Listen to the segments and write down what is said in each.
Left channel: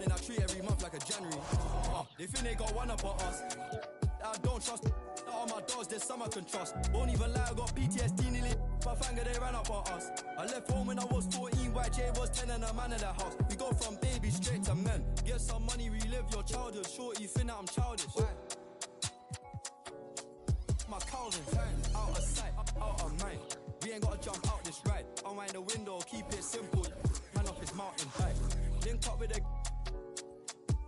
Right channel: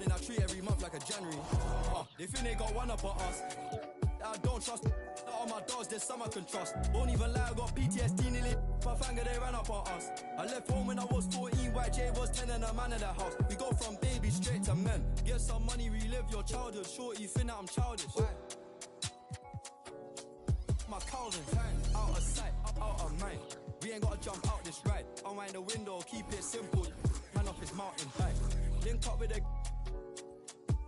then I treat every month like a January. They think they got one up on us. I don't trust. All my dogs, there's some I can trust. Won't even lie, I got PTSD nearly. My finger, they ran up on us. I left home when I was 14, YJ was 10 and a man in the house. We go from baby straight to men. Get some money, relive your childhood. Shorty, think that I'm childish. My cowlings, out of sight, out of mind. We ain't gotta jump out this ride. Unwind the window, keep it simple. Man off his mountain high. Link up with a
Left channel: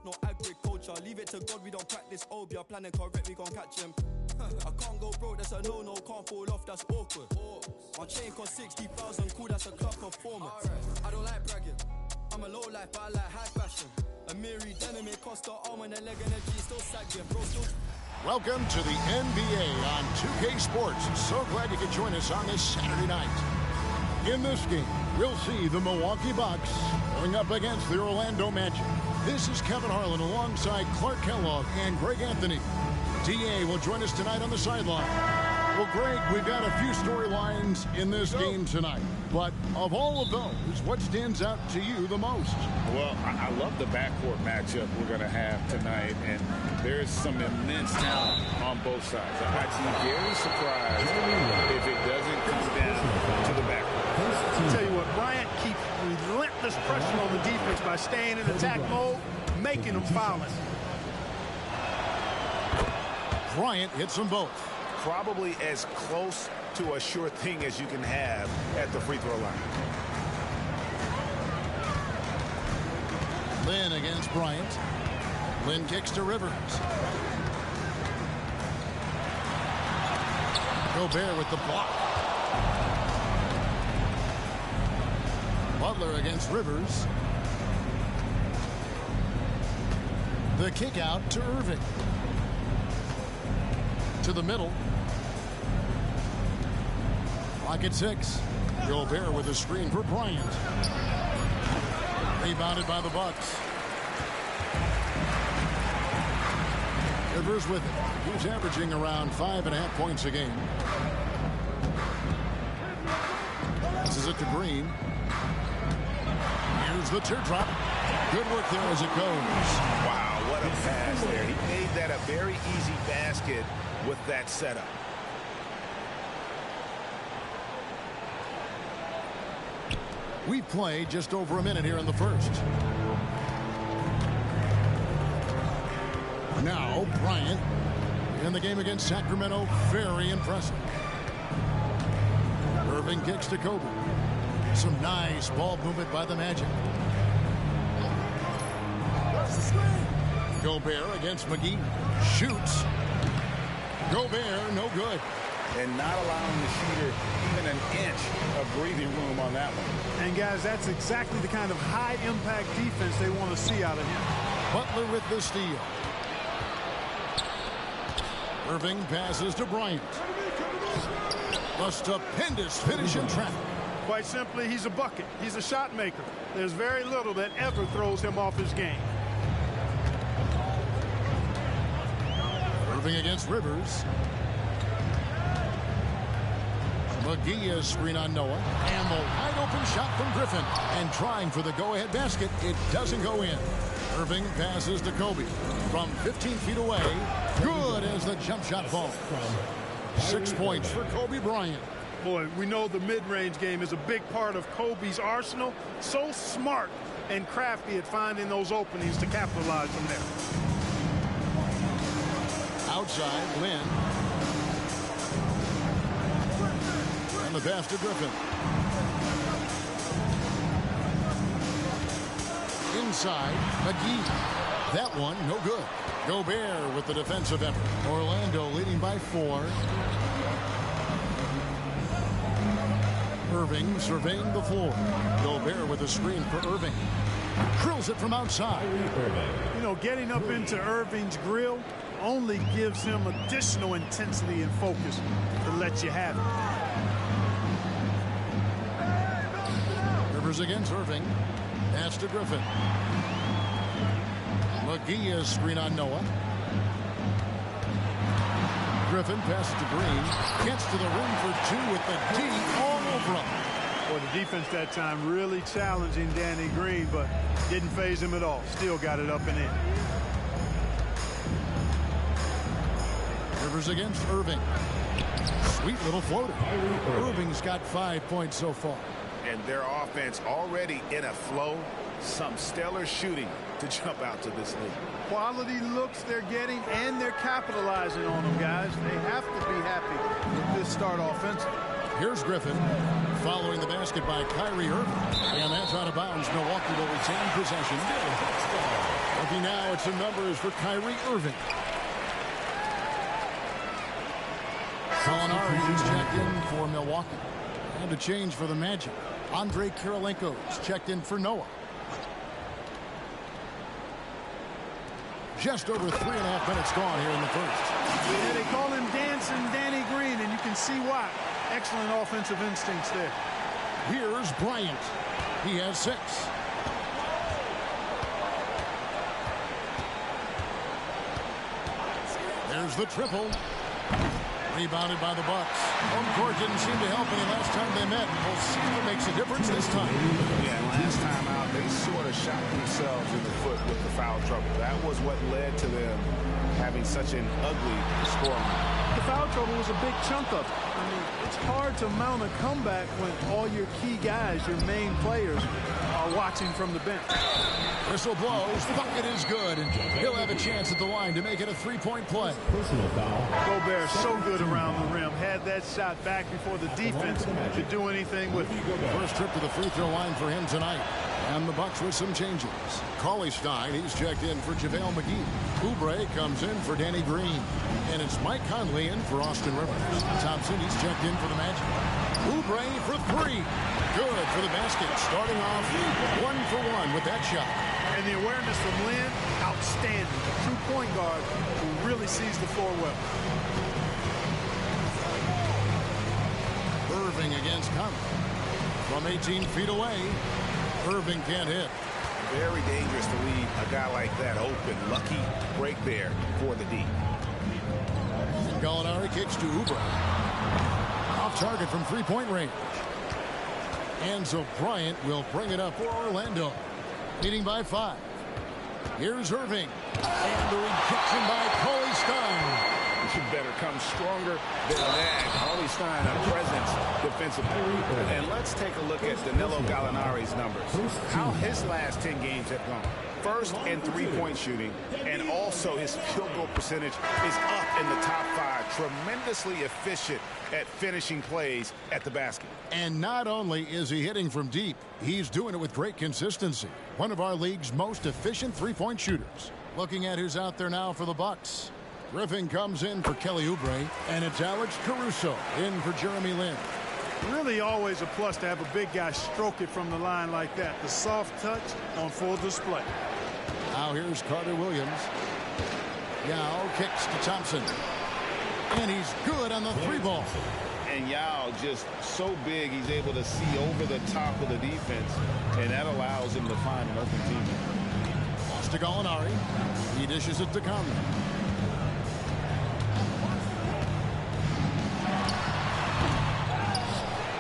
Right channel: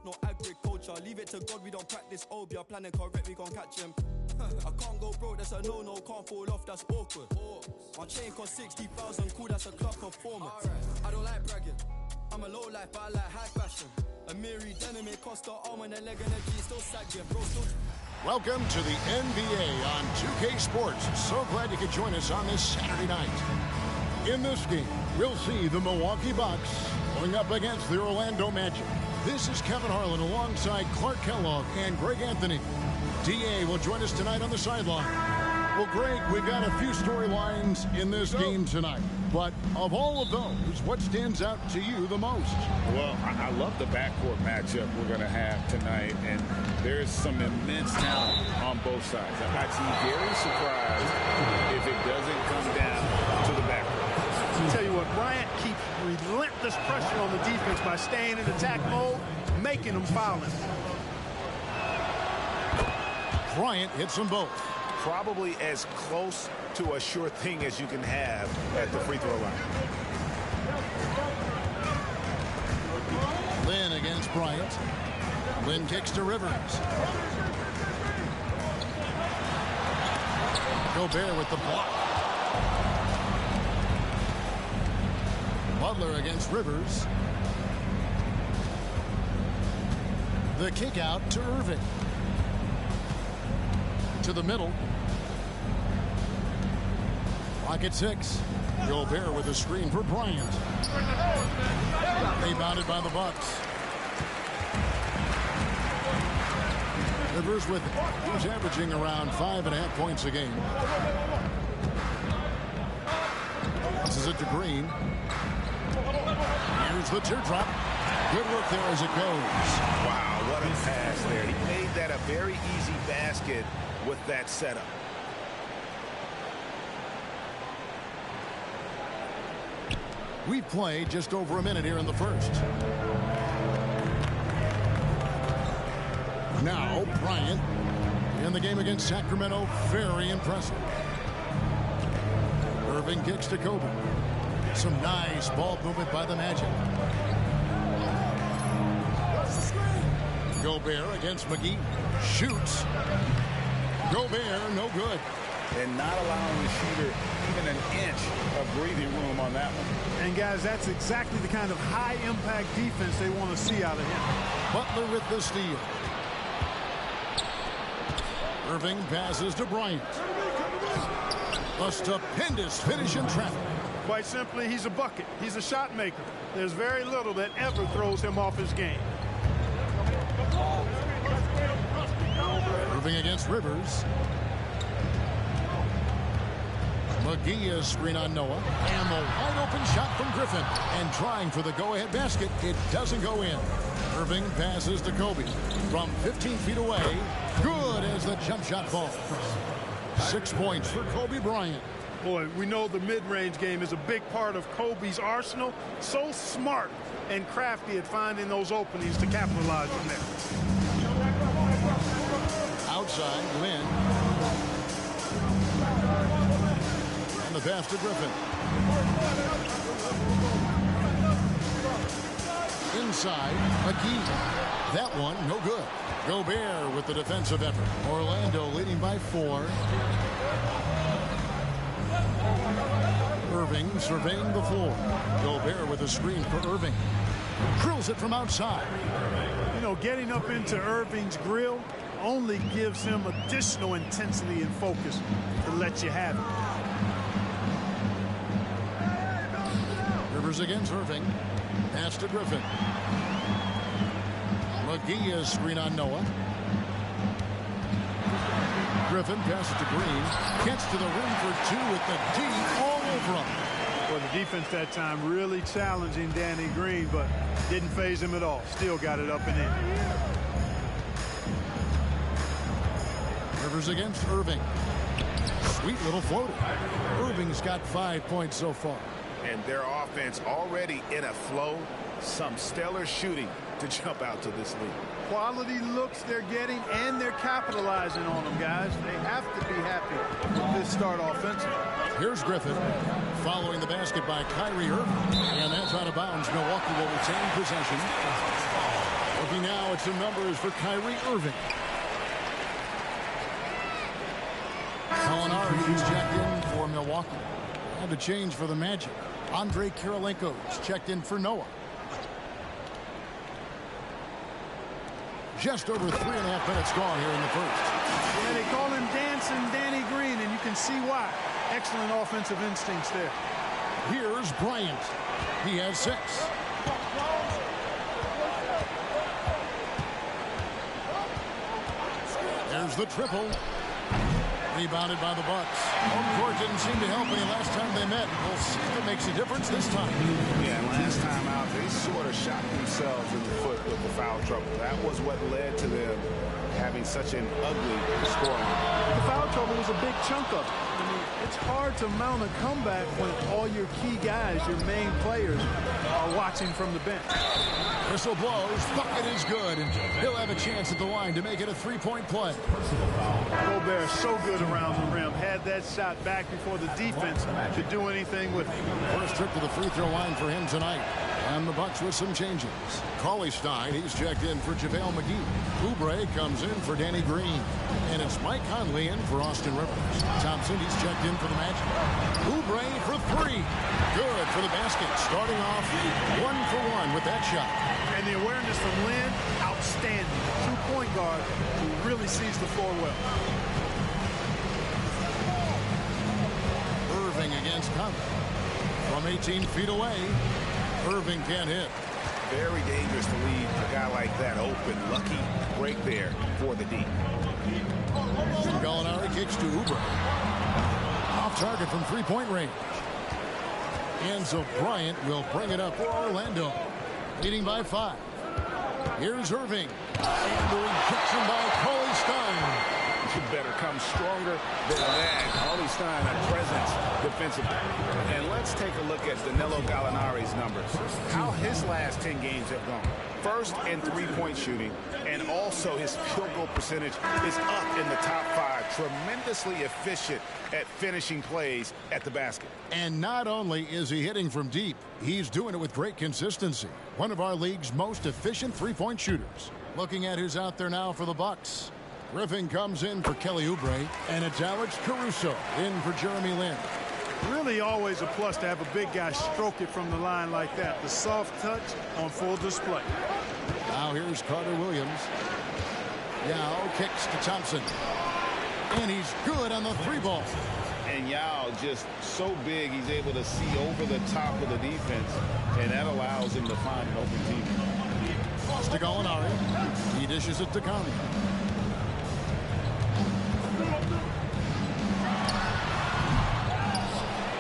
no agriculture, leave it to God, we don't practice obia. Planning correct, we gon' catch him. I can't go broke, that's a no-no, can't fall off, that's awkward. My chain cost 60,000, cool, that's a club performance. I don't like bragging, I'm a low life, but I like high fashion. A Miri denim, it cost her arm and a leg and a G, still sagging, bro, still... Welcome to the NBA on 2K Sports. So glad you could join us on this Saturday night. In this game, we'll see the Milwaukee Bucks going up against the Orlando Magic. This is Kevin Harlan alongside Clark Kellogg and Greg Anthony. DA will join us tonight on the sideline. Well, Greg, we've got a few storylines in this game tonight. But of all of those, what stands out to you the most? Well, I love the backcourt matchup we're going to have tonight. And there's some immense talent on both sides. I'd be very surprised if it doesn't come down to the backcourt. I'll tell you what, Bryant keeps relentless pressure on the defense by staying in attack mode, making them foul him. Bryant hits them both. Probably as close to a sure thing as you can have at the free throw line. Lynn against Bryant. Lynn kicks to Rivers. Gobert with the block. Butler against Rivers. The kick out to Irving. To the middle. Clock at 6. Gobert with a screen for Bryant. Rebounded by the Bucks. Rivers with it. He's averaging around 5.5 points a game. Passes it to Green. Here's the teardrop. Good work there as it goes. Wow, what a pass there. He made that a very easy basket with that setup. We've played just over a minute here in the first. Now, Bryant in the game against Sacramento. Very impressive. Irving kicks to Kobe. Some nice ball movement by the Magic. Gobert against McGee. Shoots. Gobert, no good. And not allowing the shooter even an inch of breathing room on that one. And, guys, that's exactly the kind of high-impact defense they want to see out of him. Butler with the steal. Irving passes to Bryant. A stupendous finish in traffic. Quite simply, he's a bucket. He's a shot maker. There's very little that ever throws him off his game. Irving against Rivers. McGee is screen on Noah. And the wide open shot from Griffin. And trying for the go-ahead basket. It doesn't go in. Irving passes to Kobe. From 15 feet away. Good as the jump shot falls. 6 points for Kobe Bryant. Boy, we know the mid-range game is a big part of Kobe's arsenal. So smart and crafty at finding those openings to capitalize from there. Outside, Lynn. And the pass to Griffin. Inside, McGee. That one, no good. Gobert with the defensive effort. Orlando leading by 4. Irving surveying the floor. Gobert with a screen for Irving. Drills it from outside. You know, getting up into Irving's grill only gives him additional intensity and focus to let you have it. Rivers against Irving. Pass to Griffin. McGee is screen on Noah. Griffin passes to Green. Gets to the rim for 2 with the D all over him. Well, the defense that time really challenging Danny Green, but didn't phase him at all. Still got it up and in. Rivers against Irving. Sweet little floater. Irving's got 5 points so far. And their offense already in a flow. Some stellar shooting to jump out to this lead. Quality looks they're getting, and they're capitalizing on them, guys. They have to be happy with this start offensively. Here's Griffin following the basket by Kyrie Irving. And that's out of bounds. Milwaukee will retain possession. Looking now at some numbers for Kyrie Irving. Gallinari's checked in for Milwaukee. And a change for the Magic. Andre Kirilenko's checked in for Noah. Just over 3.5 minutes gone here in the first. Yeah, they call him Dancing Danny Green, and you can see why. Excellent offensive instincts there. Here's Bryant. He has 6. There's the triple. Rebounded by the Bucks. Home court didn't seem to help any last time they met. We'll see if it makes a difference this time. Yeah, last time out, they sort of shot themselves in the foot with the foul trouble. That was what led to them having such an ugly scoreline. The foul trouble was a big chunk of it. I mean, it's hard to mount a comeback when all your key guys, your main players, are watching from the bench. Whistle blows. Bucket is good, and he'll have a chance at the line to make it a 3-point play. Gobert so good around the rim. Had that shot back before the defense could do anything with it. First trip to the free throw line for him tonight. And the Bucks with some changes. Cauley Stein, he's checked in for JaVale McGee. Oubre comes in for Danny Green. And it's Mike Conley in for Austin Rivers. Thompson, he's checked in for the Magic. Oubre for 3. Good for the basket. Starting off 1 for 1 with that shot. And the awareness from Lynn, outstanding. A true point guard who really sees the floor well. Irving against Conley. From 18 feet away, Irving can't hit. Very dangerous to leave a guy like that open. Lucky break there for the D. And Gallinari kicks to Oubre. Off target from 3-point range. And so Bryant will bring it up for Orlando. Leading by 5. Here's Irving. And the rejection by Cauley Stein. You better come stronger than that. Cauley Stein, a presence defensively. And let's take a look at Danilo Gallinari's numbers. How his last 10 games have gone. First in 3-point shooting, and also his field goal percentage is up in the top 5. Tremendously efficient at finishing plays at the basket. And not only is he hitting from deep, he's doing it with great consistency. One of our league's most efficient 3-point shooters. Looking at who's out there now for the Bucks. Griffin comes in for Kelly Oubre, and it's Alex Caruso in for Jeremy Lin. Really always a plus to have a big guy stroke it from the line like that. The soft touch on full display. Now here's Carter Williams. Yao kicks to Thompson. And he's good on the 3-ball. And Yao just so big, he's able to see over the top of the defense, and that allows him to find an open teammate. Lost to Gallinari. He dishes it to Conley.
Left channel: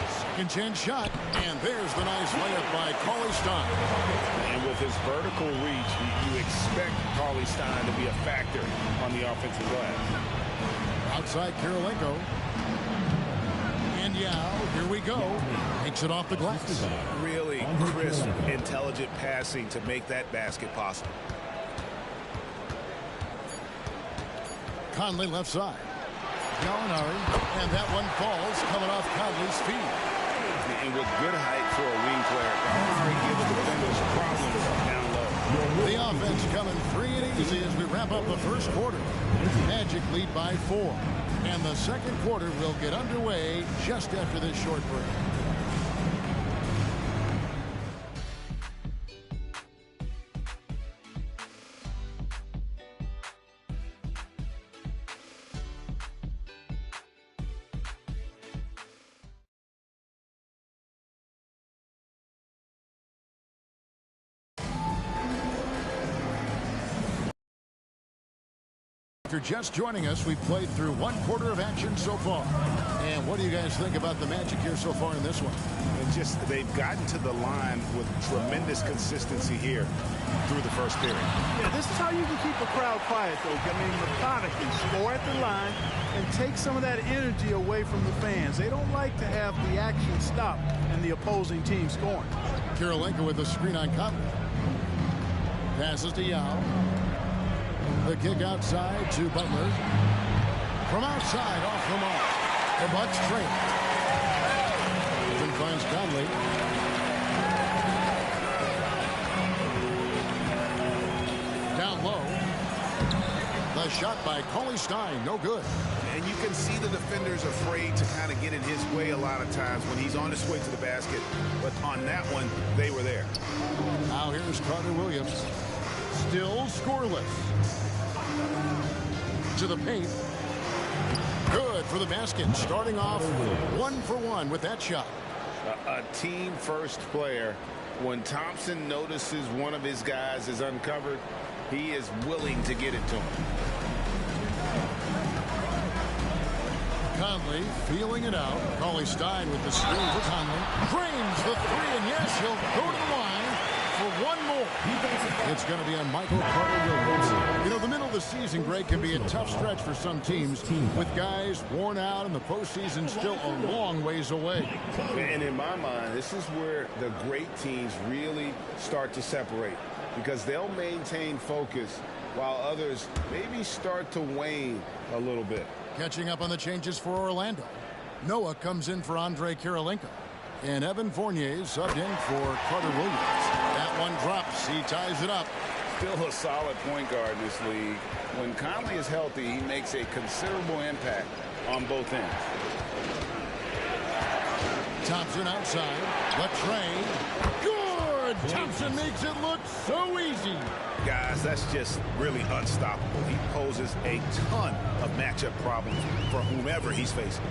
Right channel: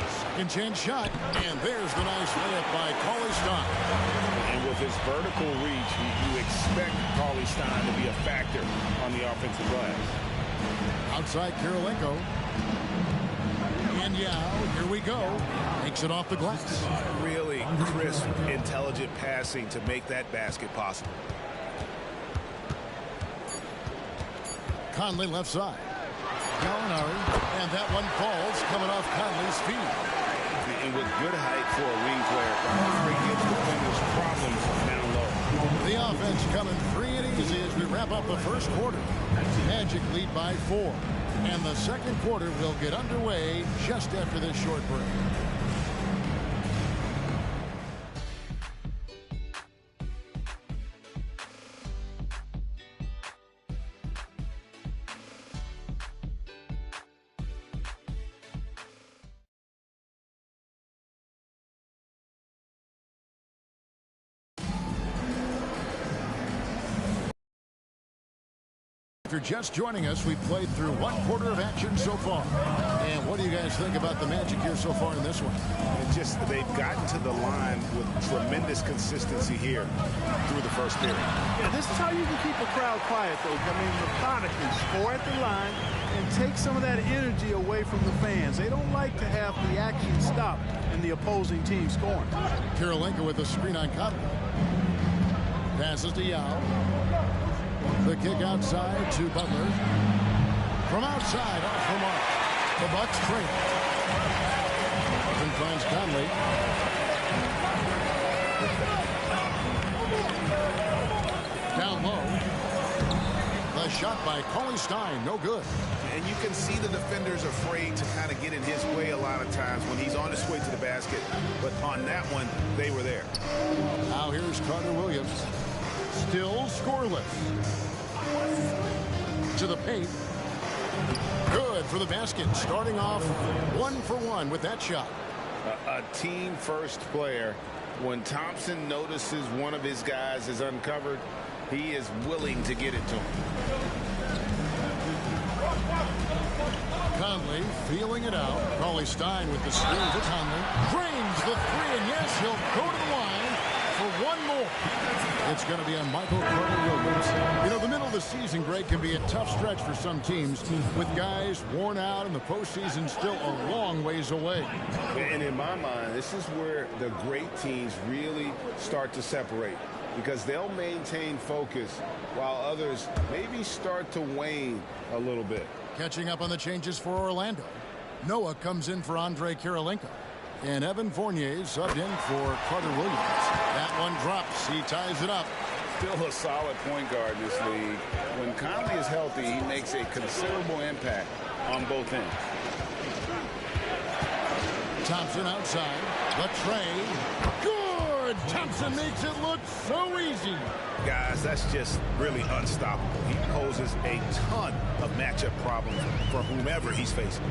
Second chance shot, and there's the nice layup by Cauley Stein. And with his vertical reach, you expect Cauley Stein to be a factor on the offensive glass. Outside Kirilenko. And Yao, here we go. Makes it off the glass. Really crisp, intelligent passing to make that basket possible. Conley left side. Gallinari, and that one falls coming off Conley's feet. And with good height for a wing player, Gallinari gives defenders problems down low. The offense coming free and easy as we wrap up the first quarter. Magic lead by 4. And the second quarter will get underway just after this short break. you're just joining us, we've played through one quarter of action so far. And what do you guys think about the Magic here so far in this one? They've gotten to the line with tremendous consistency here through the first period. Yeah, this is how you can keep a crowd quiet, though. I mean, methodically score at the line and take some of that energy away from the fans. They don't like to have the action stop and the opposing team scoring. Kirilenko with a screen on Conley. Passes to Yao. The kick outside to Butler. From outside, off the mark. The Bucks trail. Then finds Conley. Down low. The shot by Cauley Stein, no good. And you can see the defenders afraid to kind of get in his way a lot of times when he's on his way to the basket. But on that one, they were there. Now here's Carter Williams. Still scoreless. To the paint. Good for the basket. Starting off 1 for 1 with that shot. A team first player. When Thompson notices one of his guys is uncovered, he is willing to get it to him. Conley feeling it out. Cauley Stein with the screen for Conley. Drains the three, and yes, he'll go to the line for one more. It's going to be on Michael Carter-Williams. You know, the middle of the season, Greg, can be a tough stretch for some teams with guys worn out and the postseason still a long ways away. And in my mind, this is where the great teams really start to separate because they'll maintain focus while others maybe start to wane a little bit. Catching up on the changes for Orlando. Noah comes in for Andre Kirilenko. And Evan Fournier subbed in for Carter Williams. That one drops. He ties it up. Still a solid point guard in this league. When Conley is healthy, he makes a considerable impact on both ends. Thompson outside. Latrey. Good! Thompson makes it look so easy. Guys, that's just really unstoppable. He poses a ton of matchup problems for whomever he's facing.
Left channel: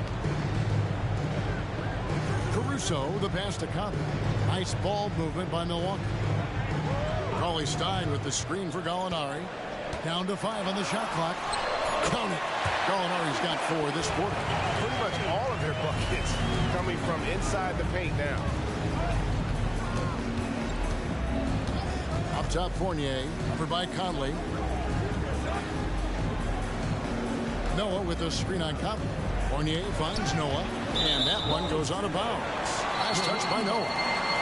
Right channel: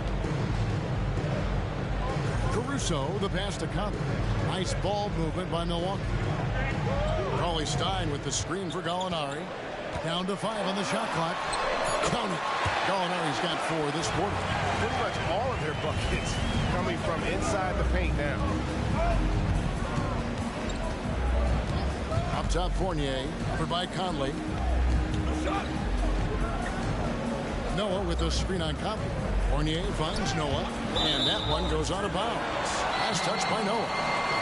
Caruso, the pass to Conley. Nice ball movement by Milwaukee. Cauley Stein with the screen for Gallinari. Down to 5 on the shot clock. Count it. Gallinari's got 4 this quarter. Pretty much all of their buckets coming from inside the paint now. Up top, Fournier. Covered by Conley. Noah with the screen on Conley. Fournier finds Noah, and that one goes out of bounds. Last touch by Noah.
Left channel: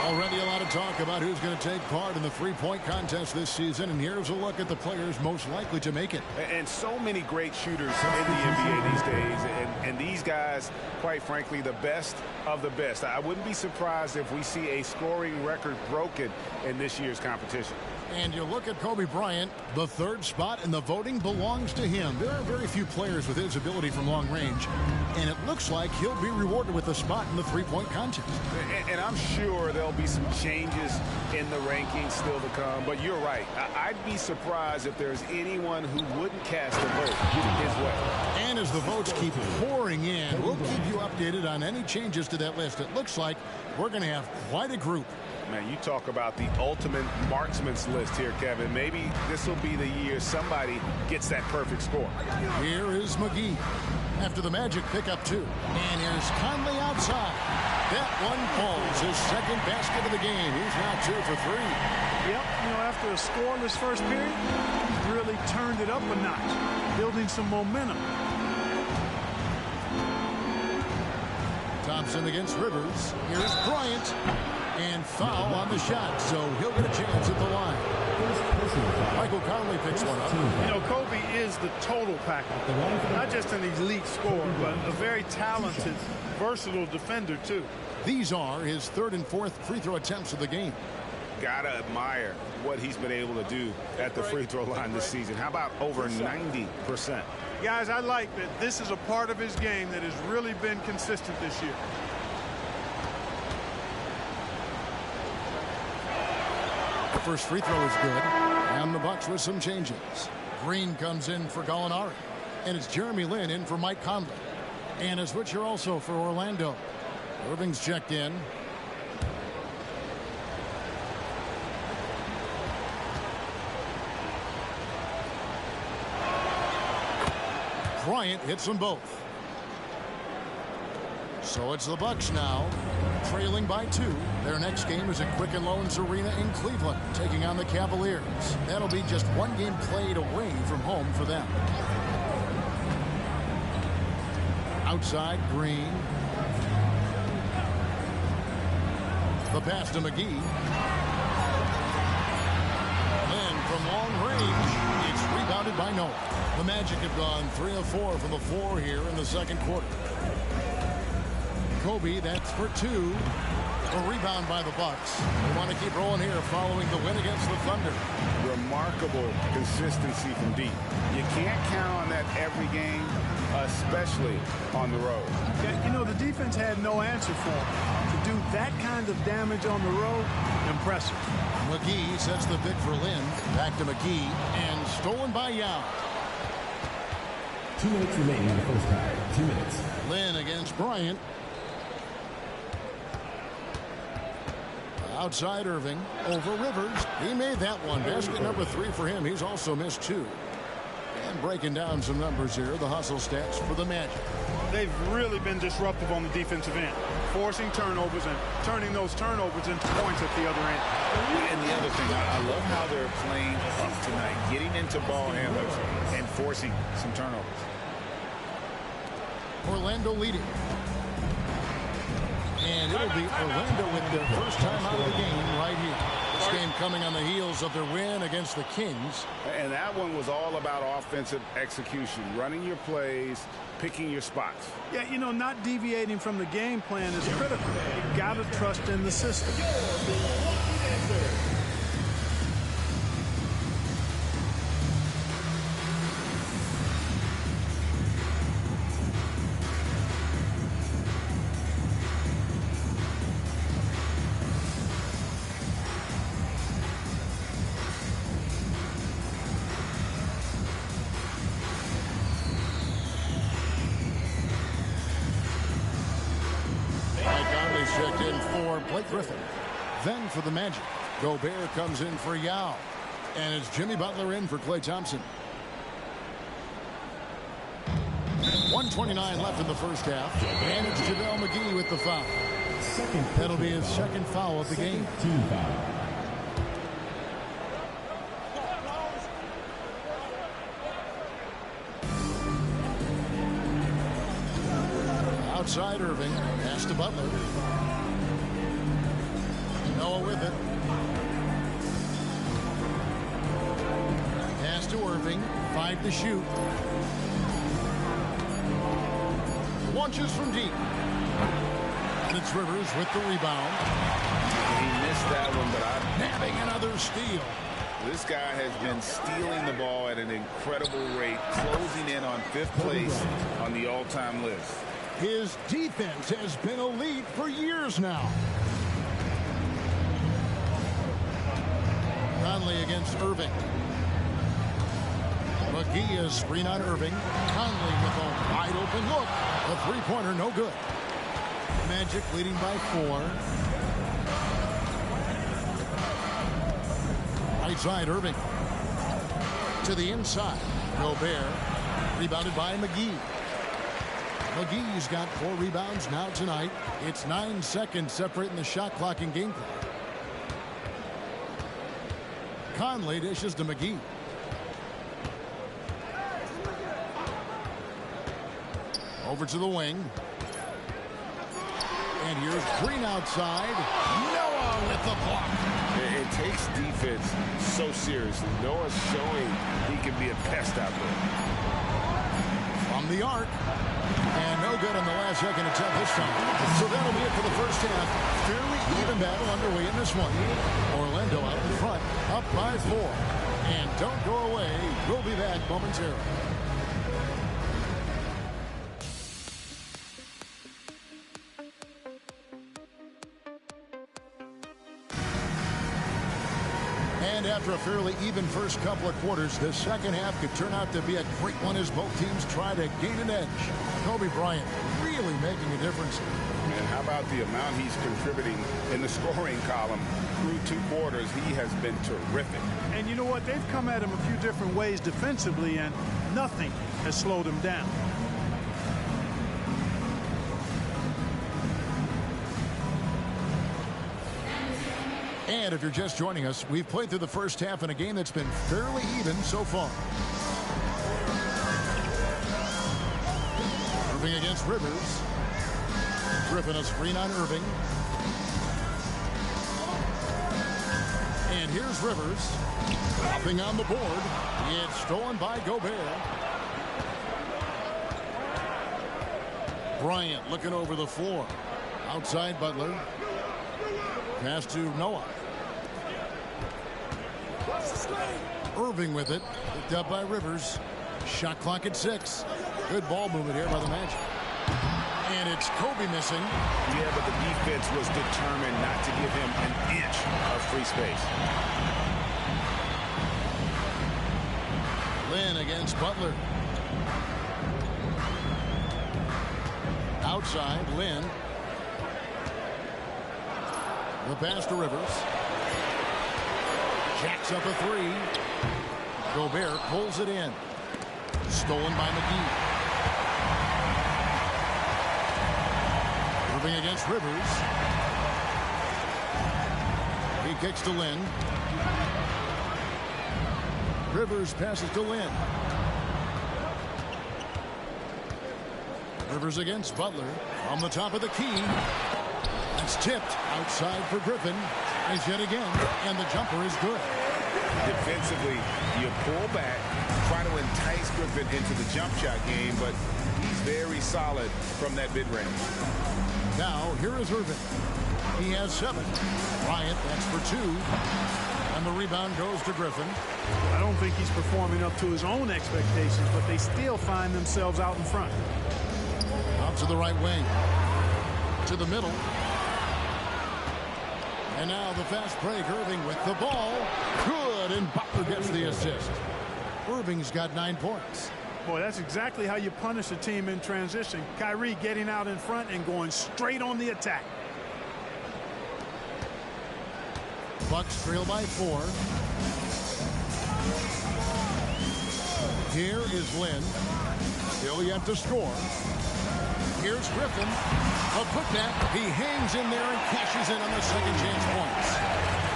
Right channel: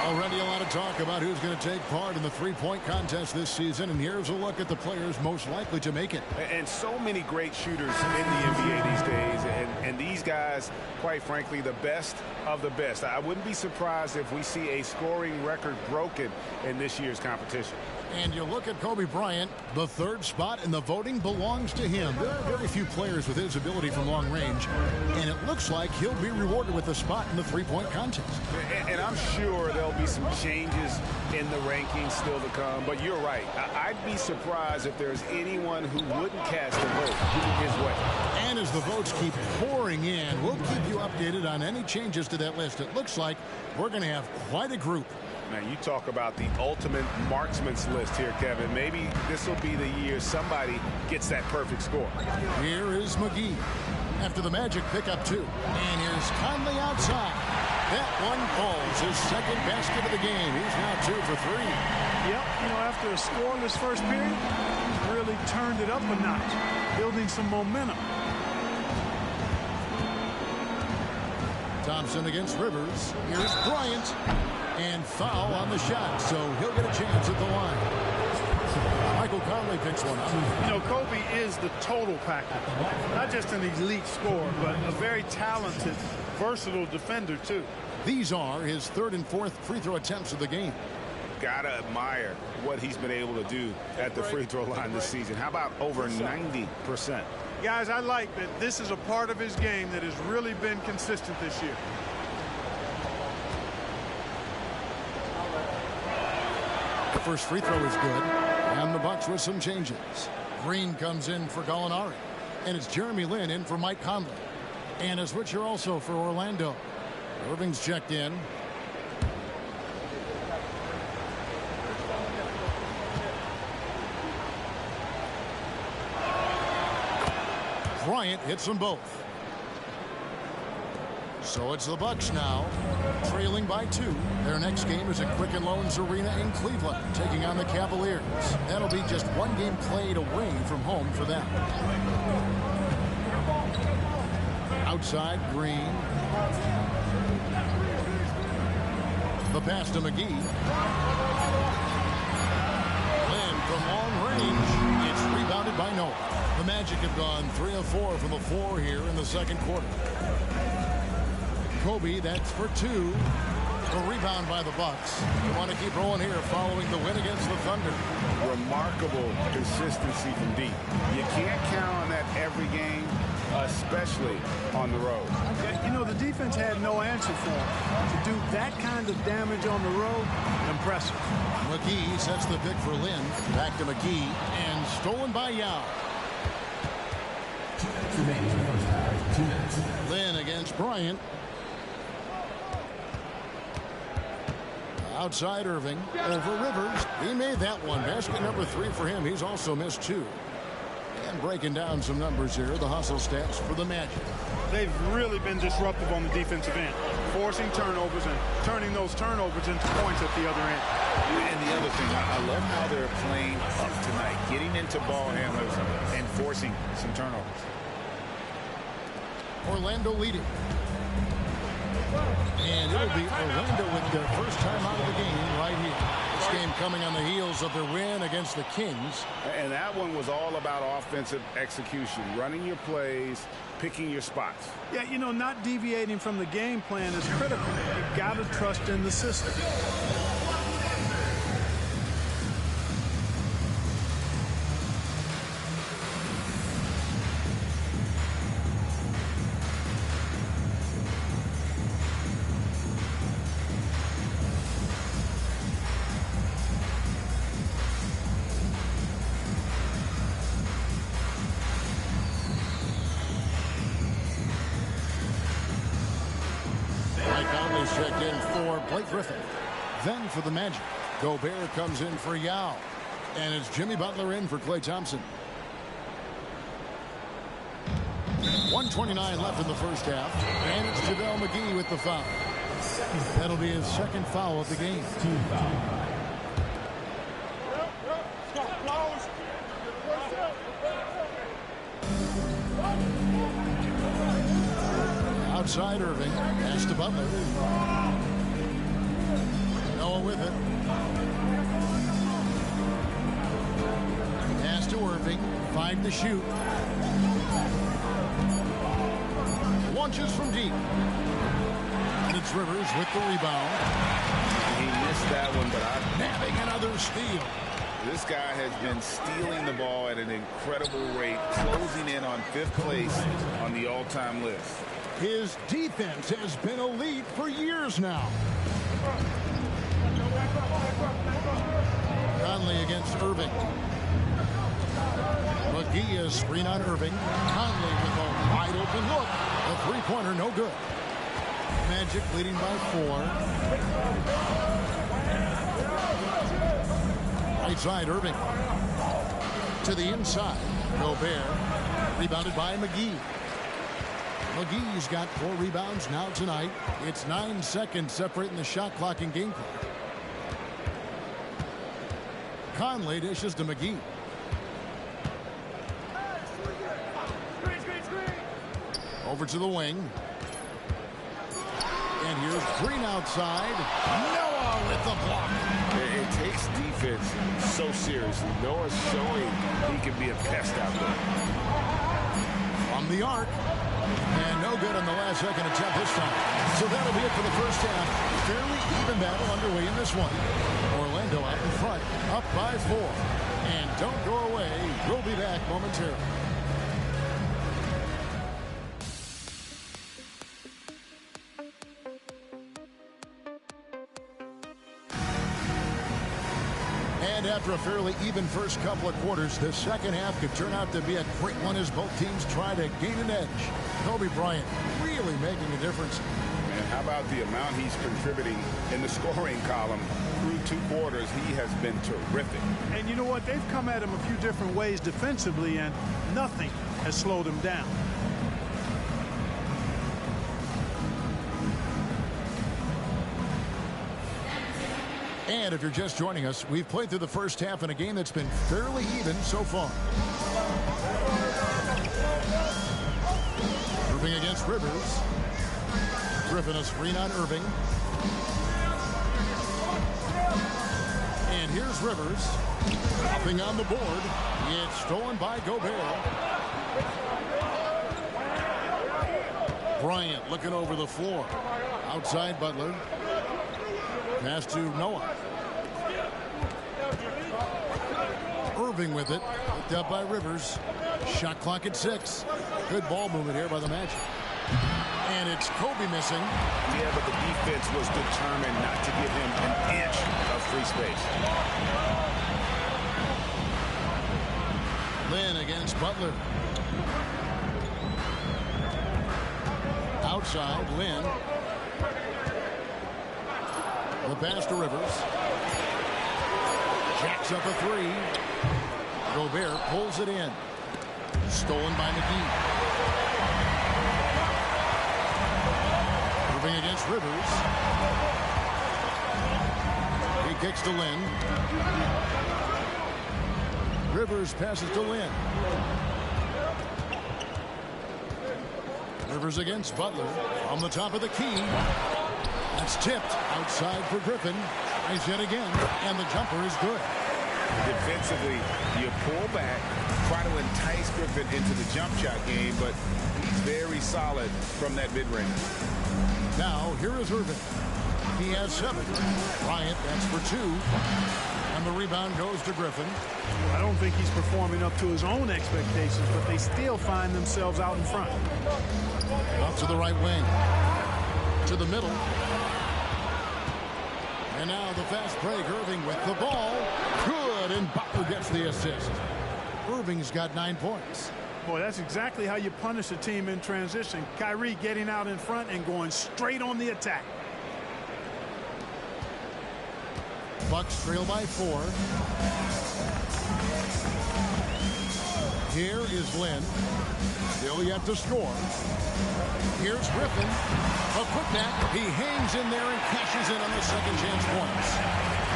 Already a lot of talk about who's going to take part in the three-point contest this season, and here's a look at the players most likely to make it. And so many great shooters in the NBA these days, and these guys, quite frankly, the best of the best. I wouldn't be surprised if we see a scoring record broken in this year's competition. And you look at Kobe Bryant, the 3rd spot, and the voting belongs to him. There are very few players with his ability from long range, and it looks like he'll be rewarded with a spot in the three-point contest. And I'm sure there'll be some changes in the rankings still to come, but you're right. I'd be surprised if there's anyone who wouldn't cast a vote his way. And as the votes keep pouring in, we'll keep you updated on any changes to that list. It looks like we're going to have quite a group. Man, you talk about the ultimate marksman's list here, Kevin. Maybe this will be the year somebody gets that perfect score. Here is McGee after the Magic pick up 2. And here's Conley outside. That one falls. His second basket of the game. He's now 2 for 3. Yep, you know, after a scoreless first period, he's really turned it up a notch, building some momentum. Thompson against Rivers. Here's Bryant. And foul on the shot, so he'll get a chance at the line. Michael Conley picks one up. You know, Kobe is the total package. Not just an elite scorer, but a very talented, versatile defender, too. These are his 3rd and 4th free throw attempts of the game. Gotta admire what he's been able to do at the free throw line this season. How about over 90%? Guys, I like that this is a part of his game that has really been consistent this year. The first free throw is good, and the Bucks with some changes. Green comes in for Gallinari, and it's Jeremy Lin in for Mike Conley. And a switcher also for Orlando. Irving's checked in. Bryant hits them both. So it's the Bucks now, trailing by 2. Their next game is at Quicken Loans Arena in Cleveland, taking on the Cavaliers. That'll be just one game played away from home for them. Outside, Green. The pass to McGee. Lynn from long range. It's rebounded by Noah. The Magic have gone 3 of 4 from the floor here in the second quarter. Kobe, that's for 2. A rebound by the Bucks. They want to keep rolling here following the win against the Thunder. Remarkable consistency from deep. You can't count on that every game, especially on the road. Yeah, you know, the defense had no answer for him. To do that kind of damage on the road, impressive. McGee sets the pick for Lynn. Back to McGee, and stolen by Yao. 2 minutes remaining in the first half. 2 minutes. Lynn against Bryant. Outside Irving, over Rivers. He made that one. Basket number 3 for him. He's also missed 2. And breaking down some numbers here, the hustle stats for the Magic. They've really been disruptive on the defensive end, forcing turnovers and turning those turnovers into points at the other end. And the other thing, I love how they're playing up tonight, getting into ball handlers and forcing some turnovers. Orlando leading. And it'll be Orlando with their first time out of the game right here. This game coming on the heels of their win against the Kings. And that one was all about offensive execution, running your plays, picking your spots. Yeah, you know, not deviating from the game plan is critical. You got to trust in the system. Checked in for Blake Griffin. Then for the Magic, Gobert comes in for Yao. And it's Jimmy Butler in for Klay Thompson. 1:29 left in the first half. And it's JaVale McGee with the foul. That'll be his second foul of the game. Team foul. Outside Irving, pass to Butler. Noah with it. Pass to Irving, 5 to shoot. Launches from deep. And it's Rivers with the rebound. He missed that one, but nabbing another steal. This guy has been stealing the ball at an incredible rate, closing in on 5th place on the all-time list. His defense has been elite for years now. Conley against Irving. McGee is screen on Irving. Conley with a wide open look. A 3-pointer, no good. Magic leading by 4. Right side, Irving. To the inside. Gobert. Rebounded by McGee. McGee's got 4 rebounds now tonight. It's 9 seconds separating the shot clock and game clock. Conley dishes to McGee. Over to the wing. And here's Green outside. Noah with the block. It takes defense so seriously. Noah's showing he can be a pest out there. From the arc. And no good on the last second attempt this time. So that'll be it for the first half. Fairly even battle underway in this one. Orlando out in front, up by 4. And don't go away. We'll be back momentarily. And after a fairly even first couple of quarters, the second half could turn out to be a great one as both teams try to gain an edge. Kobe Bryant really making a difference. And how about the amount he's contributing in the scoring column through 2 quarters? He has been terrific. And you know what? They've come at him a few different ways defensively, and nothing has slowed him down. And if you're just joining us, we've played through the first half in a game that's been fairly even so far. Irving against Rivers. Griffin a screen on Irving. And here's Rivers. Nothing on the board. It's stolen by Gobert. Bryant looking over the floor. Outside Butler. Pass to Noah. Irving with it. Picked up by Rivers. Shot clock at 6. Good ball movement here by the Magic. And it's Kobe missing. Yeah, but the defense was determined not to give him an inch of free space. Lynn against Butler. Outside, Lynn. The pass to Rivers. Jacks up a 3. Gobert pulls it in. Stolen by McGee. Irving against Rivers. He kicks to Lynn. Rivers passes to Lynn. Rivers against Butler. From the top of the key. That's tipped outside for Griffin. Tries yet again, and the jumper is good. Defensively, you pull back, try to entice Griffin into the jump shot game, but he's very solid from that mid-range. Now, here is Irving. He has 7. Bryant, that's for 2. And the rebound goes to Griffin. I don't think he's performing up to his own expectations, but they still find themselves out in front. Out to the right wing. To the middle. And now the fast break. Irving with the ball. Good, and Butler gets the assist. Irving's got 9 points. Boy, that's exactly how you punish a team in transition. Kyrie getting out in front and going straight on the attack. Bucks trail by 4. Here is Lynn. Still yet to score. Here's Griffin. A putback. He hangs in there and cashes in on the second chance points.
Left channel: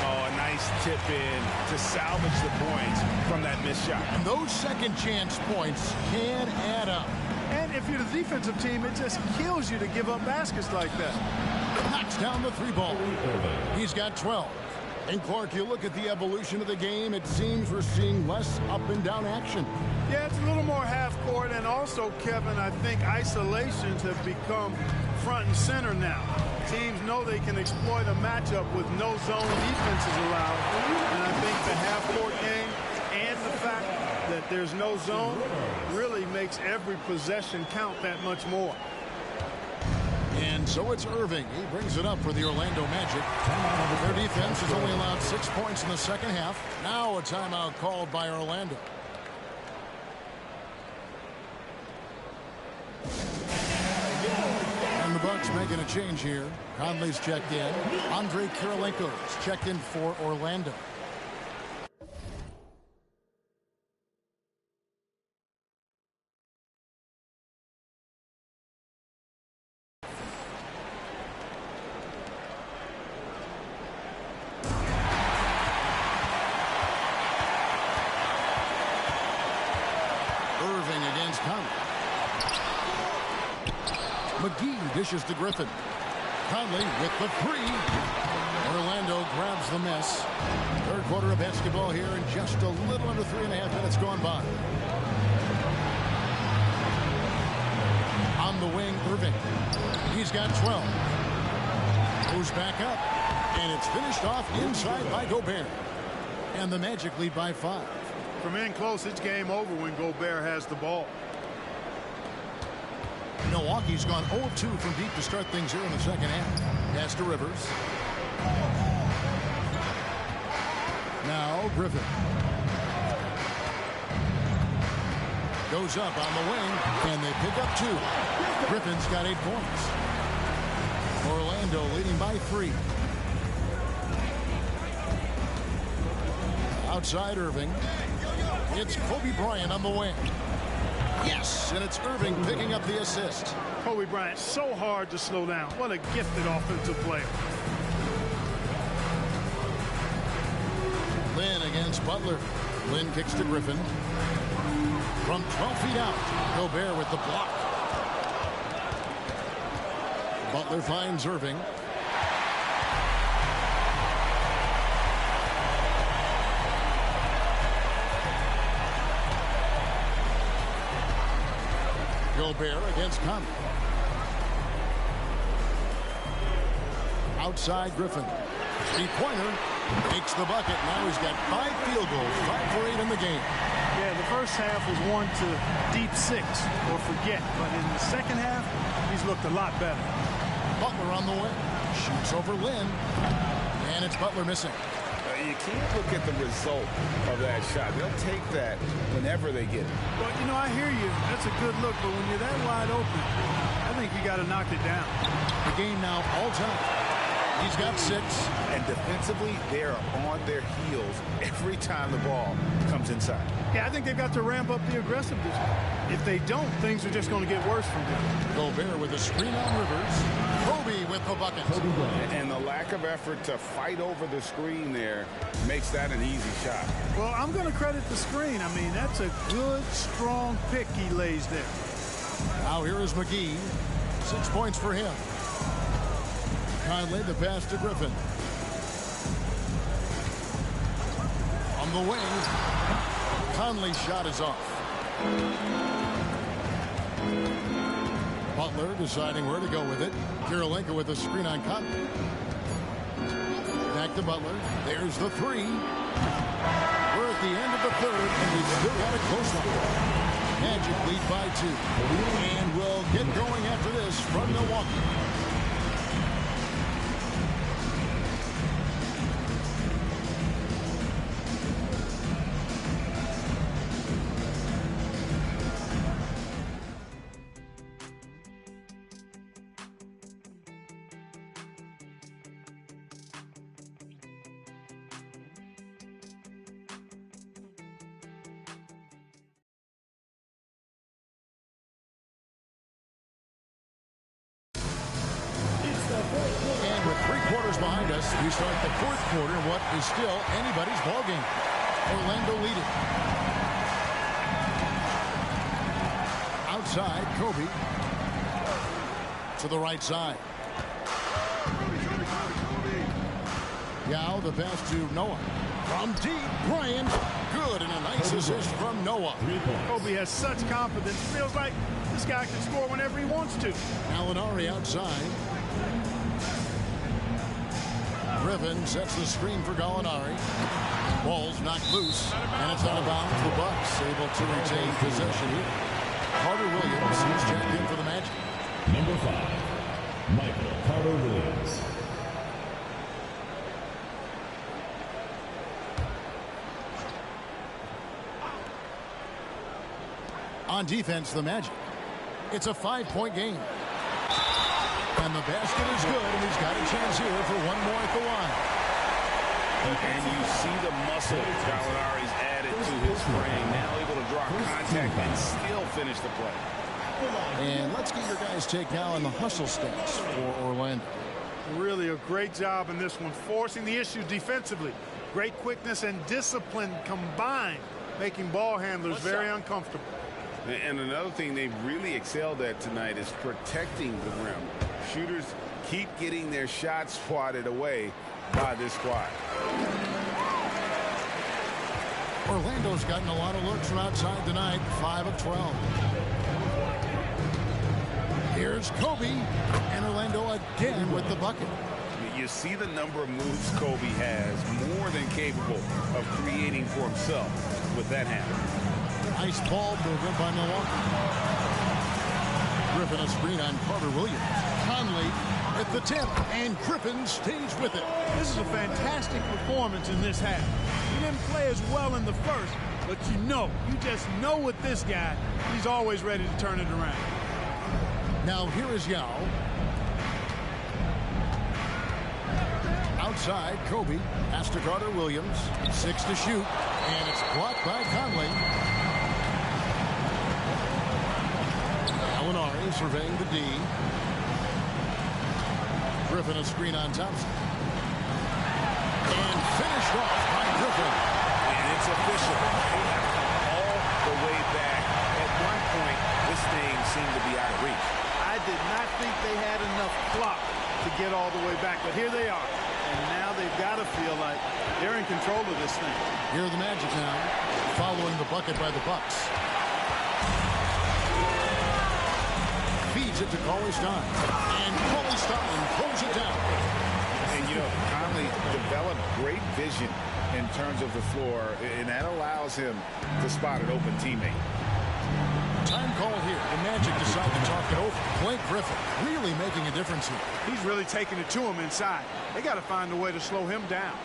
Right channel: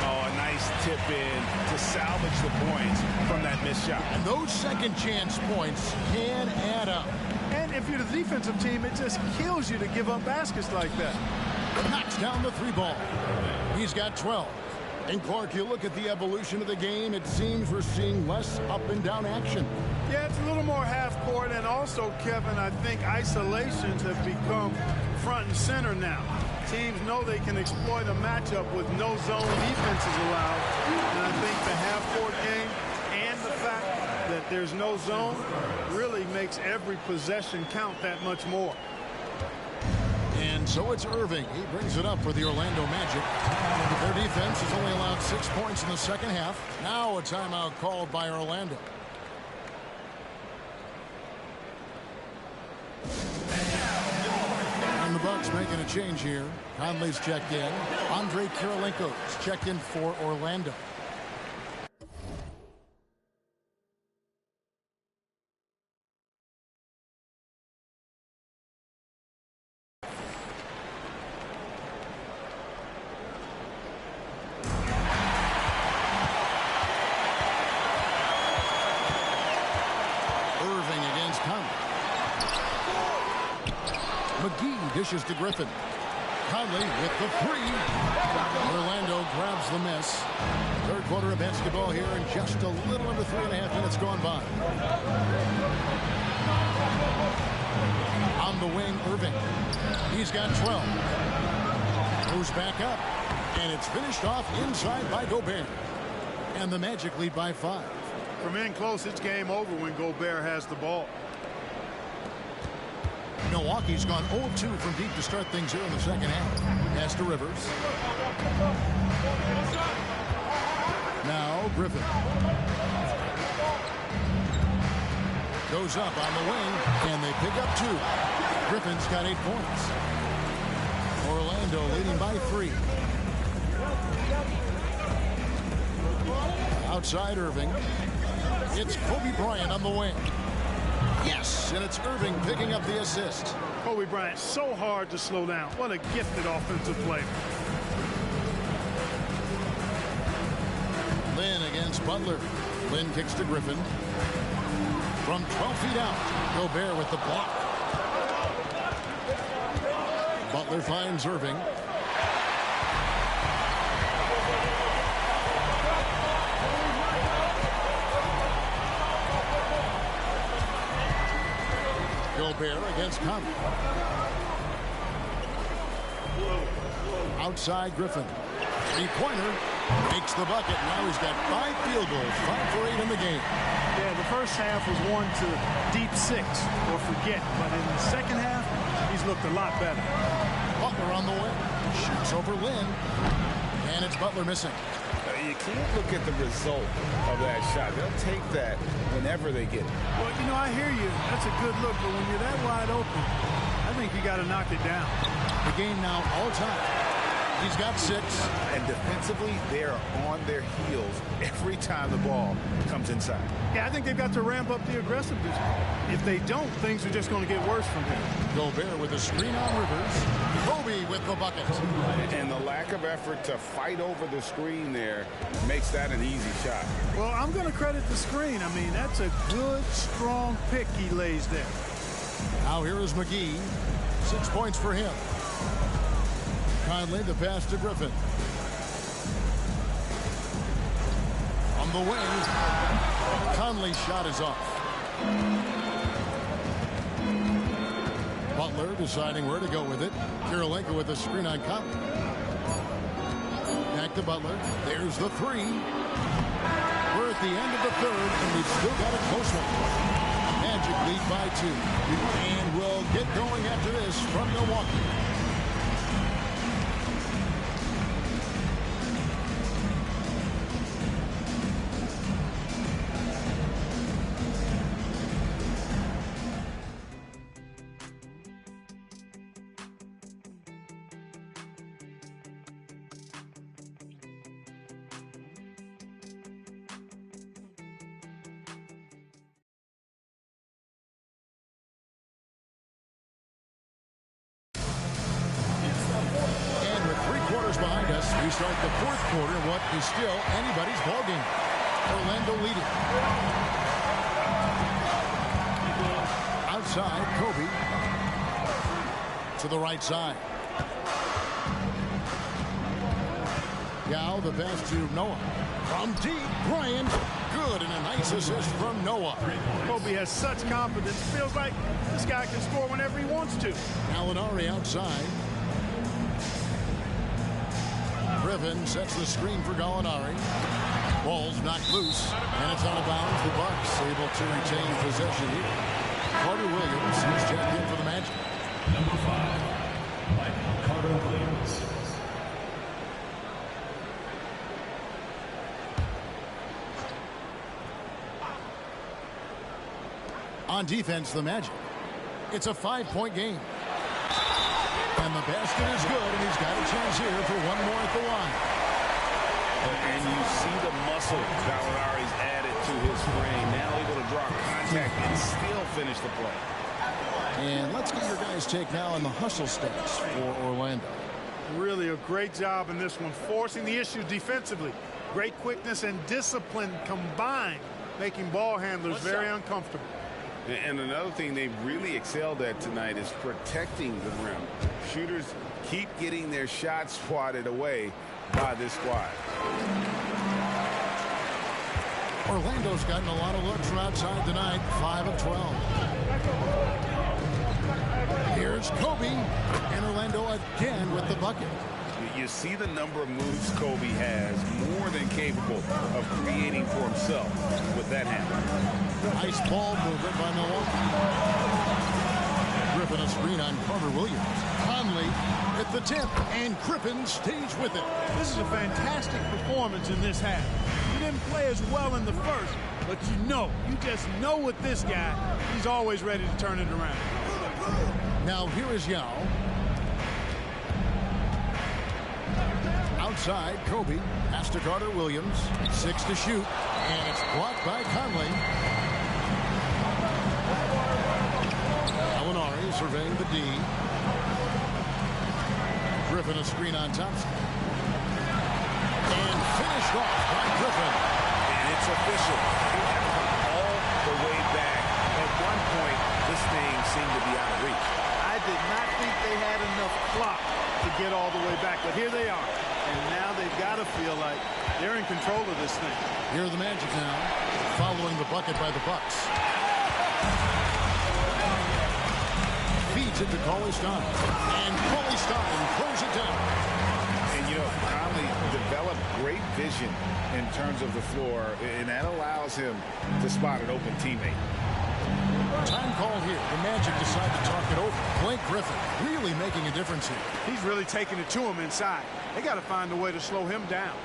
Oh, a nice tip in to salvage the points from that missed shot. And those second chance points can add up. And if you're the defensive team, it just kills you to give up baskets like that. Knocks down the 3 ball. He's got 12. And Clark, you look at the evolution of the game, it seems we're seeing less up and down action. Yeah, it's a little more half court, and also, Kevin, I think isolations have become front and center now. Teams know they can exploit a matchup with no zone defenses allowed, and I think the half court game and the fact that there's no zone really makes every possession count that much more. And so it's Irving. He brings it up for the Orlando Magic. Their defense has only allowed 6 points in the second half. Now a timeout called by Orlando. And the Bucks making a change here. Conley's checked in. Andre Kirilenko's checked in for Orlando. Irving against Conley. McGee dishes to Griffin. Conley with the 3. Orlando grabs the miss. Third quarter of basketball here, and just a little under 3.5 minutes gone by. On the wing, Irving. He's got 12. Moves back up, and it's finished off inside by Gobert. And the Magic lead by 5. From in close, it's game over when Gobert has the ball. Milwaukee's gone 0-2 from deep to start things here in the second half. Pass to Rivers. Now Griffin. Goes up on the wing, and they pick up 2. Griffin's got 8 points. Orlando leading by 3. Outside Irving. It's Kobe Bryant on the wing. Yes, and it's Irving picking up the assist. Kobe Bryant, so hard to slow down. What a gifted offensive player. Lynn against Butler. Lynn kicks to Griffin. From 12 feet out, Gobert with the block. Butler finds Irving. Gobert against Conley. Outside Griffin. Three-pointer. Makes the bucket. Now he's got 5 field goals. 5 for 8 in the game. Yeah, the first half was 1 to deep 6 or forget. But in the second half, he's looked a lot better. Butler on the way. Shoots over Lynn. And it's Butler missing. You can't look at the result of that shot. They'll take that whenever they get it. Well, you know, I hear you. That's a good look. But when you're that wide open, I think you got to knock it down. The game now all time. He's got 6. And defensively, they are on their heels every time the ball comes inside. Yeah, I think they've got to ramp up the aggressiveness. If they don't, things are just going to get worse from him. Gobert with a screen on Rivers. Kobe with the bucket. And the lack of effort to fight over the screen there makes that an easy shot. Well, I'm going to credit the screen. I mean, that's a good, strong pick he lays there. Now here is McGee. 6 points for him. Conley, the pass to Griffin. On the wing, Conley's shot is off. Butler deciding where to go with it. Kirilenko with a screen on Conley. Back to Butler. There's the 3. We're at the end of the third, and we've still got a close one. Magic lead by 2. And we'll get going after this from Milwaukee. And with 3 quarters behind us, we start the 4th quarter in what is still anybody's ball game. Orlando leading. Outside, Kobe. To the right side. Yao, the pass to Noah. From deep, Bryant. Good, and a nice assist from Noah. Kobe has such confidence. Feels like this guy can score whenever he wants to. Gallinari outside. Griffin sets the screen for Gallinari. Ball's knocked loose, and it's out of bounds. The Bucks able to retain possession here. Carter Williams, he's checked in for the Magic. Number 5, Michael Carter Williams. On defense, the Magic. It's a 5-point game. And the basket is good, and he's got a chance here for one more at the line. And you see the muscle Gallinari's added to his frame. Now able to draw contact and still finish the play. And let's get your guys' take now on the hustle stats for Orlando. Really a great job in this one, forcing the issue defensively. Great quickness and discipline combined, making ball handlers very uncomfortable. And another thing they've really excelled at tonight is protecting the rim. Shooters keep getting their shots swatted away by this squad. Orlando's gotten a lot of looks from outside tonight, 5 of 12. Here's Kobe, and Orlando again with the bucket. You see the number of moves Kobe has, more than capable of creating for himself with that handle. Nice ball movement by Milwaukee. Griffin a screen on Carter Williams. Conley at the tip, and Griffin stays with it. This is a fantastic performance in this half. He didn't play as well in the first, but you just know with this guy, he's always ready to turn it around. Now here is Yao. Outside, Kobe. Pass to Carter Williams. 6 to shoot, and it's blocked by Conley. Gallinari surveying the D. Griffin a screen on Thompson. And finished off by Griffin. And it's official. They have come all the way back. At one point, this thing seemed to be out of reach. I did not think they had enough clock to get all the way back, but here they are. And now they've got to feel like they're in control of this thing. Here are the Magic now, following the bucket by the Bucks. Feeds it to Cauley-Stein. And Cauley-Stein throws it down. And, you know, Conley developed great vision in terms of the floor, and that allows him to spot an open teammate. Time called here. The Magic decide to talk it over. Blake Griffin really making a difference here. He's really taking it to him inside. They got to find a way to slow him down.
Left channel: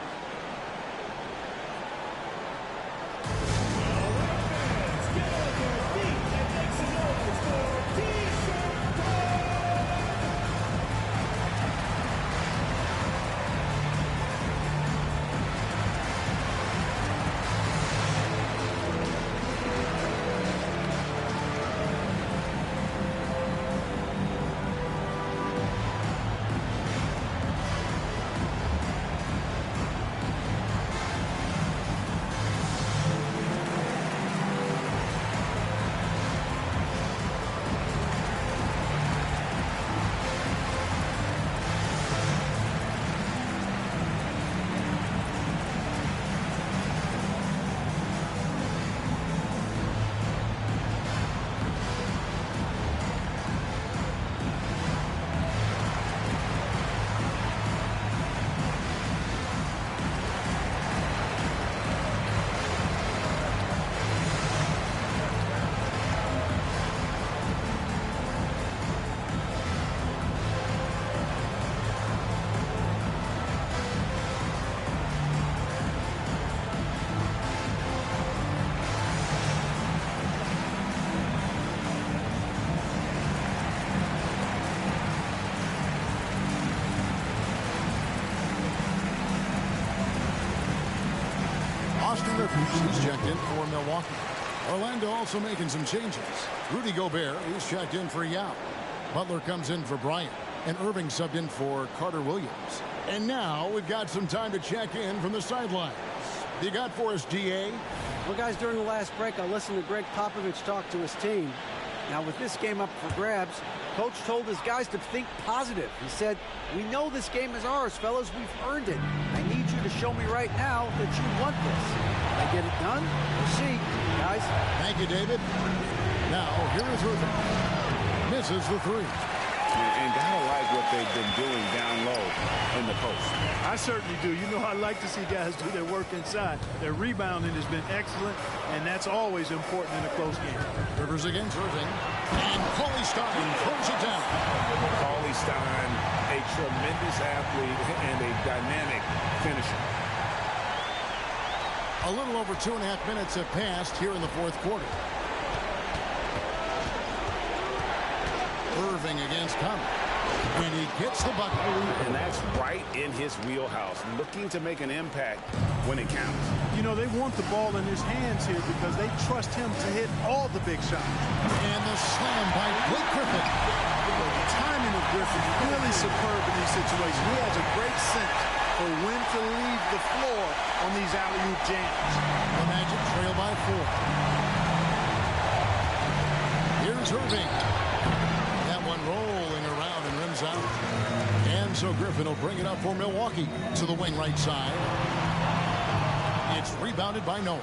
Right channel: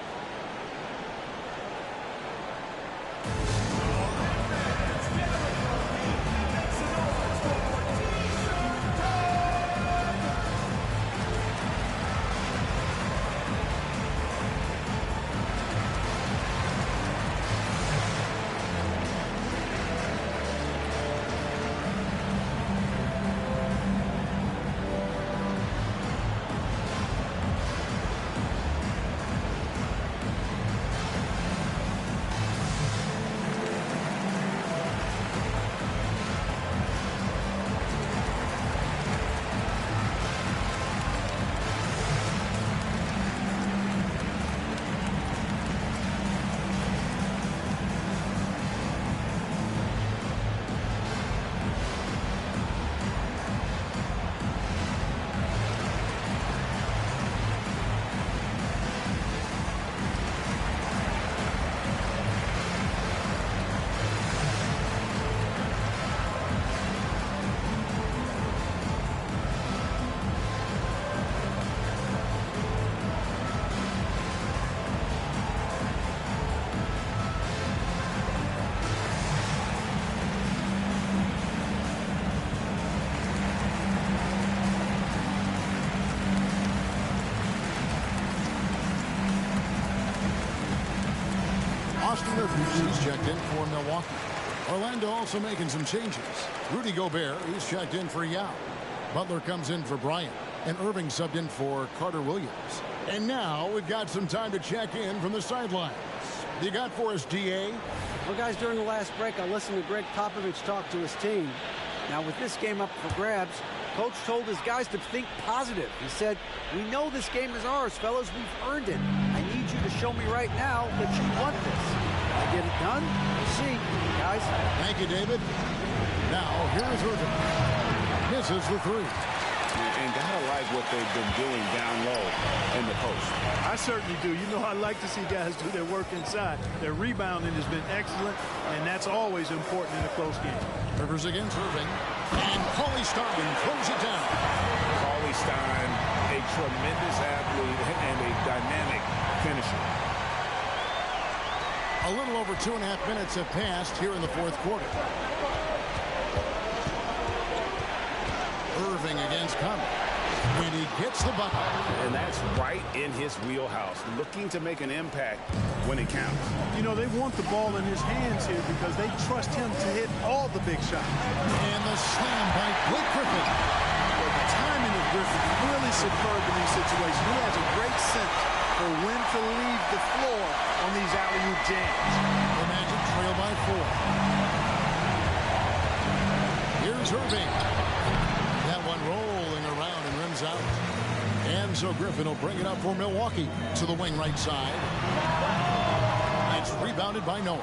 Austin Rivers, he's checked in for Milwaukee. Orlando also making some changes. Rudy Gobert, he's checked in for Yao. Butler comes in for Bryant. And Irving subbed in for Carter Williams. And now we've got some time to check in from the sidelines. What you got for us, DA? Well, guys, during the last break, I listened to Greg Popovich talk to his team. Now, with this game up for grabs, Coach told his guys to think positive. He said, "We know this game is ours, fellas. We've earned it. I need you to show me right now that you want this. Will I get it done? We'll see, guys." Thank you, David. Now, here is Irving. Misses the three. And gotta like what they've been doing down low in the post. I certainly do. You know, I like to see guys do their work inside. Their rebounding has been excellent, and that's always important in a close game. Rivers against Irving. And Cauley-Stein throws it down. Cauley-Stein, a tremendous athlete and a dynamic finisher. A little over 2.5 minutes have passed here in the fourth quarter. Irving against Conley. And he gets the bucket. And that's right in his wheelhouse, looking to make an impact when it counts. You know, they want the ball in his hands here because they trust him to hit all the big shots. And the slam by Blake Griffin. Well, the timing of Griffin is really superb in these situations. He has a great sense for when to leave the floor on these alley-oop jams. The Magic trail by 4. Here's Irving. That one rolling around and rims out. And so Griffin will bring it up for Milwaukee to the wing right side. It's rebounded by Noah.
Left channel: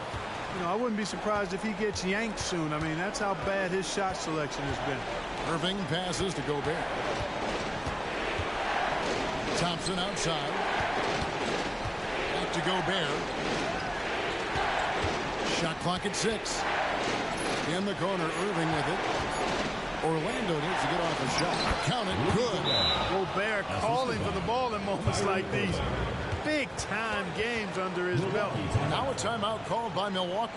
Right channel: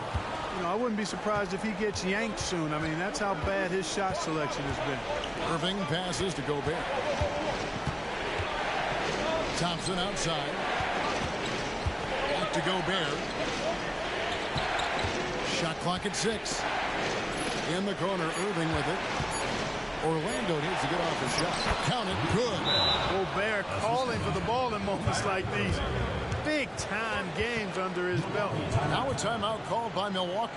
You know, I wouldn't be surprised if he gets yanked soon. I mean, that's how bad his shot selection has been. Irving passes to Gobert. Thompson outside. Back to Gobert. Shot clock at 6. In the corner, Irving with it. Orlando needs to get off a shot. Count it. Good. Gobert calling for the ball in moments like these. Big-time games under his belt. Now a timeout called by Milwaukee.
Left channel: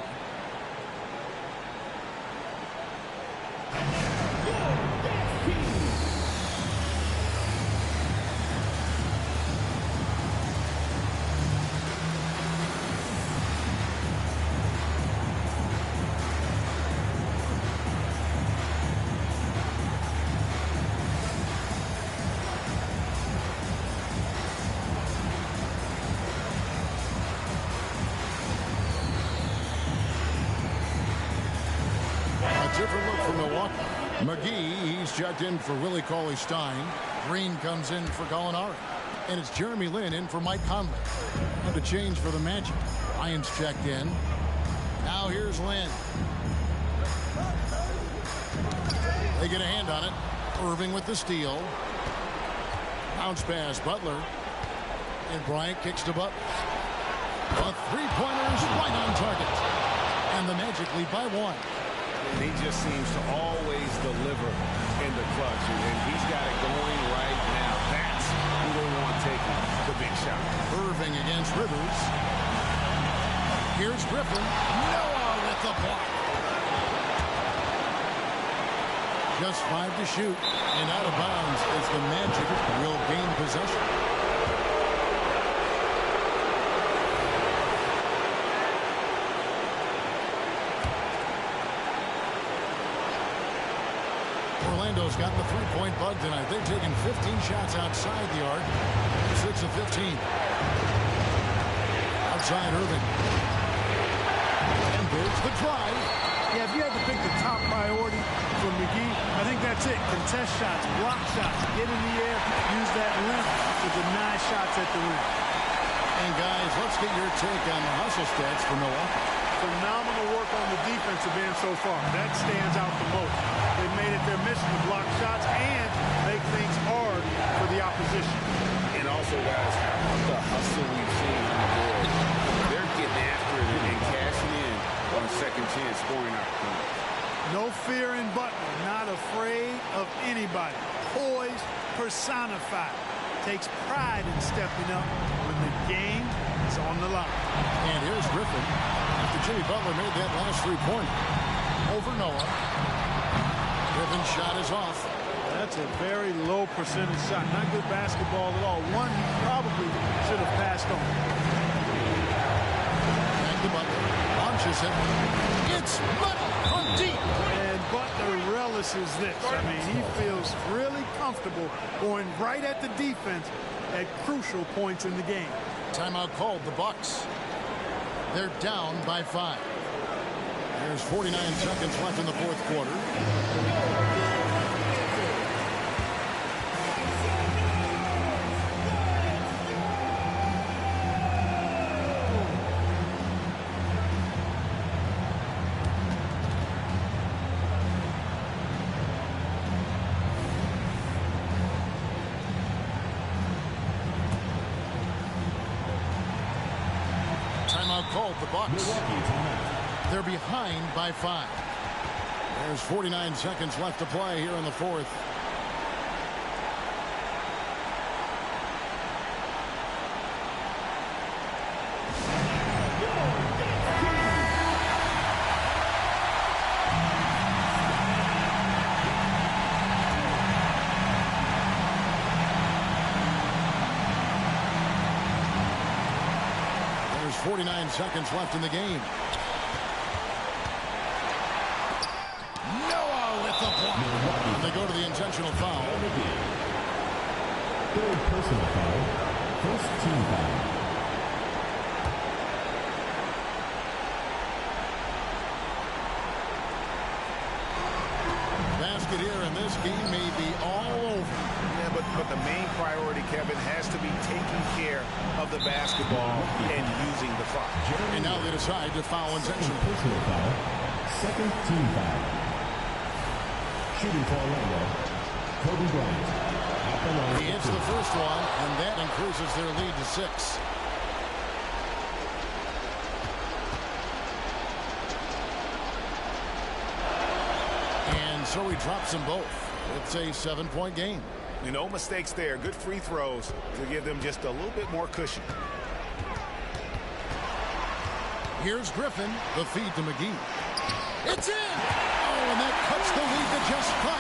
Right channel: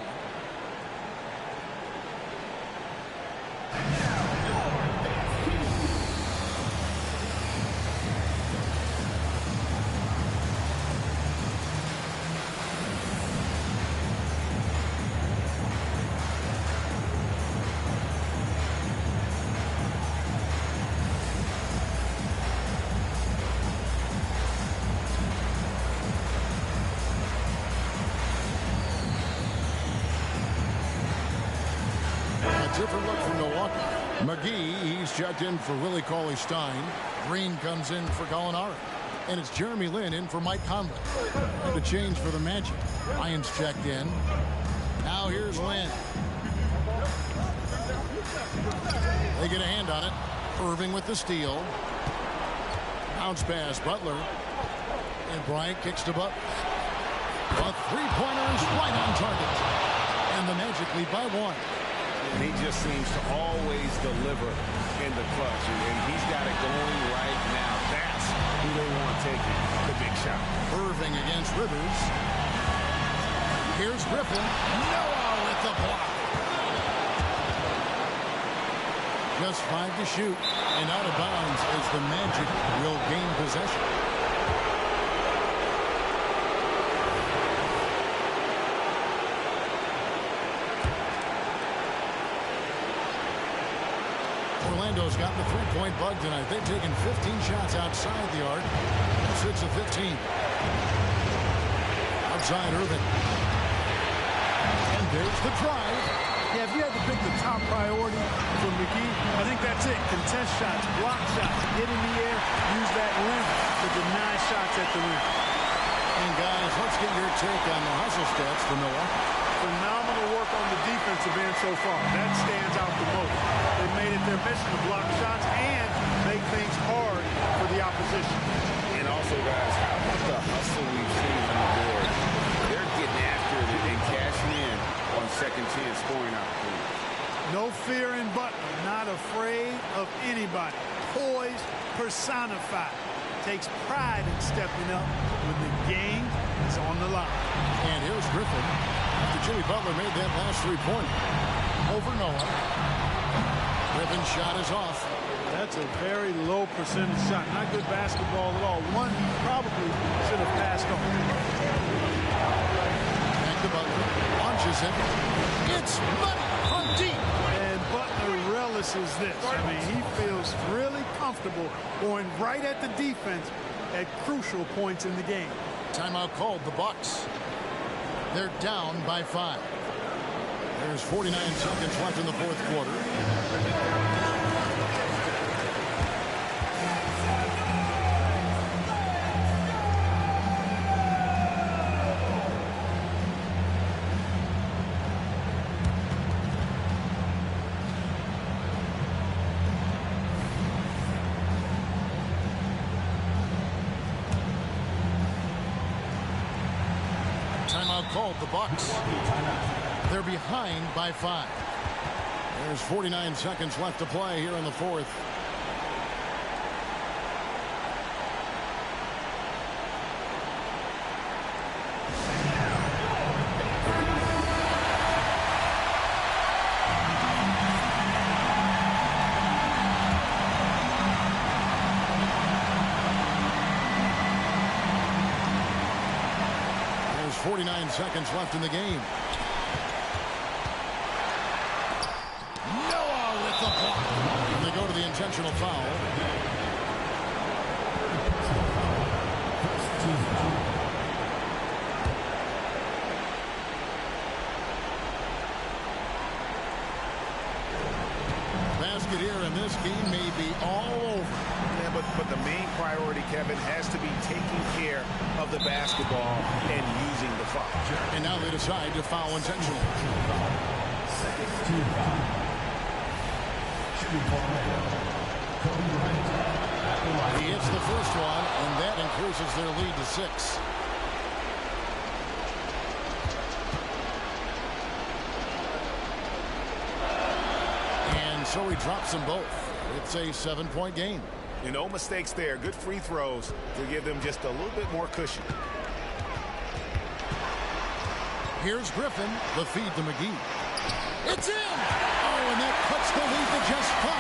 A different look for Milwaukee. McGee, he's checked in for Willie Cauley-Stein. Green comes in for Gallinari. And it's Jeremy Lin in for Mike Conley. And the change for the Magic. Lyons checked in. Now here's Lin. They get a hand on it. Irving with the steal. Bounce pass, Butler. And Bryant kicks to Butler. A three-pointer is right on target. And the Magic lead by 1. And he just seems to always deliver in the clutch. And he's got it going right now. That's who they want taking the big shot. Irving against Rivers. Here's Griffin. Noah with the block. Just 5 to shoot. And out of bounds as the Magic will gain possession. Orlando's gotten the three-point bug tonight. They've taken 15 shots outside the arc. 6 of 15. Outside Irving. And there's the drive. Yeah, if you had to pick the top priority for McGee, I think that's it. Contest shots, block shots, get in the air, use that length to deny shots at the rim. And guys, let's get your take on the hustle stats for Milwaukee. Phenomenal work on the defensive end so far. That stands out the most. They've made it their mission to block shots and make things hard for the opposition. And also, guys, how about the hustle we've seen on the board? They're getting after it and cashing in on second chance scoring opportunities. No fear in Butler. Not afraid of anybody. Poised, personified. Takes pride in stepping up when the game is on the line. And here's Griffin. After Jimmy Butler made that last three-pointer. Over Noah. Griffin's shot is off. That's a very low percentage shot. Not good basketball at all. One he probably should have passed on. Back to Butler. Launches it. It's money from deep. And Butler relishes this. I mean, he feels really comfortable going right at the defense at crucial points in the game. Timeout called the Bucks. They're down by 5. There's 49 seconds left in the fourth quarter. Timeout called the Bucks. They're behind by 5. There's 49 seconds left to play here in the fourth. There's 49 seconds left in the game. Noah with the block. And they go to the intentional foul. Third personal foul. First team foul. Basket here, and this game may be all over. Yeah, but the main priority, Kevin, has to be taking care of the basketball and using the clock. And now they decide to foul intentionally. Personal foul. Second team foul. Shooting for Orlando, Kobe Bryant. At the line. He hits the first one, and that increases their lead to 6. And so he drops them both. It's a 7-point game. No mistakes there. Good free throws to give them just a little bit more cushion. Here's Griffin. The feed to McGee. It's in! Oh, and that cuts the lead to just 5.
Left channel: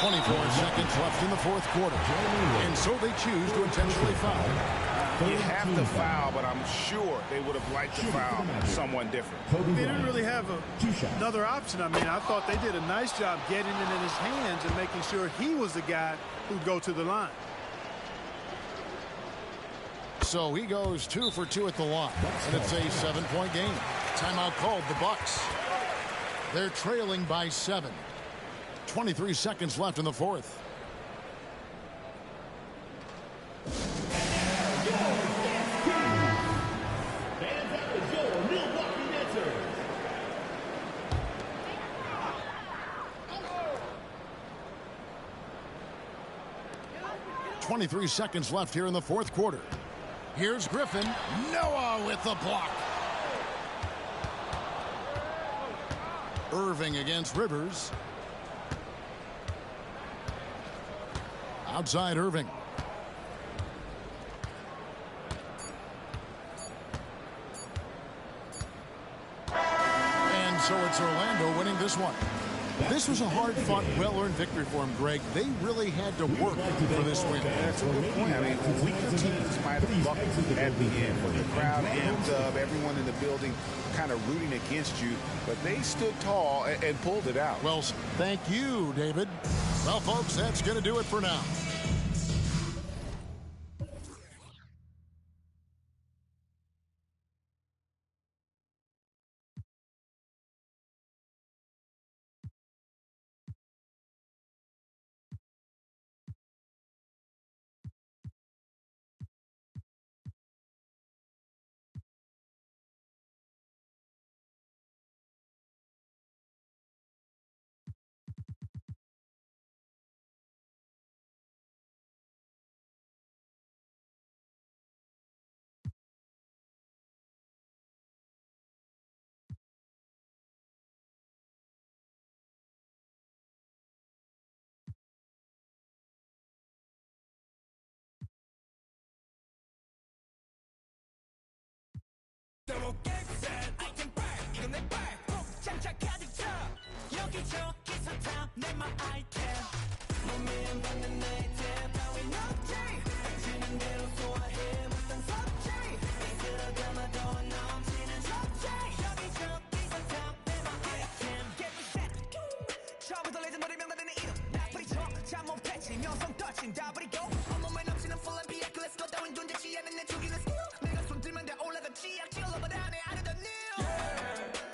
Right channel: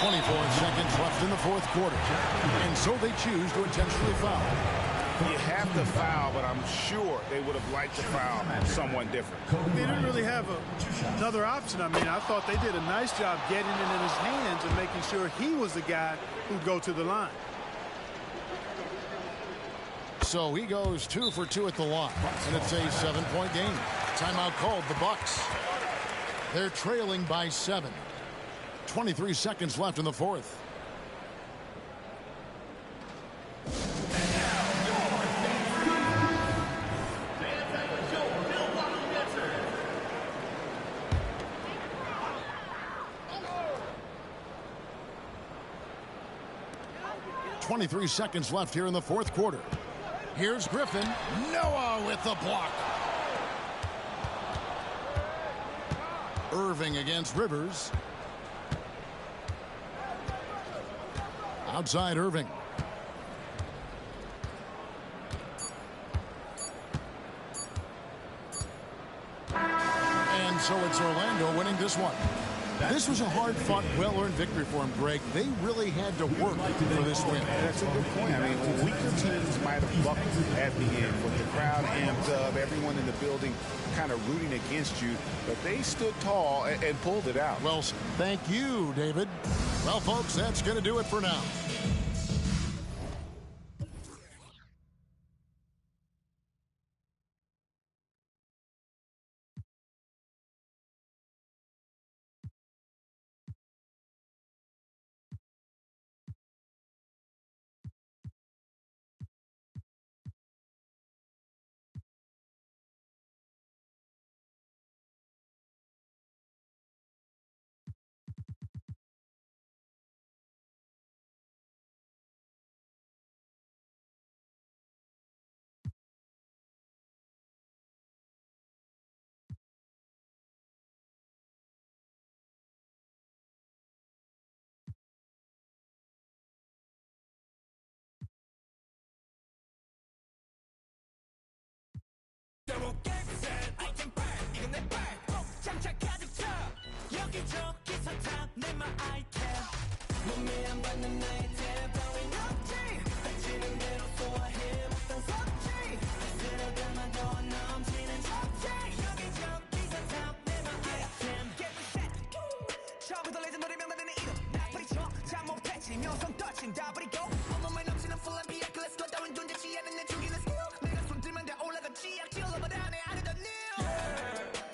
24 seconds left in the fourth quarter. And so they choose to intentionally foul. You have to foul, but I'm sure they would have liked to foul someone different. They didn't really have another option. I mean, I thought they did a nice job getting it in his hands and making sure he was the guy who'd go to the line. So he goes 2 for 2 at the line, and it's a 7-point game. Timeout called, the Bucks. They're trailing by 7. 23 seconds left in the fourth. .23 seconds left here in the fourth quarter. Here's Griffin. Noah with the block. Irving against Rivers. Outside Irving. And so it's Orlando winning this one. This was a hard-fought, well-earned victory for him, Greg. They really had to work for this win. That's a good point. I mean, weaker teams might have buckled at the end, but the crowd amped up, everyone in the building kind of rooting against you, but they stood tall and pulled it out. Well, thank you, David. Well, folks, that's going to do it for now.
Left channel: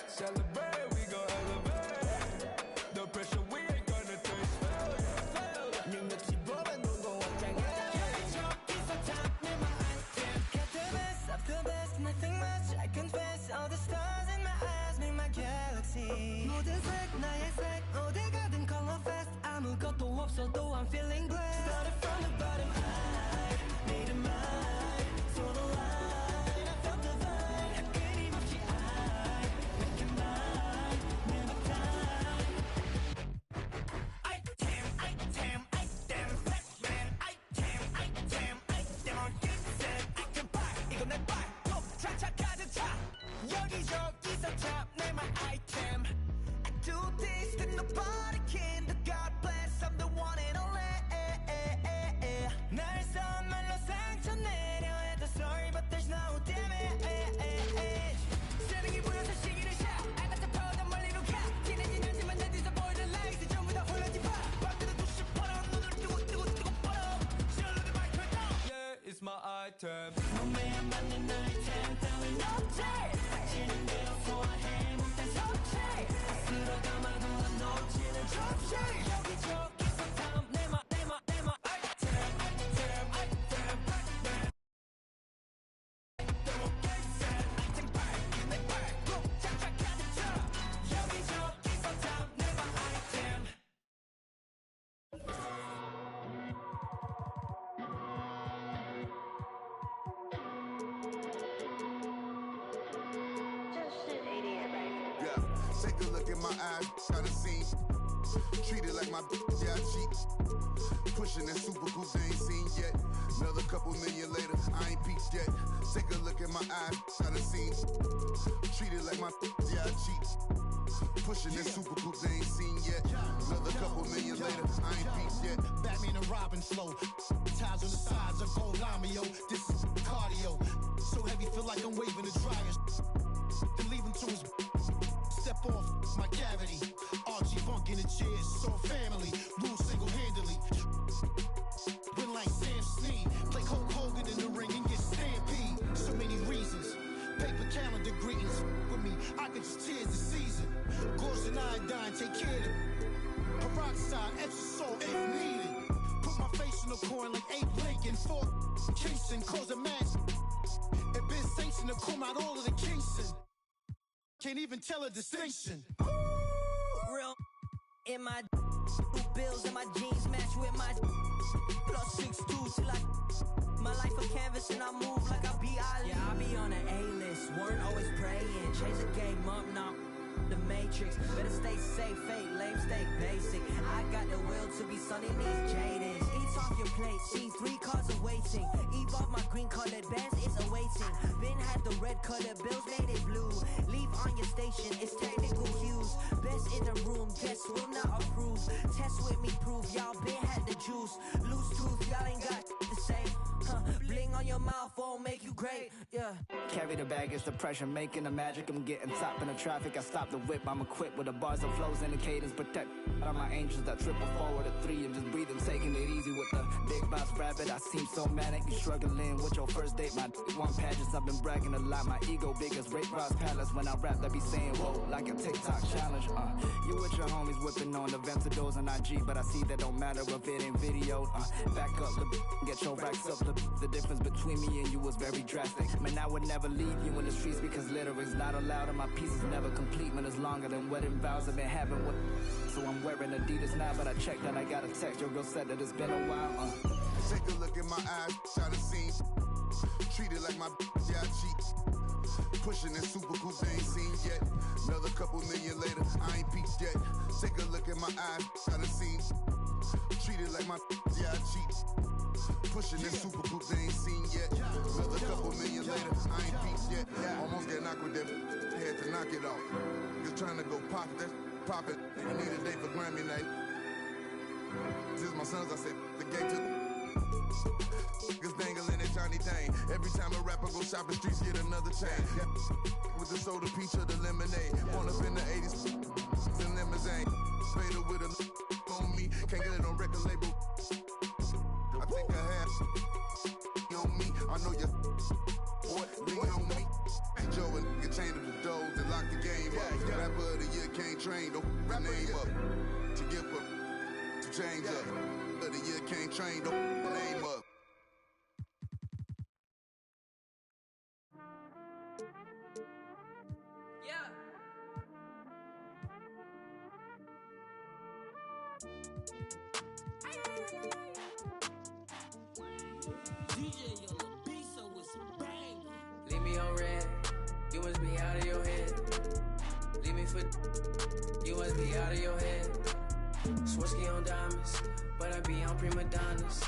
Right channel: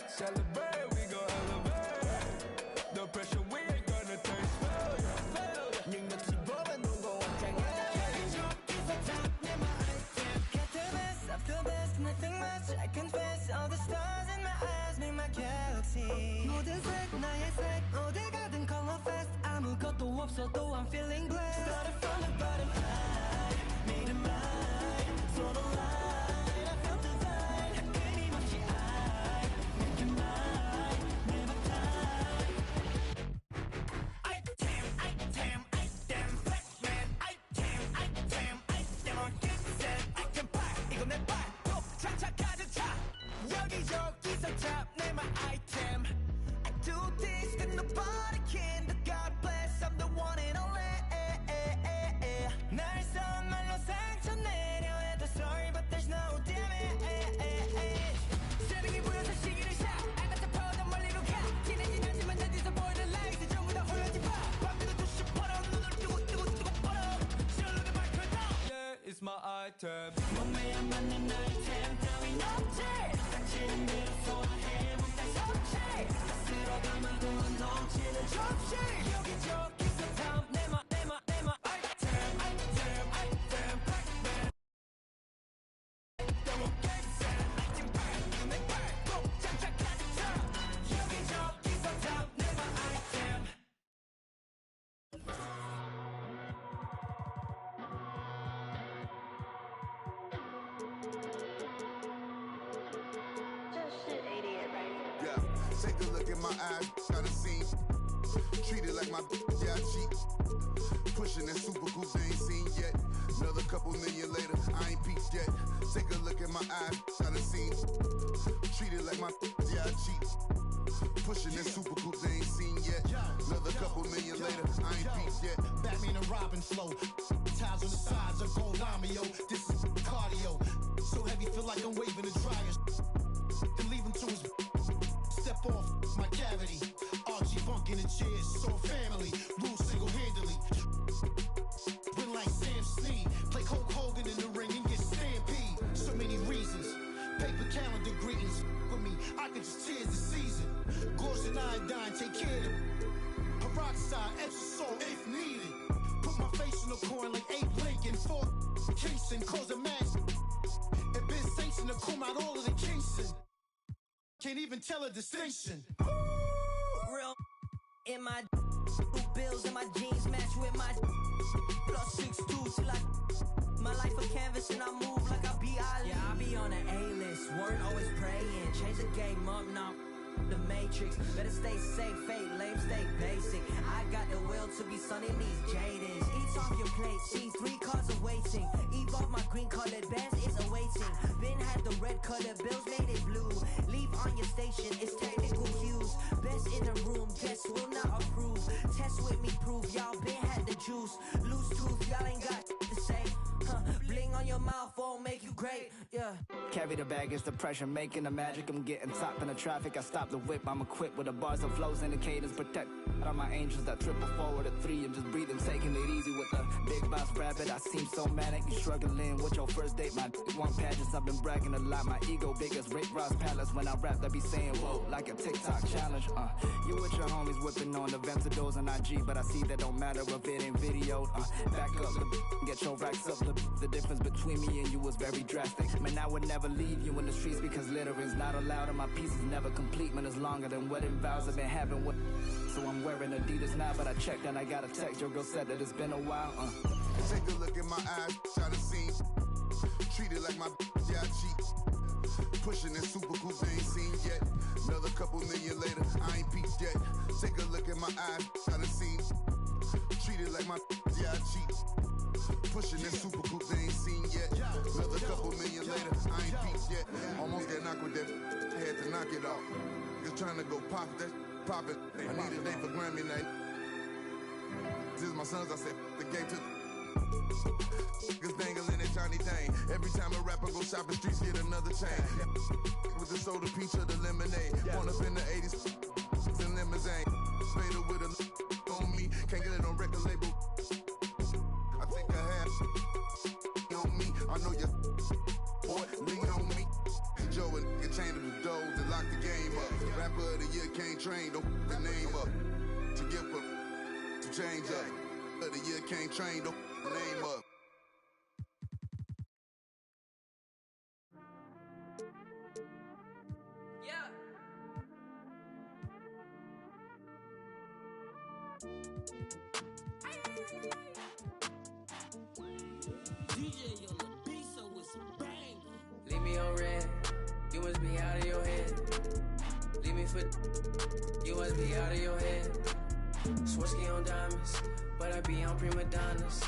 Celebrate, we go elevate. The pressure we ain't gonna taste failure. 능력치 보면 누구 원장이야. Up the best, nothing much. I confess, all the stars in my eyes make my galaxy. 모든 색 나의 색, 어딜 가든 color fest. 아무것도 없어도 I'm feeling blessed. Started from the bottom, I made it mine. So the line, I felt the vine. 끊임없이 I make it mine. Never time. Item, Pac-Man. Item, on get set. I can buy, 이거 내 발. 또 차차 가득 차. 여기저기서 tab, name my item. I do this that nobody can. The God bless, I'm the one and only. 날 선 말로 상처 내려 해도 sorry, but there's no damage. 세상이 보여서 시기를 샷. I got the power, 더 멀리로 가. 진해진 하지만 내 뒤에서 보이는 light. 전부 다 홀라지 봐. 밤새도 두시 벌어. 눈을 뜨고 벌어. 실로게 밝혀 down. Yeah, it's my item. 몸에 안 맞는 아이템 따윈 없지. 닥치는 대로 소화해 몸단 성체. 쓸어 담아도 안 넘치는 접시. 여기저기서 탐 내마 item, Pac-Man. They won't get set. Item back, 이건 내 발. 꼭 차차 가득 차. 여기저기서 탐 내마 item. Yeah, take a look at my eyes, got a scene. Treat it like my yeah, I cheat. Pushing that super coupe they ain't seen yet. Another couple million later, I ain't peaked yet. Take a look at my eyes, got a scene. Treat it like my yeah, I cheat. Pushing that super coupe they ain't seen yet. Another couple million later, I ain't peaked yet. Batman and Robin flow. Ties on the sides of gold lamio. This is cardio. So heavy, feel like I'm waving the dryer. Then leave him to his step off my cavity. Archie Funk in the chairs, so family. Rule single-handedly. Win like Sam Snead. Play Hulk Hogan in the ring and get stamped. just tears the season. Gauze and iodine, take care of them. Peroxide, extra salt if needed. Put my face in the corn like Abe Lincoln. For Kingston, cause a match. It been sanctioned to come out all of the Kingston. Can't even tell a distinction. Real in my bills and my jeans match with my plus 6'2" till I my life a canvas and I move like I be Ali. Yeah, I be on an A-list, weren't always praying. Change the game up now. The Matrix, better stay safe, fake, lame, stay basic. I got the will to be sunning these Jadens. Eat off your plate, see 3 cars awaiting. Evolve my green colored bands is awaiting. Been had the red colored bills, made it blue. Leave on your station, it's technical cues. Best in the room, guests will not approve. Test with me, prove y'all been had the juice. Loose tooth, y'all ain't got to say. Bling on your mouth won't make you great, yeah. Carry the bag, it's the pressure, making the magic. I'm getting top in the traffic, I stop the whip. I'm equipped with the bars and flows and the cadence. Protect all my angels that triple forward at 3 and just breathe. I'm taking it easy with the big boss rabbit. I seem so manic, you struggling with your first date. My one pageants, I've been bragging a lot. My ego big as Rick Ross Palace. When I rap, they be saying, whoa, like a TikTok challenge. You with your homies whipping on the Ventadors on IG, but I see that don't matter if it ain't video. Back up, get your racks up. The difference between me and you was very drastic. Man, I would never leave you in the streets because littering's not allowed and my piece is never complete. Man, it's longer than wedding vows I've been having with. So I'm wearing Adidas now, but I checked and I got a text. Your girl said that it's been a while. Take a look in my eyes, try to see. Treat it like my yeah, I cheat. Pushing that super coupe they ain't seen yet. Another couple million later, I ain't peaked yet. Take a look in my eyes, try to see. Treat it like my yeah, I cheat. Pushing that super coupe they ain't seen yet. Another couple million later, I ain't peaked yet. Almost get knocked with that, had to knock it off. Just trying to go pop that, pop it. I need a day for Grammy night. This is my sons, I said, the game took. Niggas dangling at Johnny Dane. Every time a rapper go shopping, streets get another chain. With the soda, peach, or the lemonade. Born up in the 80s, in limousine. Fader with a on me, can't get it on record label. I think I have on me. I know you boy, lean on me. Joe and nigga chained him the doors and lock the game up. Rapper of the year can't train, don't f the name up. To give up, to change up. Of the year can't train, don't f the name up. Yeah. DJ on the beat, so it's bang. Leave me on red, you must be out of your head. Leave me for, you must be out of your head. Swirsky on diamonds, but I be on prima donnas.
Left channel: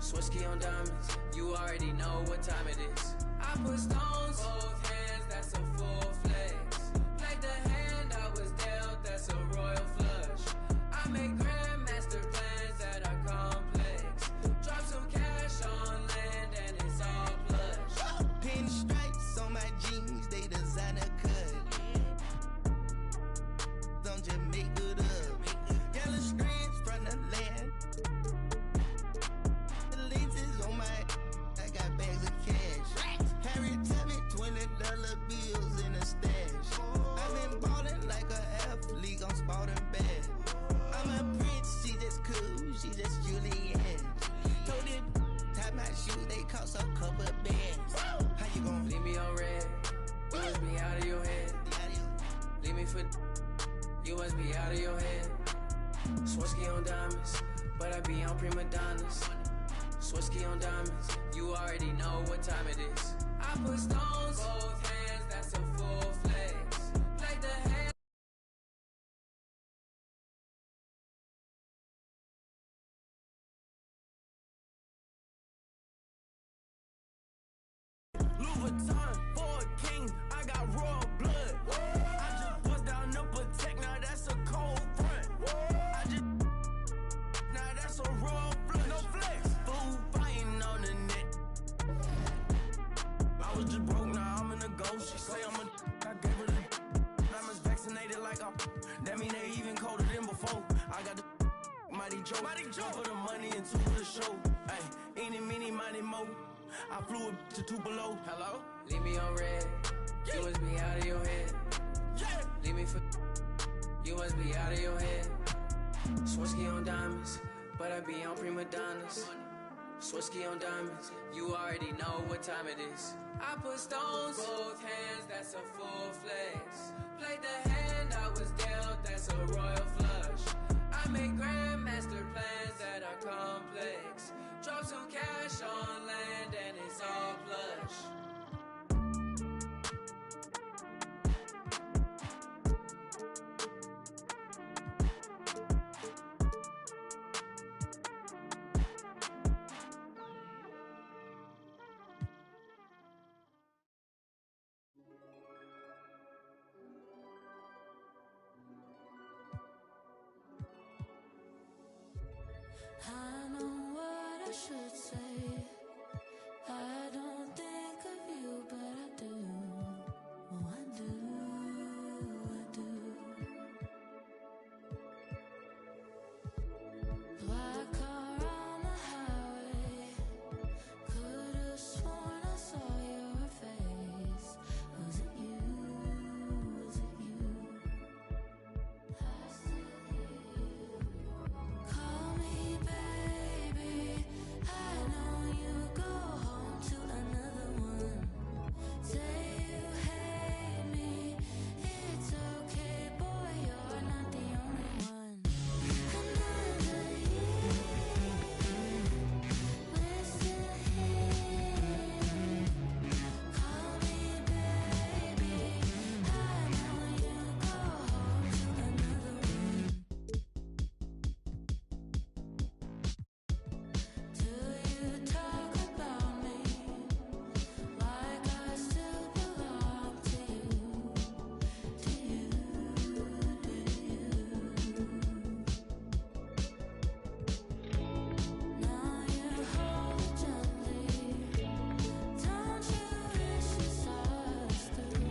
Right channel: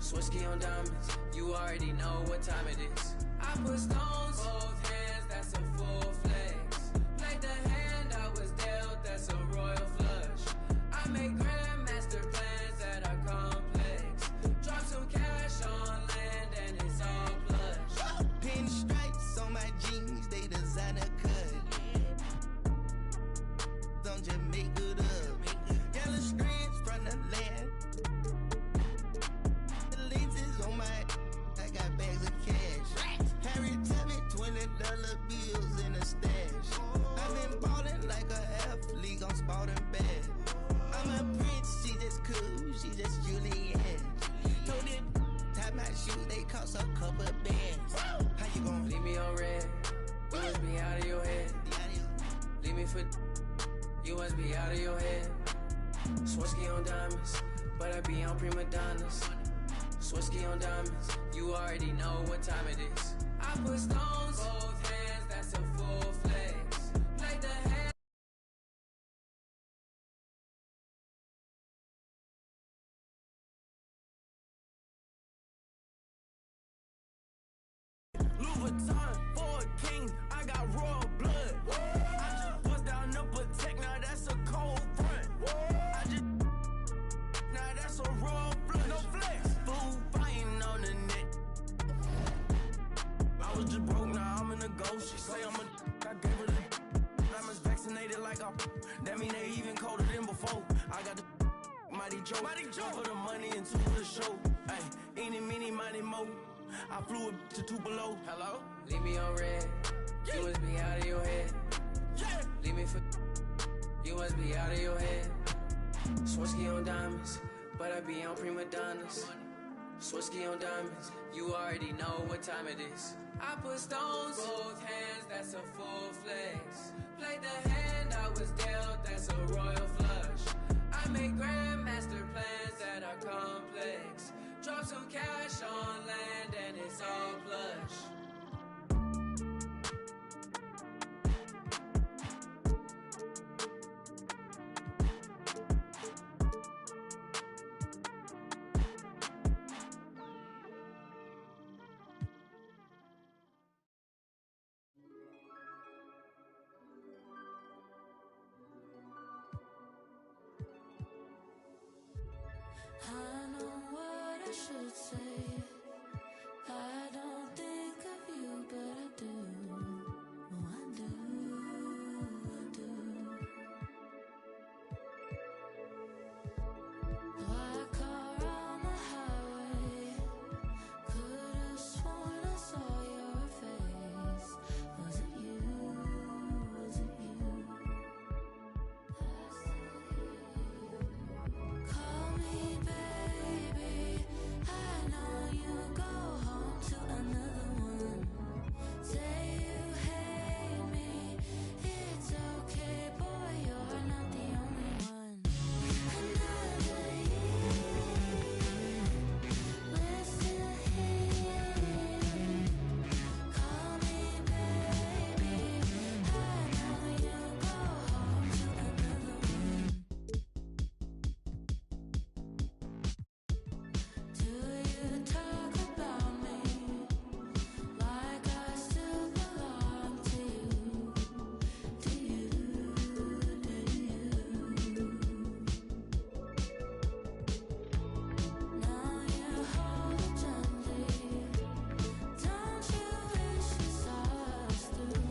Swirsky on diamonds, you already know what time it is. I put stones, both hands, that's a full flex. Played the hand I was dealt, that's a royal flush. I make grandmaster plans that are complex. Drop some cash on land and it's all plush. Pinstripes on my jeans, they designer cut. Don't just make it up. Yellow strands from the land. The lenses on my, I got bags of cash. Harry Tabby, $20 bills in a stash. I've been ballin' like an athlete on Spalding bad. I'm a prince, she just cool, she just Julianne. Told it, tie my shoes, they cost a couple bands. How you gon' leave me on red? You must be out of your head. Leave me for, you must be out of your head. Swirsky on diamonds, but I be on prima donnas. Swirsky on diamonds, you already know what time it is. I put stones, both hands, that's a full flex. Play the hand. Louis Vuitton for a king, I got royal blood. I just bust down the Protect, now that's a cold front. I just, now that's a royal flush. No flex, food fighting on the net. I was just broke, now I'm in a ghost. She say I'm a, I gave her the, diamonds vaccinated like a, that mean they even colder than before. I got the Mighty Joe, for the money and two for the show. Ay, eeny, meeny, miny, mo. I flew it to Tupelo. Hello? Leave me on red. You must be out of your head. Leave me for you must be out of your head. Swarovski on diamonds, but I be on prima donnas. Swarovski on diamonds, you already know what time it is. I put stones, both hands, that's a full flex. Played the hand I was dealt, that's a royal flush. I make grandmaster plans that are complex. Drop some cash on land and it's all plush. I know what I should say. I don't think of you, but I do. Oh, I do, I do. Black car on the highway. Could've sworn I saw your face. Was it you? Was it you? Call me baby. I know you go home to another one. Say you hate me. It's okay, boy, you're not the only one. Another year, we're still here. Call me baby. I know you go home to another one. Do you talk about me like I still belong to you? Do you? Now you hold it gently. Don't you wish you saw us through?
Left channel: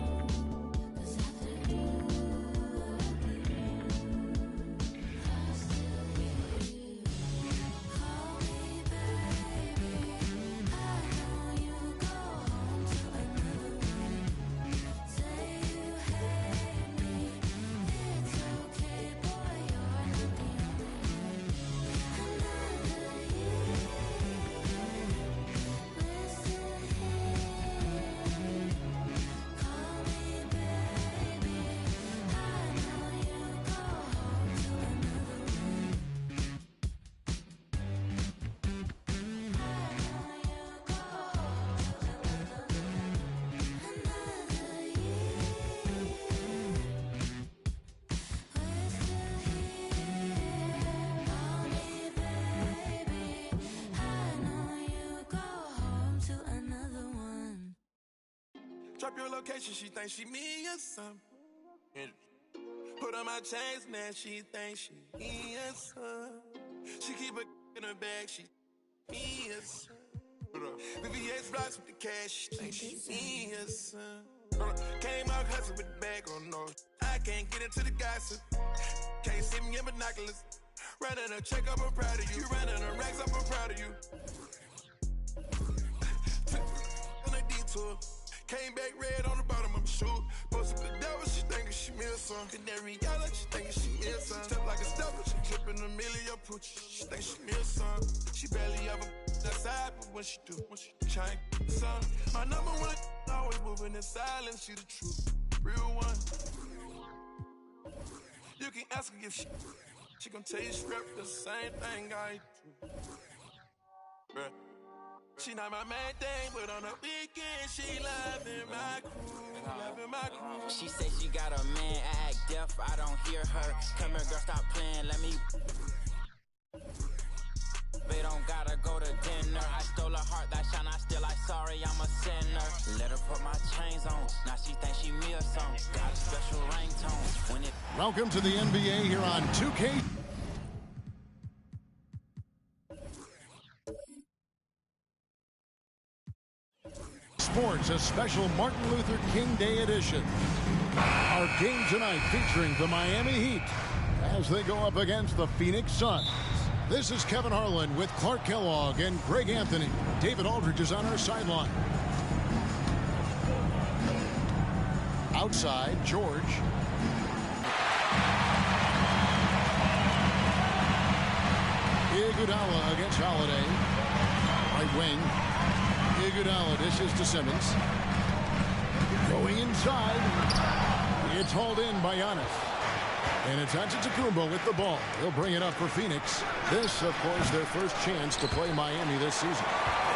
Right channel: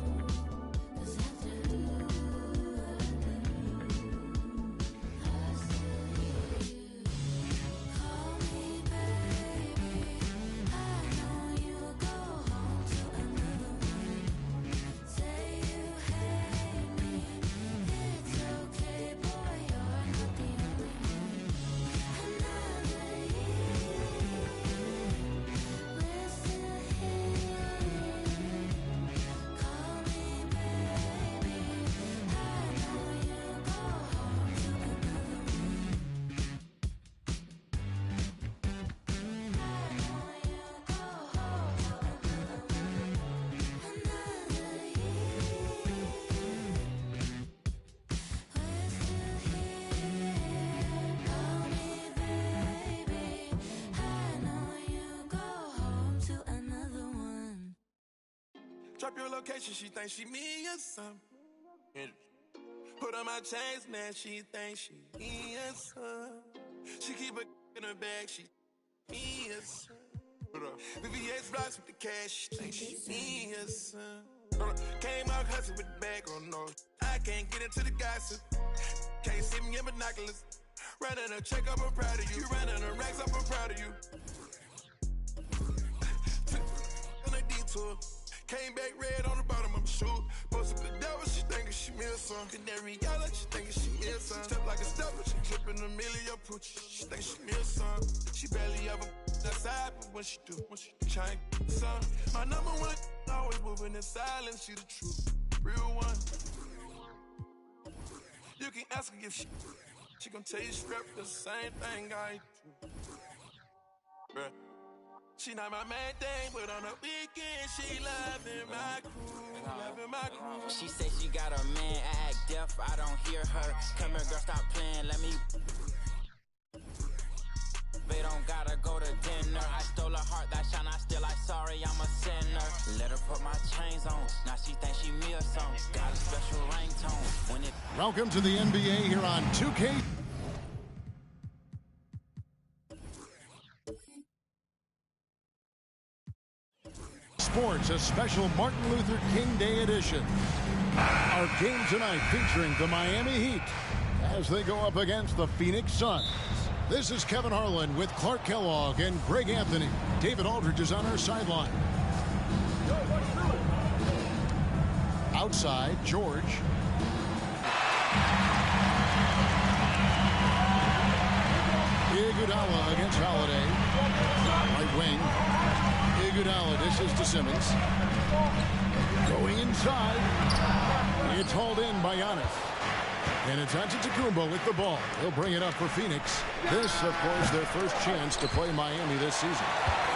'Cause I do, I still hear you. Call me baby. I know you go home to another one. Say you hate me. It's okay, boy, you're not the only one. Another year, we're still here. Call me baby. I know you go home to another one. Drop your location, she thinks she me or something. Put on my chains, now she thinks she me or something. She keep a in her bag, she me or something. VVS blocks with the cash, she thinks she me or something. Came out hustling with the bag on no. I can't get into the gossip. Can't see me in binoculars. Running a check up, I'm proud of you. Running a racks up, I'm proud of you. On a detour. Came back red on the bottom of my shoe. Posted the devil, she thinking she me or something. Canary yellow, she thinking she me or something. Step like a stepper, she clipping a million pooch. She think she me or something. She barely ever outside, but when she do, trying something. My number one, always moving in silence. She the truth, real one. You can ask her if she gon' tell you straight the same thing I do. Bruh. She not my main thing, but on the weekend she loving my crew, She say she got a man, I act deaf, I don't hear her. Come here, girl, stop playing, let me. They don't gotta go to dinner. I stole her heart, that shine, I still like sorry, I'm a sinner. Let her put my chains on, now she thinks she me or something. Got a special ringtone when it. Welcome to the NBA here on 2K. Sports, a special Martin Luther King Day edition. Our game tonight featuring the Miami Heat as they go up against the Phoenix Suns. This is Kevin Harlan with Clark Kellogg and Greg Anthony. David Aldridge is on our sideline. Outside, George. Iguodala against Holiday. Right wing. Iguodala dishes to Simmons. Going inside. It's hauled in by Giannis. And it's Antetokounmpo with the ball. He'll bring it up for Phoenix. This, of course, their first chance to play Miami this season.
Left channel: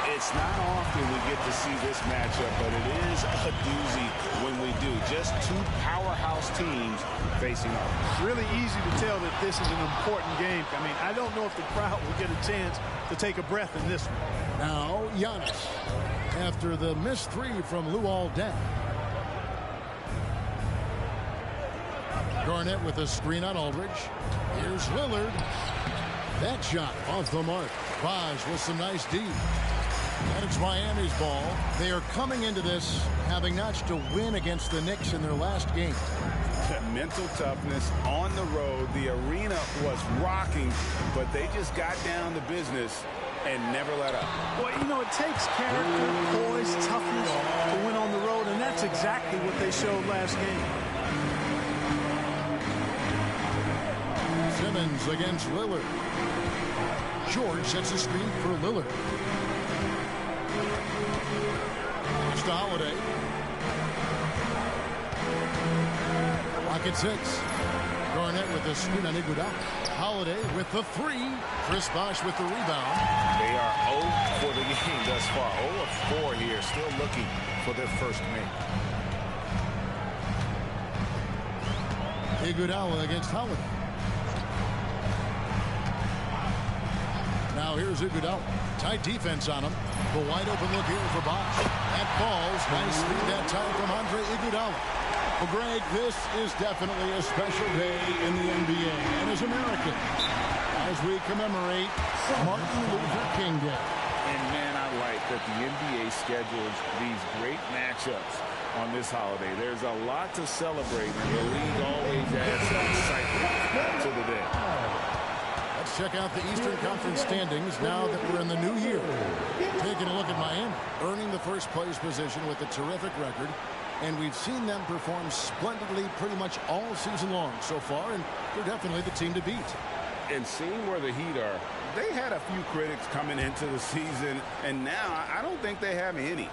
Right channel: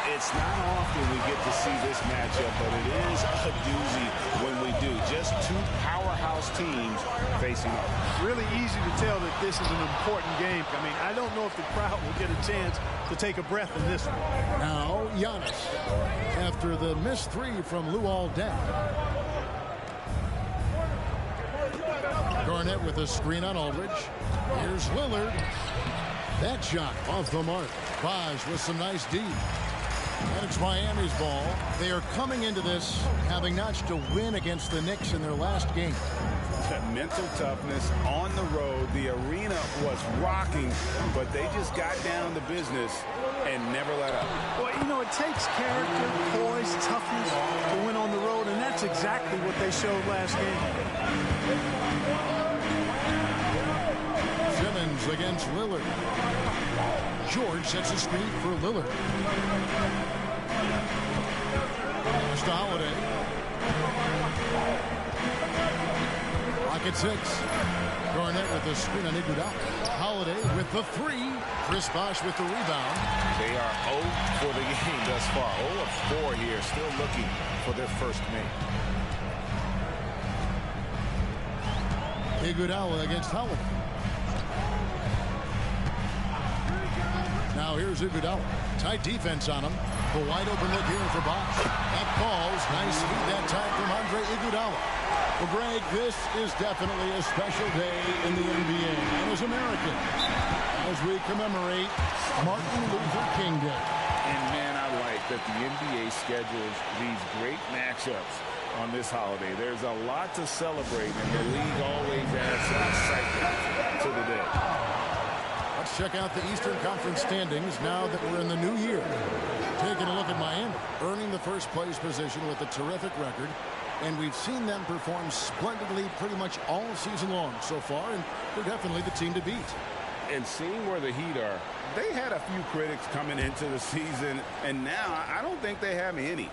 It's not often we get to see this matchup, but it is a doozy when we do. Just two powerhouse teams facing off. Really easy to tell that this is an important game. I mean, I don't know if the crowd will get a chance to take a breath in this one. Now, Giannis, after the missed three from Luol Deng. Garnett with a screen on Aldridge. Here's Lillard. That shot off the mark. Bosh with some nice D. And it's Miami's ball. They are coming into this having notched a win against the Knicks in their last game. Mental toughness on the road. The arena was rocking, but they just got down to business and never let up. Well, you know, it takes character, poise, toughness to win on the road, and that's exactly what they showed last game. Simmons against Lillard. George sets a screen for Lillard. Pass to Holiday. Rocket 6. Garnett with the screen on Iguodala. Holiday with the three. Chris Bosh with the rebound. They are 0 for the game thus far. 0 of 4 here, still looking for their first make. Iguodala against Holiday. Now here's Iguodala. Tight defense on him. The wide open look here for Bosh. That falls. Nice feed that time from Andre Iguodala. Well, Greg, this is definitely a special day in the NBA. And as Americans, as we commemorate Martin Luther King Day. And, man, I like that the NBA schedules these great matchups on this holiday. There's a lot to celebrate, and the league always adds some excitement to the day. Let's check out the Eastern Conference standings now that we're in the new year. Taking a look at Miami, earning the first place position with a terrific record. And we've seen them perform splendidly pretty much all season long so far, and they're definitely the team to beat. And seeing where the Heat are, they had a few critics coming into the season, and now I don't think they have any.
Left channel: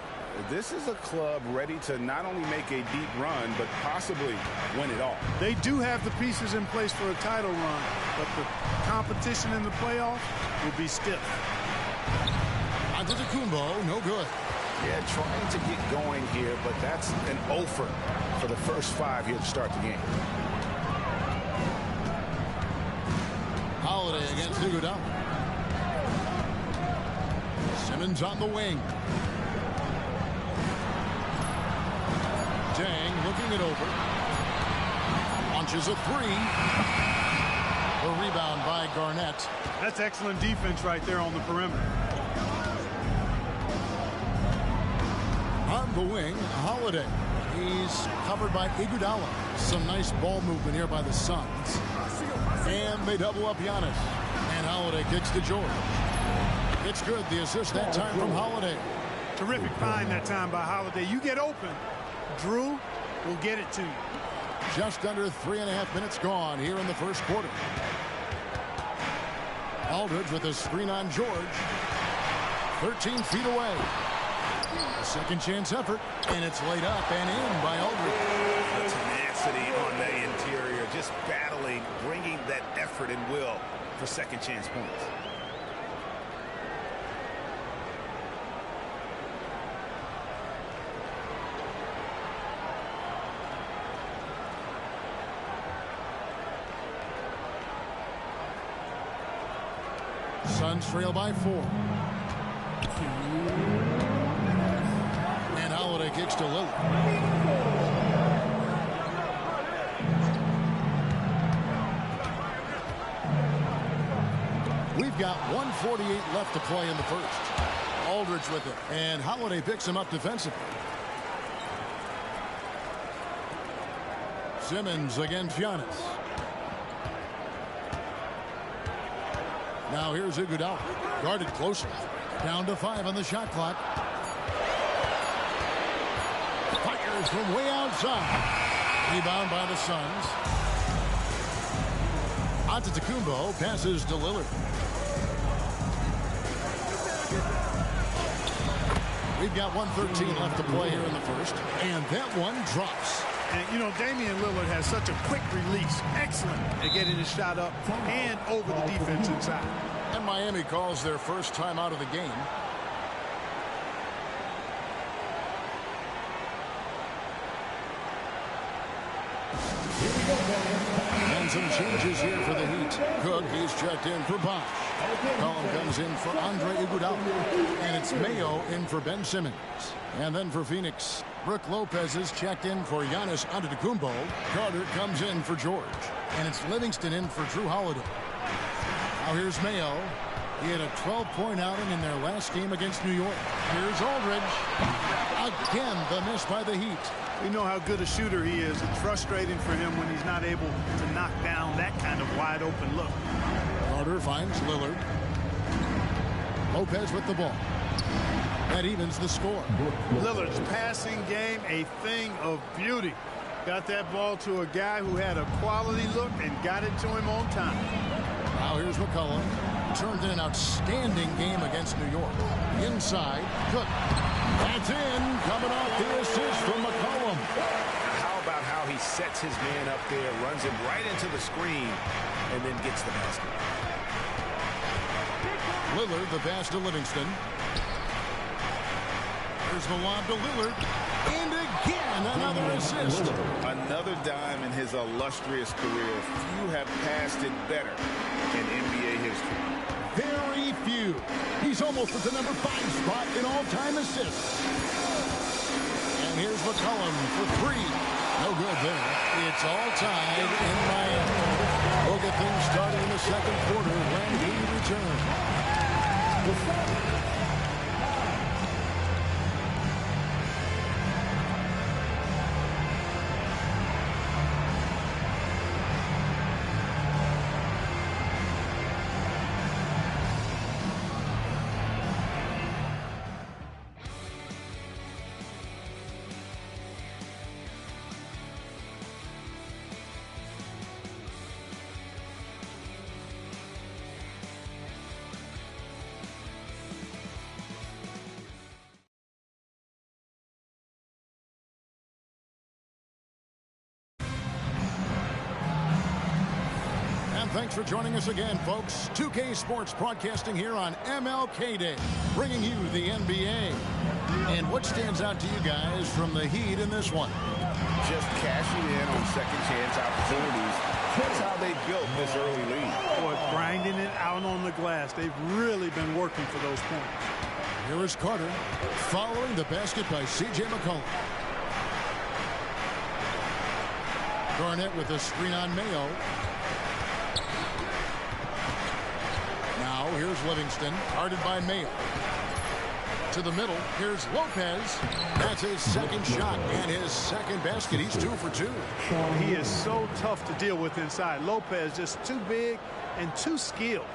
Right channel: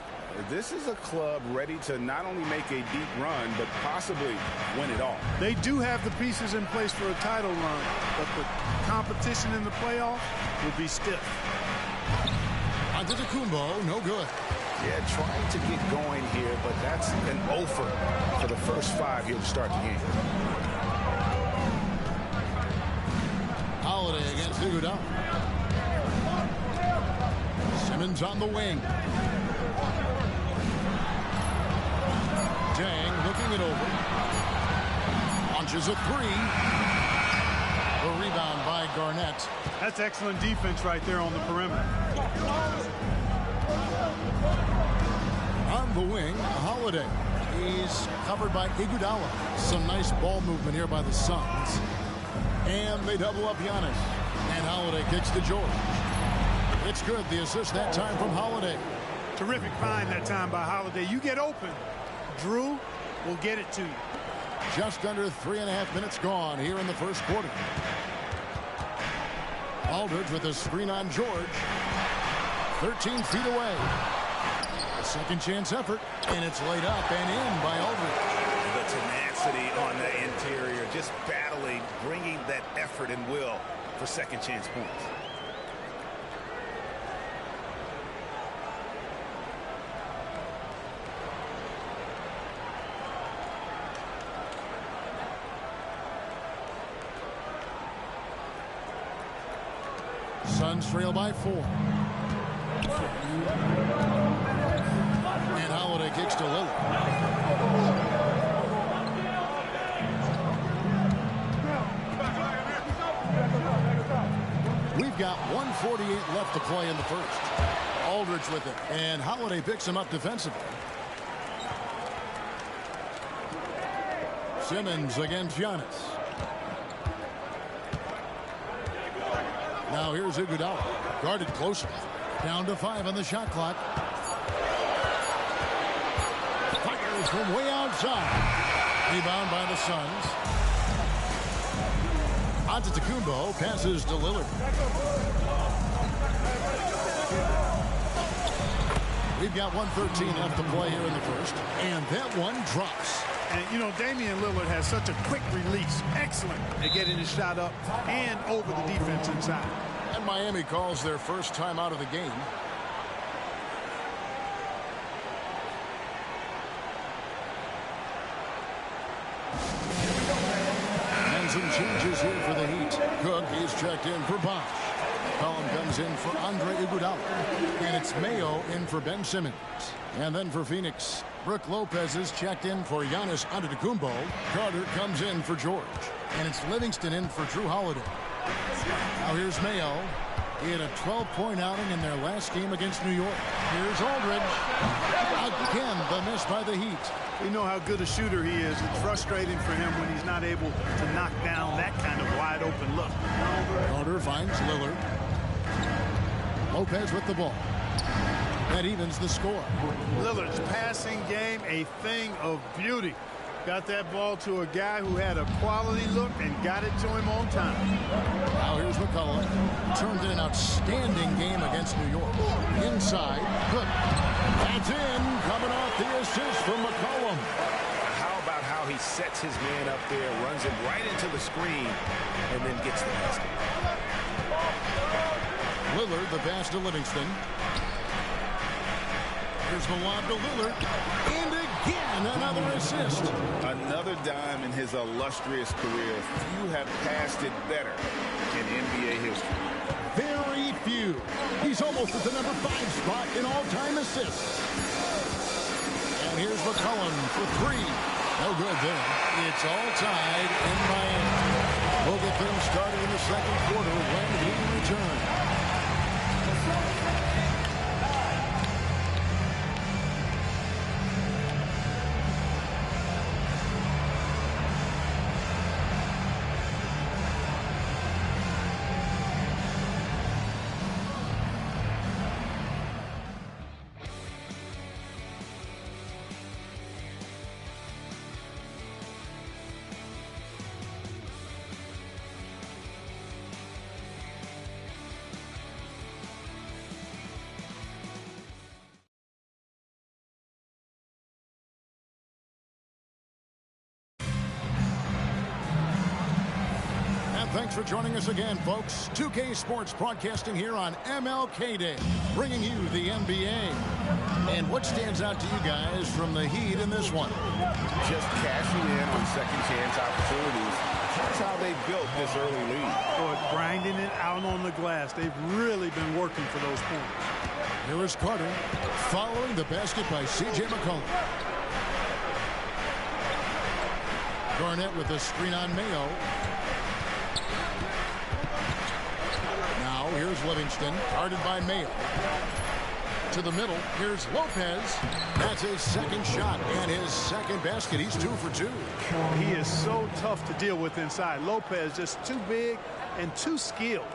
This is a club ready to not only make a deep run, but possibly win it all. They do have the pieces in place for a title run, but the competition in the playoffs will be stiff. Antetokounmpo, no good. Yeah, trying to get going here, but that's an offer for the first 5 here to start the game. Holiday against Iguodala. Simmons on the wing. Deng looking it over. Launches a three. The rebound by Garnett. That's excellent defense right there on the perimeter. On the wing, Holiday. He's covered by Iguodala. Some nice ball movement here by the Suns. And they double up Giannis. And Holiday kicks to George. It's good. The assist that time from Holiday. Terrific find that time by Holiday. You get open, Drew will get it to you. Just under 3.5 minutes gone here in the first quarter. Aldridge with a screen on George. 13 feet away. A second chance effort, and it's laid up and in by Aldridge. The tenacity on the interior, just battling, bringing that effort and will for second chance points. Suns trail by 4. And Holiday kicks to Lillard. We've got 1:48 left to play in the first. Aldridge with it, and Holiday picks him up defensively. Simmons against Giannis. Now here's Iguodala, guarded closely. Down to 5 on the shot clock. Fires from way outside. Rebound by the Suns. Antetokounmpo passes to Lillard. We've got 1:13 left to play here in the first, and that one drops. And, you know, Damian Lillard has such a quick release. Excellent at getting his shot up and over the defense inside. And Miami calls their first time out of the game. And some changes here for the Heat. Cook, he's checked in for Bosch. Collum comes in for Andre Iguodala. And it's Mayo in for Ben Simmons. And then for Phoenix, Brook Lopez is checked in for Giannis Antetokounmpo. Carter comes in for George. And it's Livingston in for Drew Holiday. Now here's Mayo. He had a 12-point outing in their last game against New York. Here's Aldridge. Again, the miss by the Heat. We know how good a shooter he is. It's frustrating for him when he's not able to knock down that kind of wide-open look. Carter finds Lillard. Lopez with the ball. That evens the score. Lillard's passing game, a thing of beauty. Got that ball to a guy who had a quality look and got it to him on time. Now here's McCollum. Turned in an outstanding game against New York. Inside, Cook. That's in. Coming off the assist from McCollum. How about how he sets his man up there, runs him right into the screen, and then gets the basket. Lillard, the pass to Livingston. Here's the lob to Lillard. And again, another assist. Another dime in his illustrious career. Few have passed it better in NBA history. Very few. He's almost at the number 5 spot in all-time assists. And here's McCollum for 3. No good there. It's all tied in Miami. We'll get things started in the second quarter when we return. Thanks for joining us again, folks. 2K Sports broadcasting here on MLK Day, bringing you the NBA. And what stands out to you guys from the Heat in this one? Just cashing in on second chance opportunities. That's how they built this early lead. Boy, grinding it out on the glass. They've really been working for those points. Here is Carter following the basket by C.J. McCollum. Garnett with a screen on Mayo. Now here's Livingston, guarded by Mayo. To the middle, here's Lopez. That's his second shot and his second basket. He's 2 for 2. He is so tough to deal with inside. Lopez just too big and too skilled.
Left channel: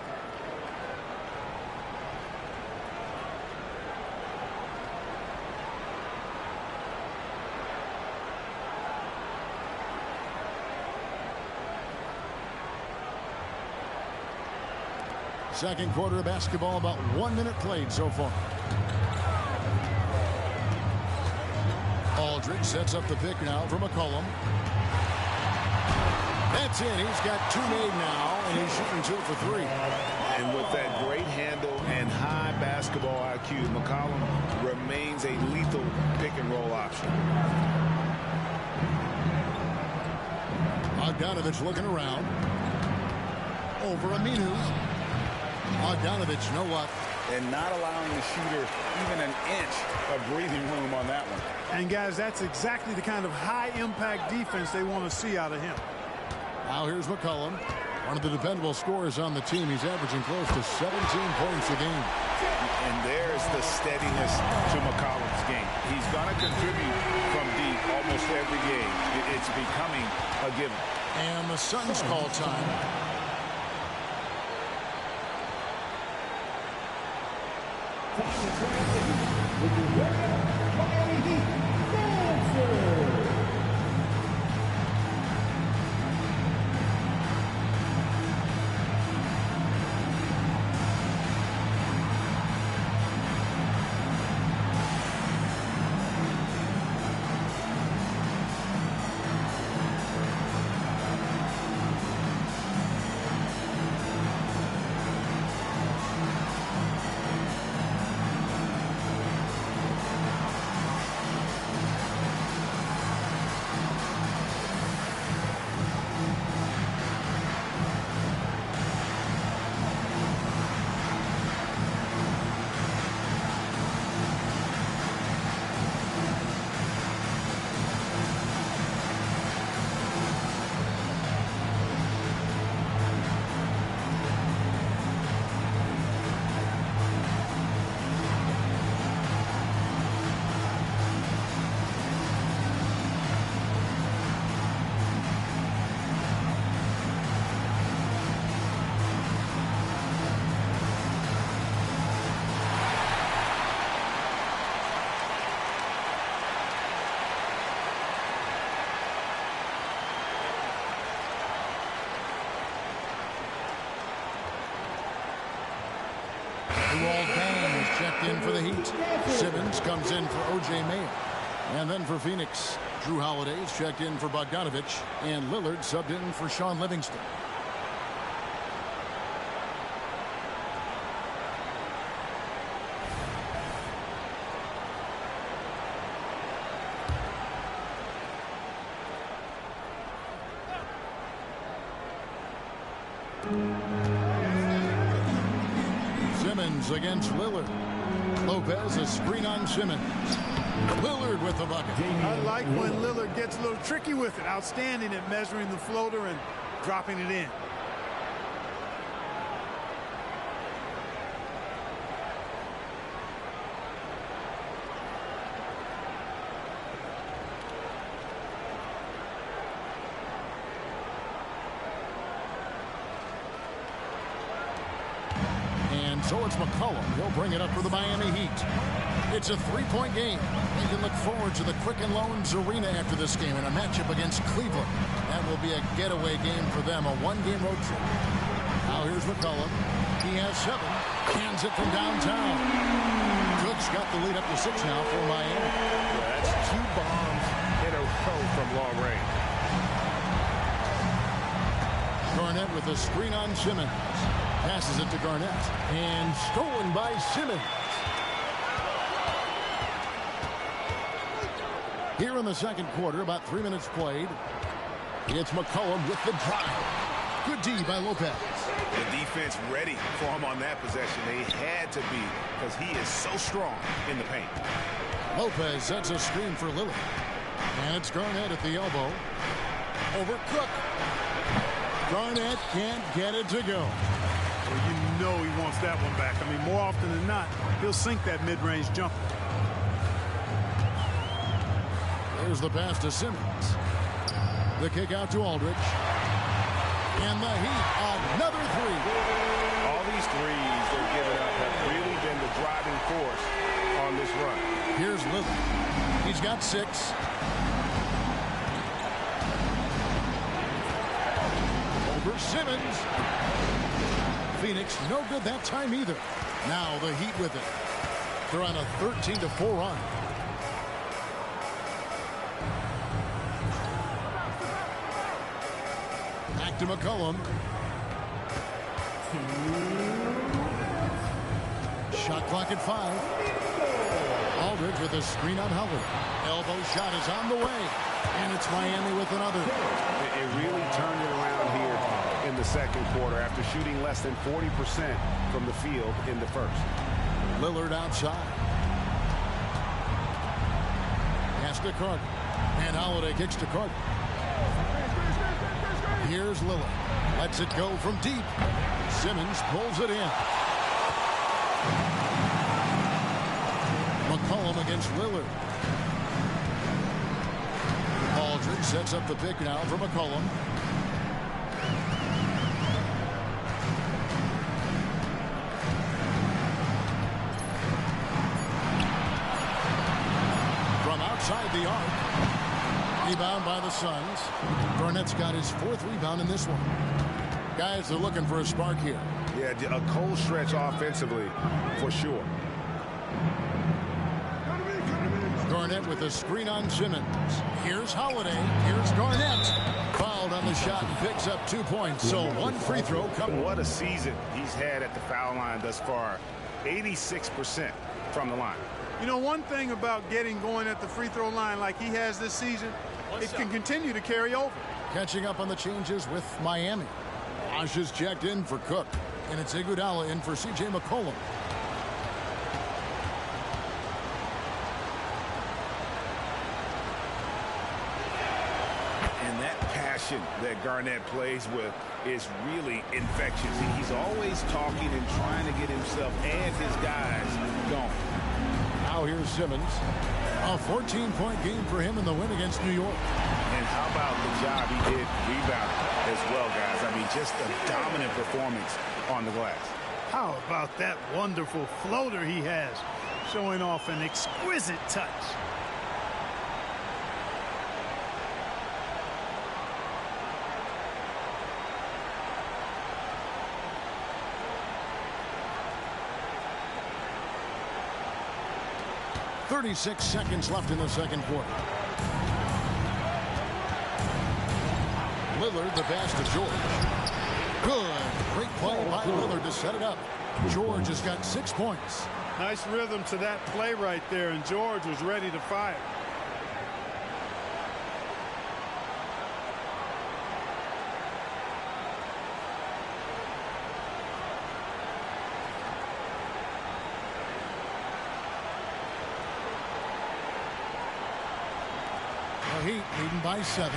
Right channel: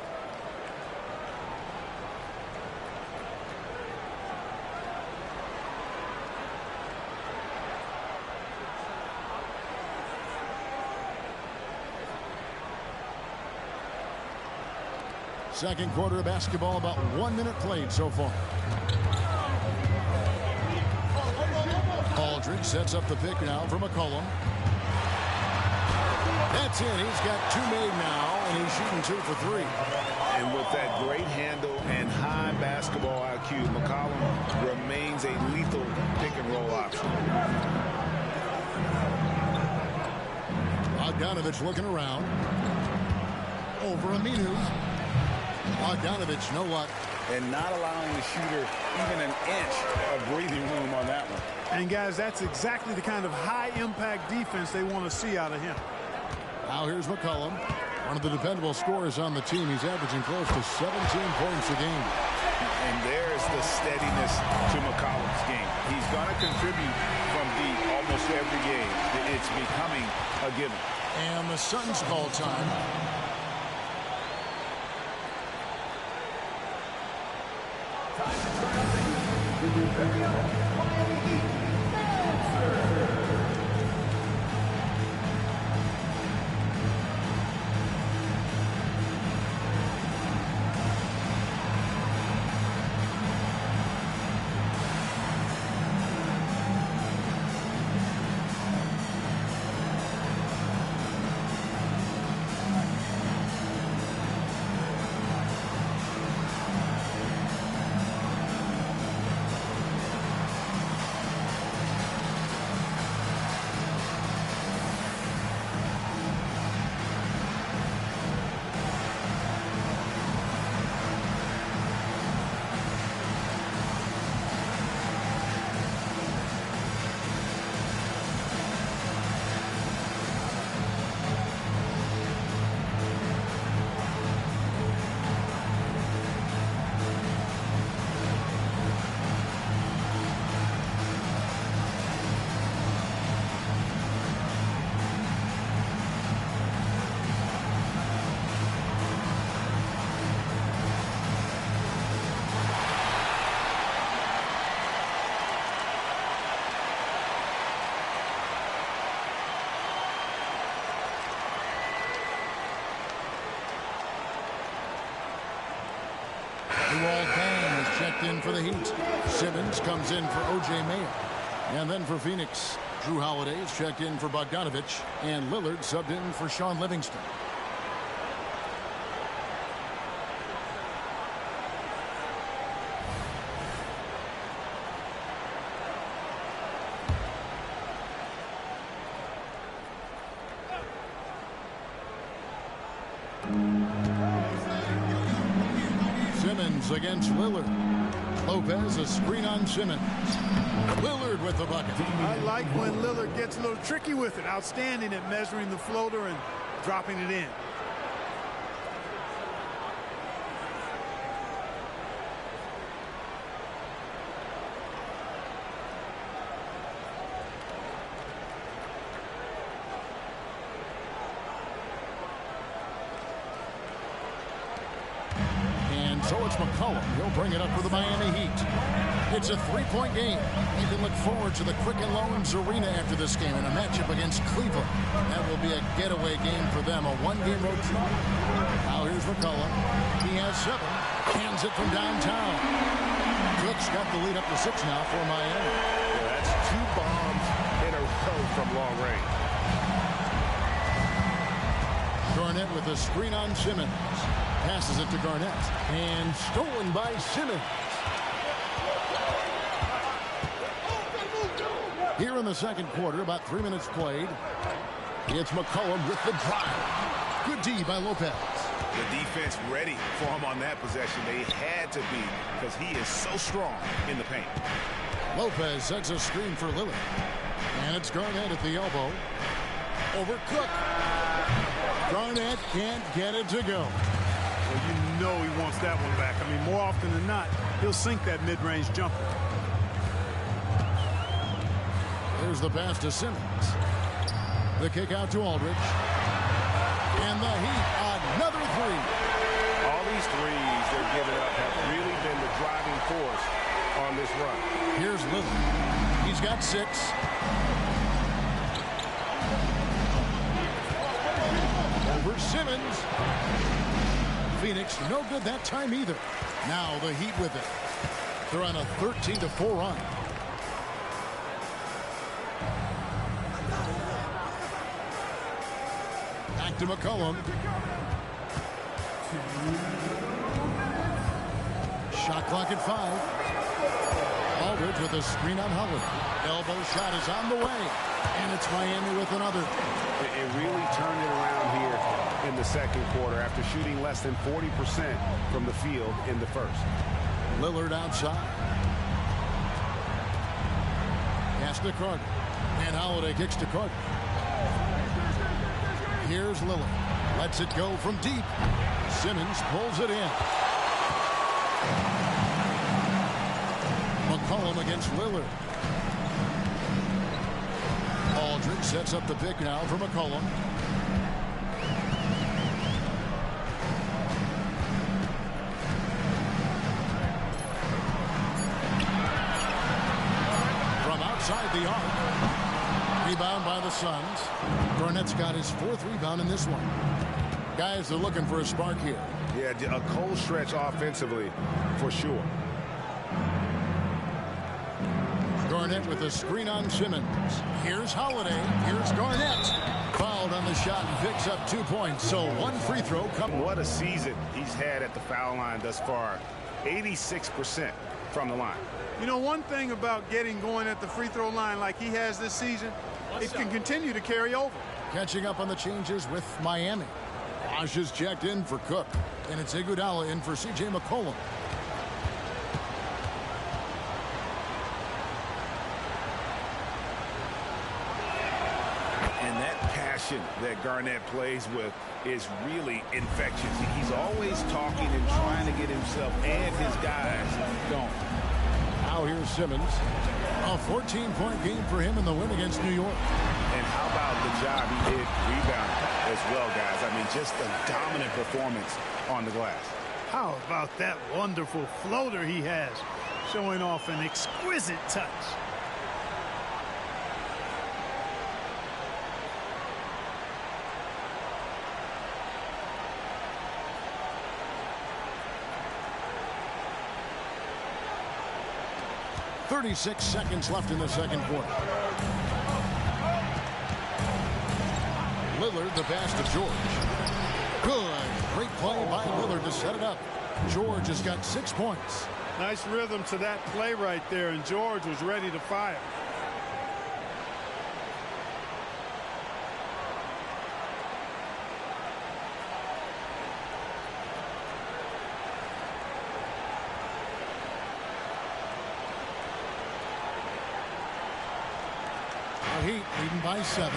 Second quarter of basketball, about 1 minute played so far. Aldridge sets up the pick now for McCollum. That's in. He's got 2 made now, and he's shooting 2 for 3. And with that great handle and high basketball IQ, McCollum remains a lethal pick-and-roll option. Bogdanovich looking around. Over Aminu. Bogdanovich, no luck. And not allowing the shooter even an inch of breathing room on that one. And, guys, that's exactly the kind of high-impact defense they want to see out of him. Now here's McCollum, one of the dependable scorers on the team. He's averaging close to 17 points a game. And there's the steadiness to McCollum's game. He's going to contribute from deep almost every game. It's becoming a given. And the Suns call time. Luol Deng is checked in for the Heat. Simmons comes in for O.J. Mayo. And then for Phoenix, Drew Holiday is checked in for Bogdanovich. And Lillard subbed in for Sean Livingston. Simmons against Lillard. Lopez, a screen on Simmons. Lillard with the bucket. I like when Lillard gets a little tricky with it. Outstanding at measuring the floater and dropping it in. So it's McCollum. He'll bring it up for the Miami Heat. It's a three-point game. They can look forward to the Quicken Loans Arena after this game in a matchup against Cleveland. That will be a getaway game for them, a one-game road trip. Now here's McCollum. He has 7. Hands it from downtown. Cook's got the lead up to 6 now for Miami. Yeah, that's 2 bombs in a row from long range. Garnett with a screen on Simmons. Passes it to Garnett. And stolen by Simmons. Here in the second quarter, about 3 minutes played. It's McCollum with the drive. Good D by Lopez. The defense ready for him on that possession. They had to be because he is so strong in the paint. Lopez sets a screen for Lillard. And it's Garnett at the elbow. Over Cook. Garnett can't get it to go. Well, you know he wants that one back. I mean, more often than not, he'll sink that mid-range jumper. There's the pass to Simmons. The kick out to Aldridge. And the Heat, another 3. All these threes they're giving up have really been the driving force on this run. Here's Lillard. He's got 6. Over Simmons. Phoenix no good that time either. Now the Heat with it. They're on a 13-4 run. Back to McCollum. Shot clock at 5. Aldridge with a screen on Holiday. Elbow shot is on the way. And it's Miami with another. It really turned it around here in the second quarter after shooting less than 40% from the field in the first. Lillard outside. Pass to Carter. And Holiday kicks to Carter. Here's Lillard. Lets it go from deep. Simmons pulls it in. McCollum against Lillard. Aldridge sets up the pick now for McCollum. From outside the arc. Rebound by the Suns. Garnett's got his 4th rebound in this one. Guys, they're looking for a spark here. Yeah, a cold stretch offensively for sure. Garnett with a screen on Simmons. Here's Holiday. Here's Garnett. Fouled on the shot and picks up 2 points. So 1 free throw. What a season he's had at the foul line thus far. 86% from the line. You know, one thing about getting going at the free throw line like he has this season, it can continue to carry over. Catching up on the changes with Miami. Wash is checked in for Cook. And it's Iguodala in for C.J. McCollum. And that passion that Garnett plays with is really infectious. He's always talking and trying to get himself and his guys going. Now here's Simmons. A 14-point game for him in the win against New York. And how about the job he did rebounding as well, guys? I mean, just a dominant performance on the glass. How about that wonderful floater he has, showing off an exquisite touch. 36 seconds left in the second quarter. Lillard, the pass to George. Good. Great play by Lillard to set it up. George has got 6 points. Nice rhythm to that play right there, and George was ready to fire. The Heat leading by 7.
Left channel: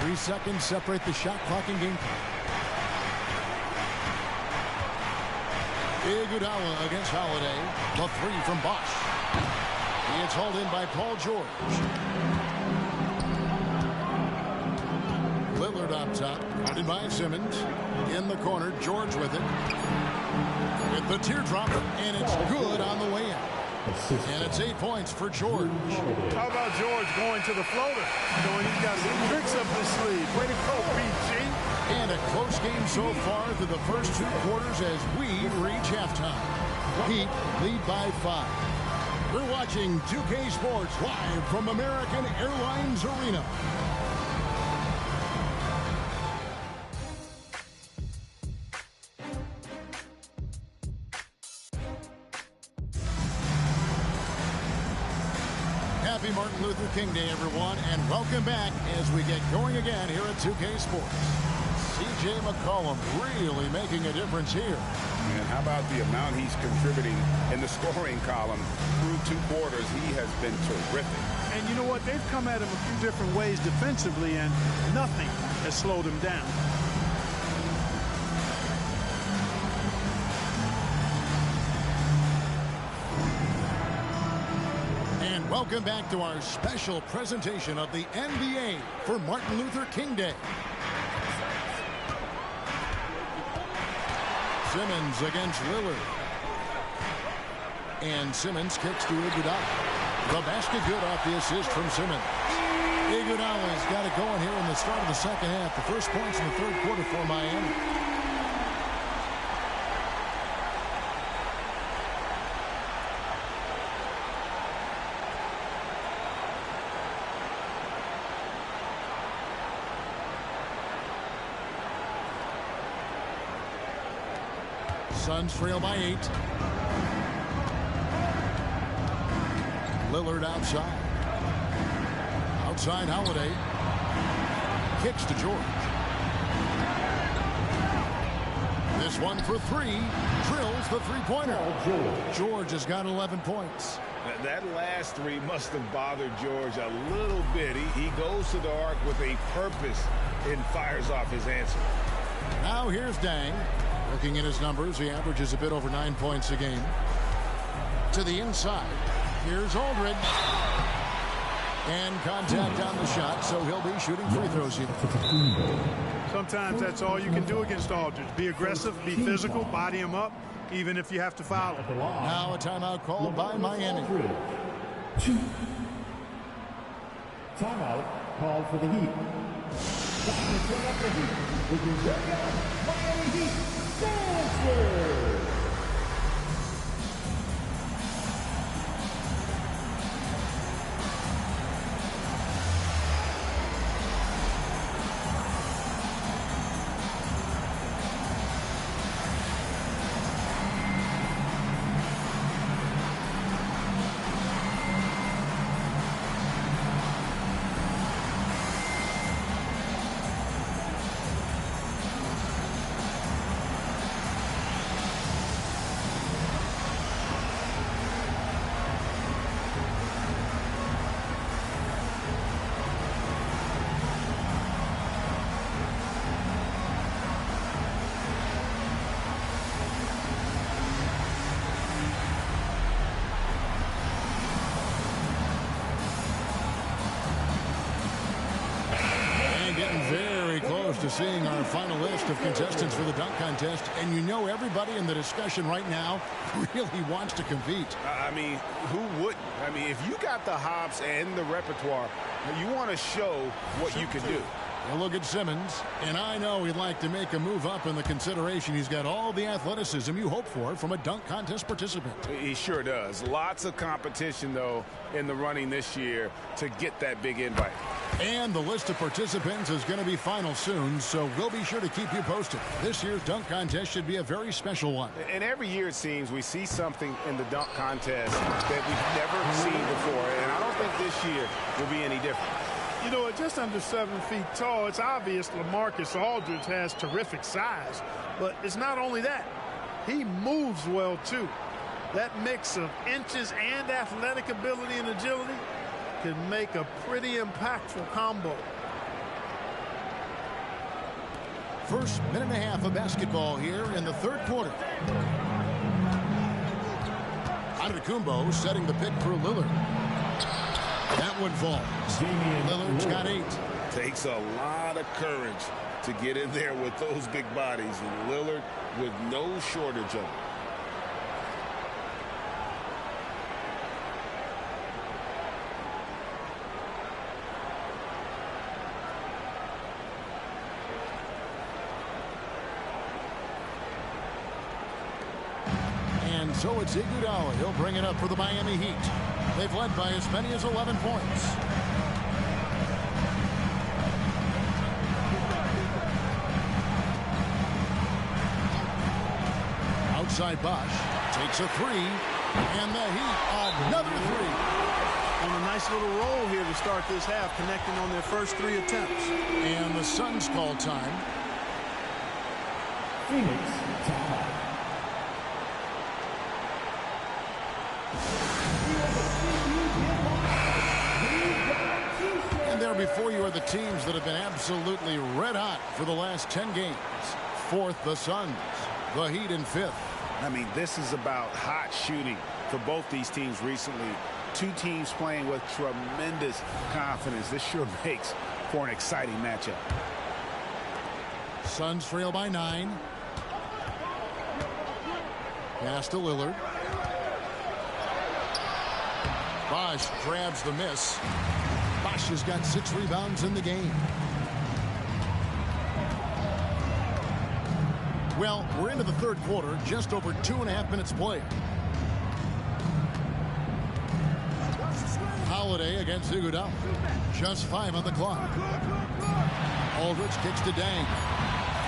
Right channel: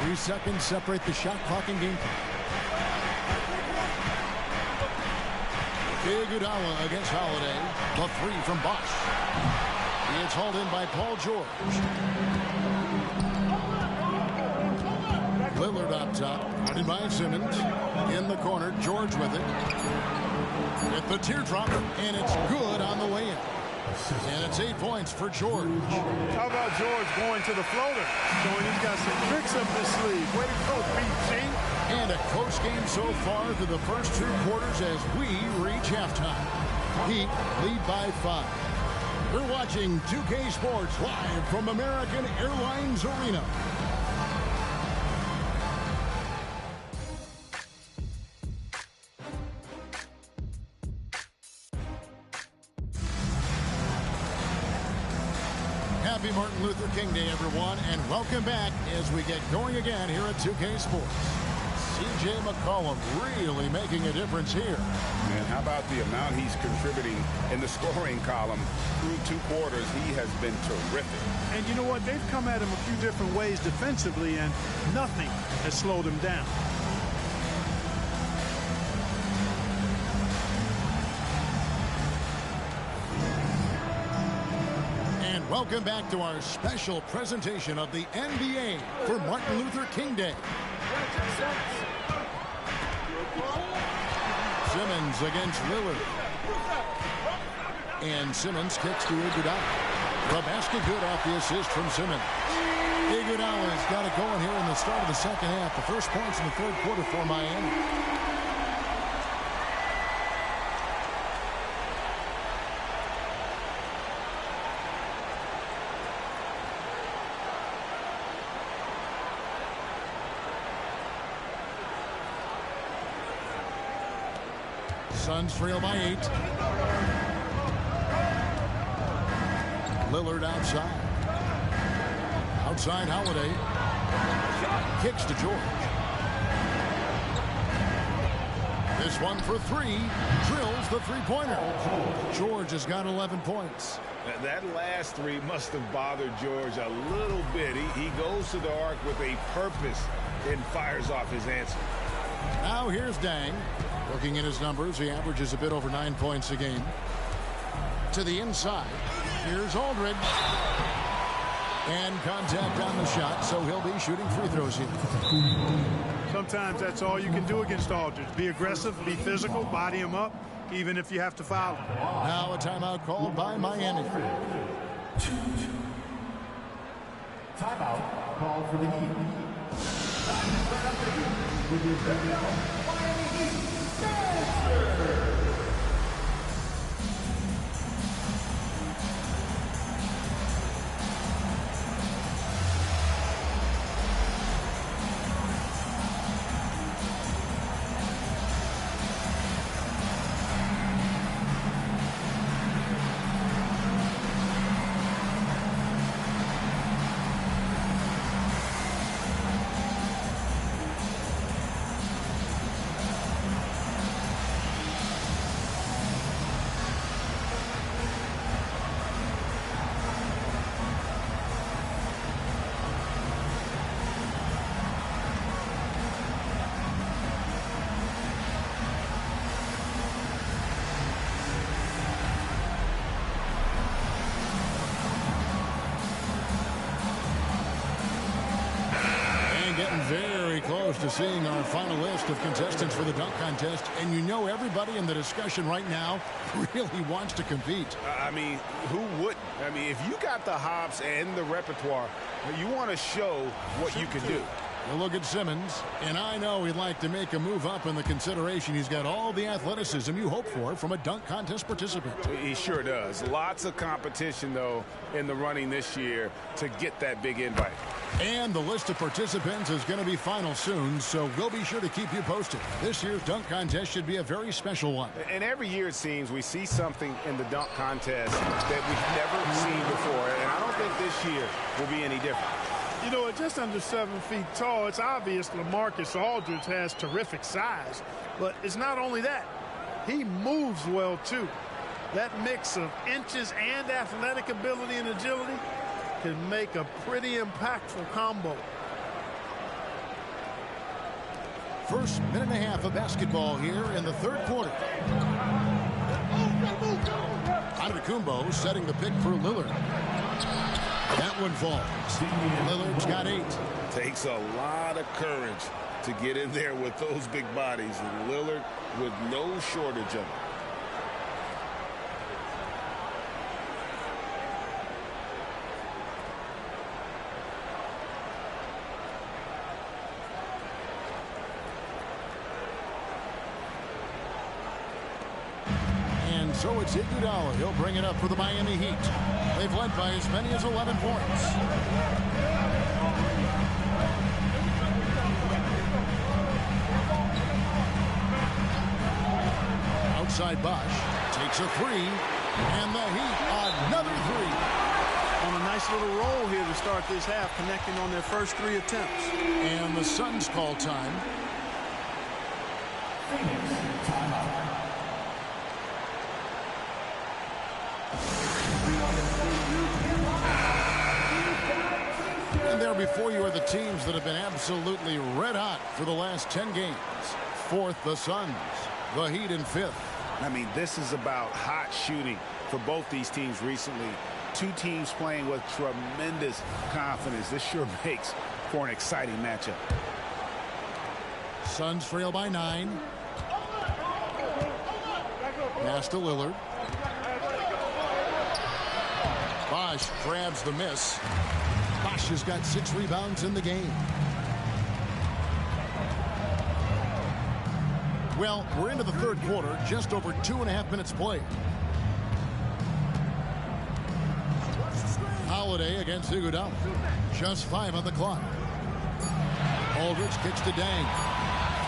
3 seconds separate the shot clock and game clock. Iguodala against Holiday. The 3 from Bosch. He is hauled in by Paul George. Lillard up top. Guarded by Simmons. In the corner. George with it. With the teardrop. And it's good on the way in. And it's 8 points for George. How about George going to the floater? Showing he's got some tricks up his sleeve. Way to go, BG. And a close game so far through the first 2 quarters as we reach halftime. Heat lead by 5. You're watching 2K Sports live from American Airlines Arena. Happy Martin Luther King Day, everyone, and welcome back as we get going again here at 2K Sports. C.J. McCollum really making a difference here. Man, how about the amount he's contributing in the scoring column through 2 quarters? He has been terrific. And you know what? They've come at him a few different ways defensively, and nothing has slowed him down. And welcome back to our special presentation of the NBA for Martin Luther King Day. Simmons against Lillard. And Simmons kicks to Iguodala. The basket good off the assist from Simmons. Iguodala's got it going here in the start of the second half. The first points in the third quarter for Miami. Suns trail by 8. Lillard outside. Outside Holiday. Kicks to George. This one for 3. Drills the three-pointer. George has got 11 points. That last 3 must have bothered George a little bit. He goes to the arc with a purpose and fires off his answer. Now here's Dang. Looking at his numbers, he averages a bit over 9 points a game. To the inside. Here's Aldridge. And contact on the shot, so he'll be shooting free throws here. Sometimes that's all you can do against Aldridge. Be aggressive, be physical, body him up, even if you have to foul him. Now a timeout called by Miami. Timeout called for the Heat. Time to set up the Heat with your very own Miami Heat Dancer. Getting very close to seeing our final list of contestants for the dunk contest, and you know everybody in the discussion right now really wants to compete. I mean, who wouldn't? I mean, if you got the hops and the repertoire, you want to show what you can do. You look at Simmons, and I know he'd like to make a move up in the consideration. He's got all the athleticism you hope for from a dunk contest participant. He sure does. Lots of competition, though, in the running this year to get that big invite. And the list of participants is going to be final soon, so we'll be sure to keep you posted. This year's dunk contest should be a very special one. And every year, it seems, we see something in the dunk contest that we've never seen before, and I don't think this year will be any different. You know, at just under 7 feet tall, it's obvious LaMarcus Aldridge has terrific size. But it's not only that. He moves well, too. That mix of inches and athletic ability and agility can make a pretty impactful combo. First minute and a half of basketball here in the third quarter. Antetokounmpo setting the pick for Lillard. That one falls. Lillard's got 8. Takes a lot of courage to get in there with those big bodies, and Lillard with no shortage of it. And so it's Iguodala. He'll bring it up for the Miami Heat. They've led by as many as 11 points. Outside Bosch takes a 3, and the Heat another 3. On a nice little roll here to start this half, connecting on their first 3 attempts. And the Suns call time. Phoenix timeout. And there before you are the teams that have been absolutely red hot for the last 10 games. 4th, the Suns. The Heat in 5th. I mean, this is about hot shooting for both these teams recently. 2 teams playing with tremendous confidence. This sure makes for an exciting matchup. Suns trail by 9. Pass to Lillard. Bosch grabs the miss. Bosch has got 6 rebounds in the game. Well, we're into the third quarter, just over 2.5 minutes played. Holiday against Iguodala. Just 5 on the clock. Aldridge kicks to Dang.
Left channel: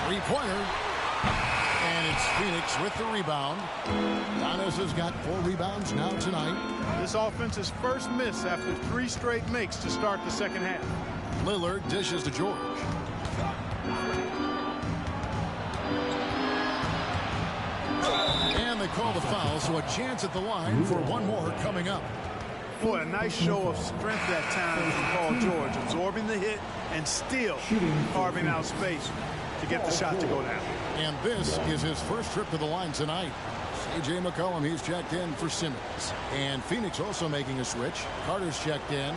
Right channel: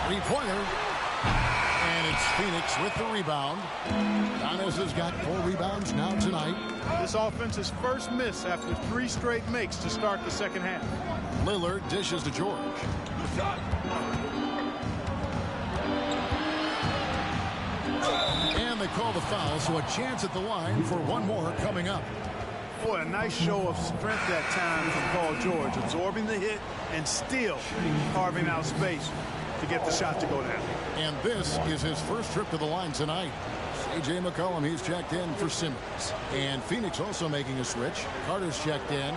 3-pointer. And it's Phoenix with the rebound. Giannis has got 4 rebounds now tonight. This offense's first miss after 3 straight makes to start the second half. Lillard dishes to George. And they call the foul, so a chance at the line for one more coming up. Boy, a nice show of strength that time from Paul George, absorbing the hit and still carving out space to get the shot to go down. And this is his first trip to the line tonight. C.J. McCollum, he's checked in for Simmons. And Phoenix also making a switch. Carter's checked in.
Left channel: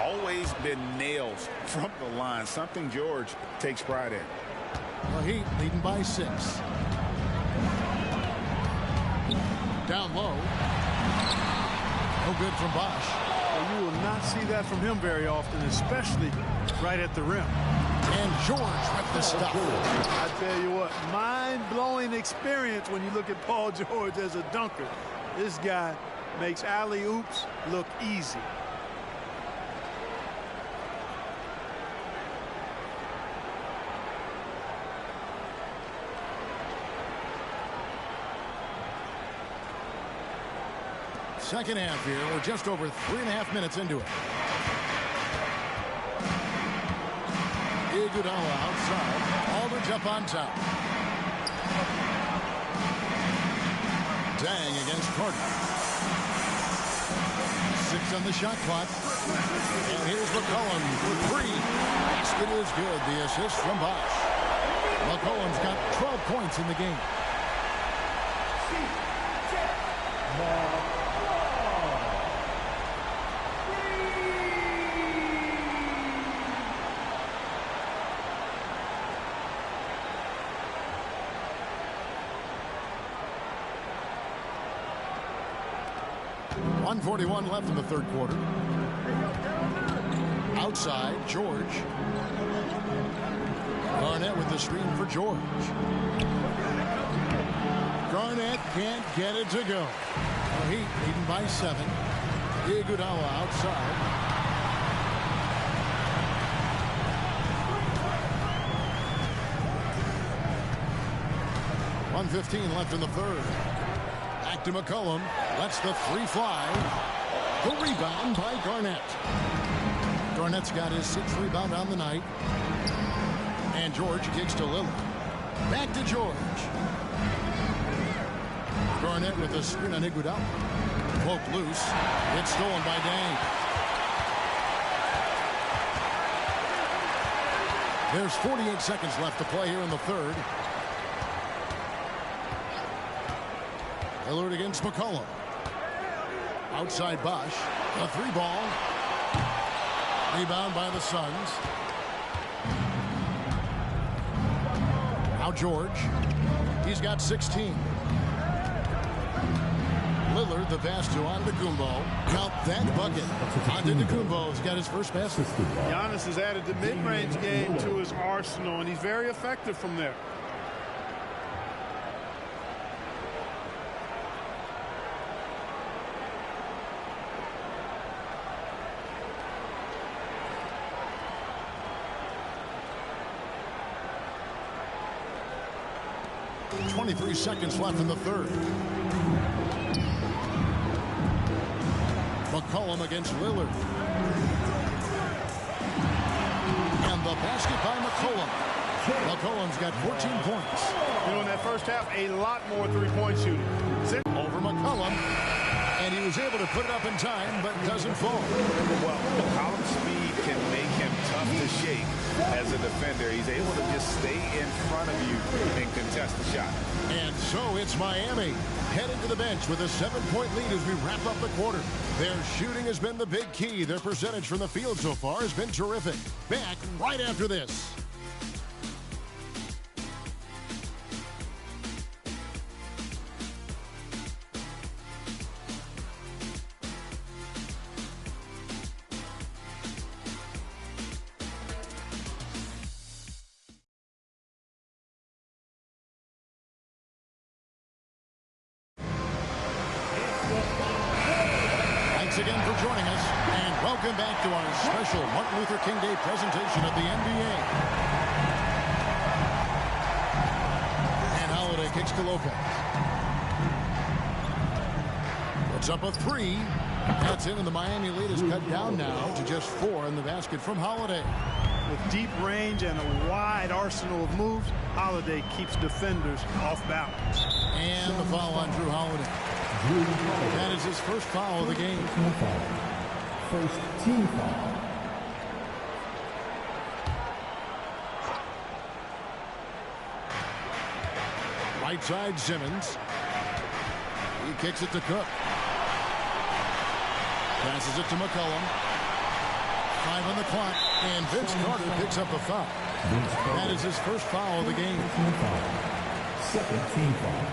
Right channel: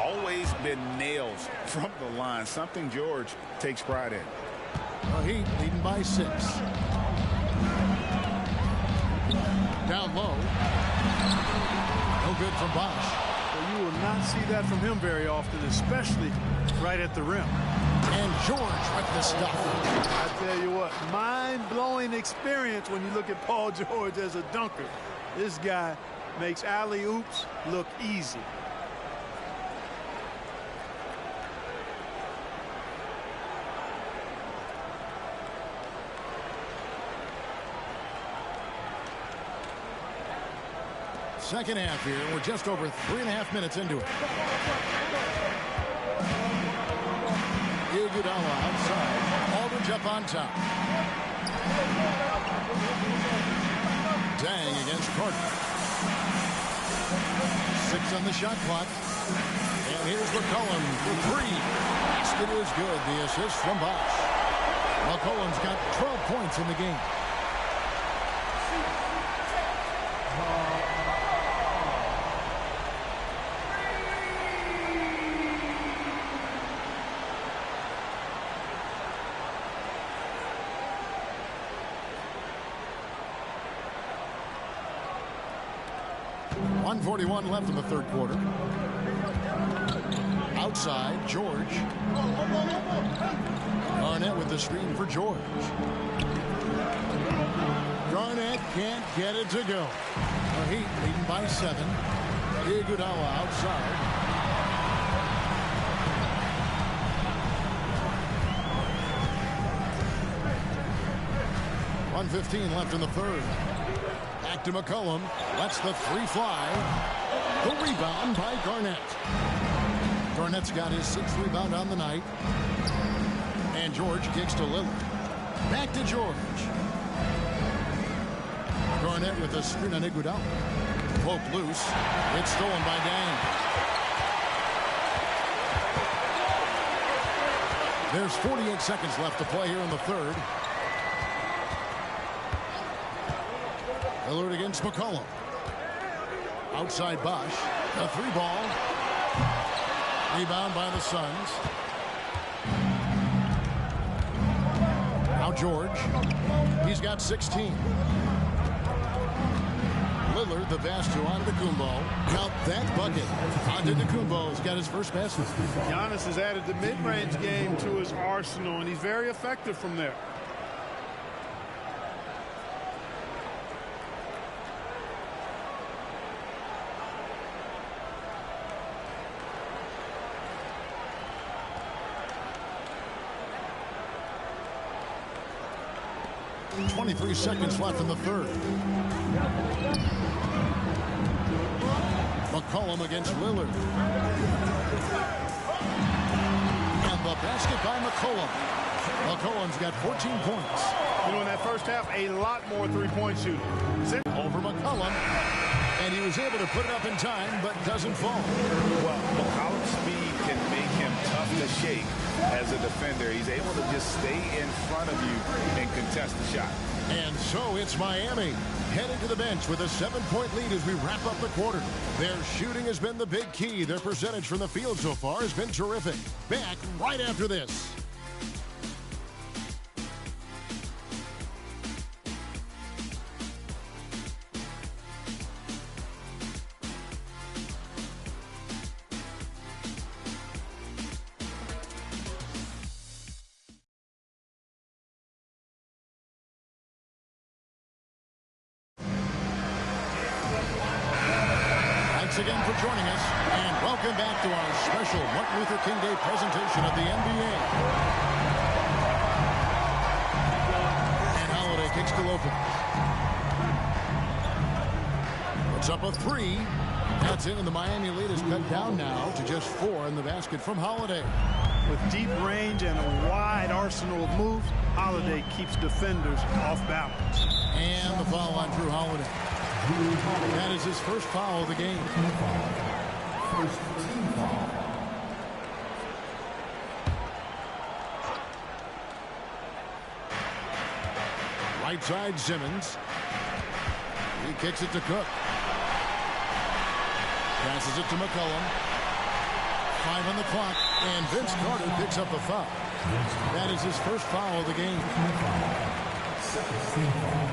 Always been nails from the line, something George takes pride in. The Heat leading by 6. Down low. No good from Bosch. Well, you will not see that from him very often, especially right at the rim. And George with the stuff. I tell you what, mind-blowing experience when you look at Paul George as a dunker. This guy makes alley-oops look easy. Second half here. We're just over 3.5 minutes into it. Iguodala outside. Aldridge up on top. Dang against Carter. 6 on the shot clock. And here's McCollum for 3. Basket is good. The assist from Bosch. McCollum's got 12 points in the game. 1:41 left in the third quarter. Outside, George. Garnett with the screen for George. Garnett can't get it to go. The Heat leading by 7. Iguodala outside. .115 left in the third. Back to McCollum. Lets the three fly. The rebound by Garnett. Garnett's got his 6th rebound on the night. And George kicks to Lillard. Back to George. Garnett with a screen on Iguodala. Poke loose. It's stolen by Dang. There's 48 seconds left to play here in the third. Lillard against McCollum. Outside Bosch. The 3-ball. Rebound by the Suns. Now George. He's got 16. Lillard, the pass to Antetokounmpo. Count that bucket. Antetokounmpo's got his first basket. Giannis has added the mid-range game to his arsenal, and he's very effective from there. .23 seconds left in the third. McCollum against Lillard. And the basket by McCollum. McCollum's got 14 points. You know, in that first half, a lot more three-point shooting. Over McCollum. And he was able to put it up in time, but doesn't fall. Well, McCollum's speed can make him tough to shake as a defender. He's able to just stay in front of you and contest the shot. And so it's Miami heading to the bench with a 7-point lead as we wrap up the quarter. Their shooting has been the big key. Their percentage from the field so far has been terrific. Back right after this. Thanks again for joining us, and welcome back to our special Martin Luther King Day presentation of the NBA. And Holiday kicks to Lopez. Puts up a 3. That's in, and the Miami lead is cut down now to just 4 in the basket from Holiday. With deep range and a wide arsenal of moves, Holiday keeps defenders off balance. And the foul on Drew Holiday. That is his first foul of the game. First team foul. Right side, Simmons. He kicks it to Cook. Passes it to McCollum. 5 on the clock, and Vince Carter picks up the foul. That is his first foul of the game. Second team foul.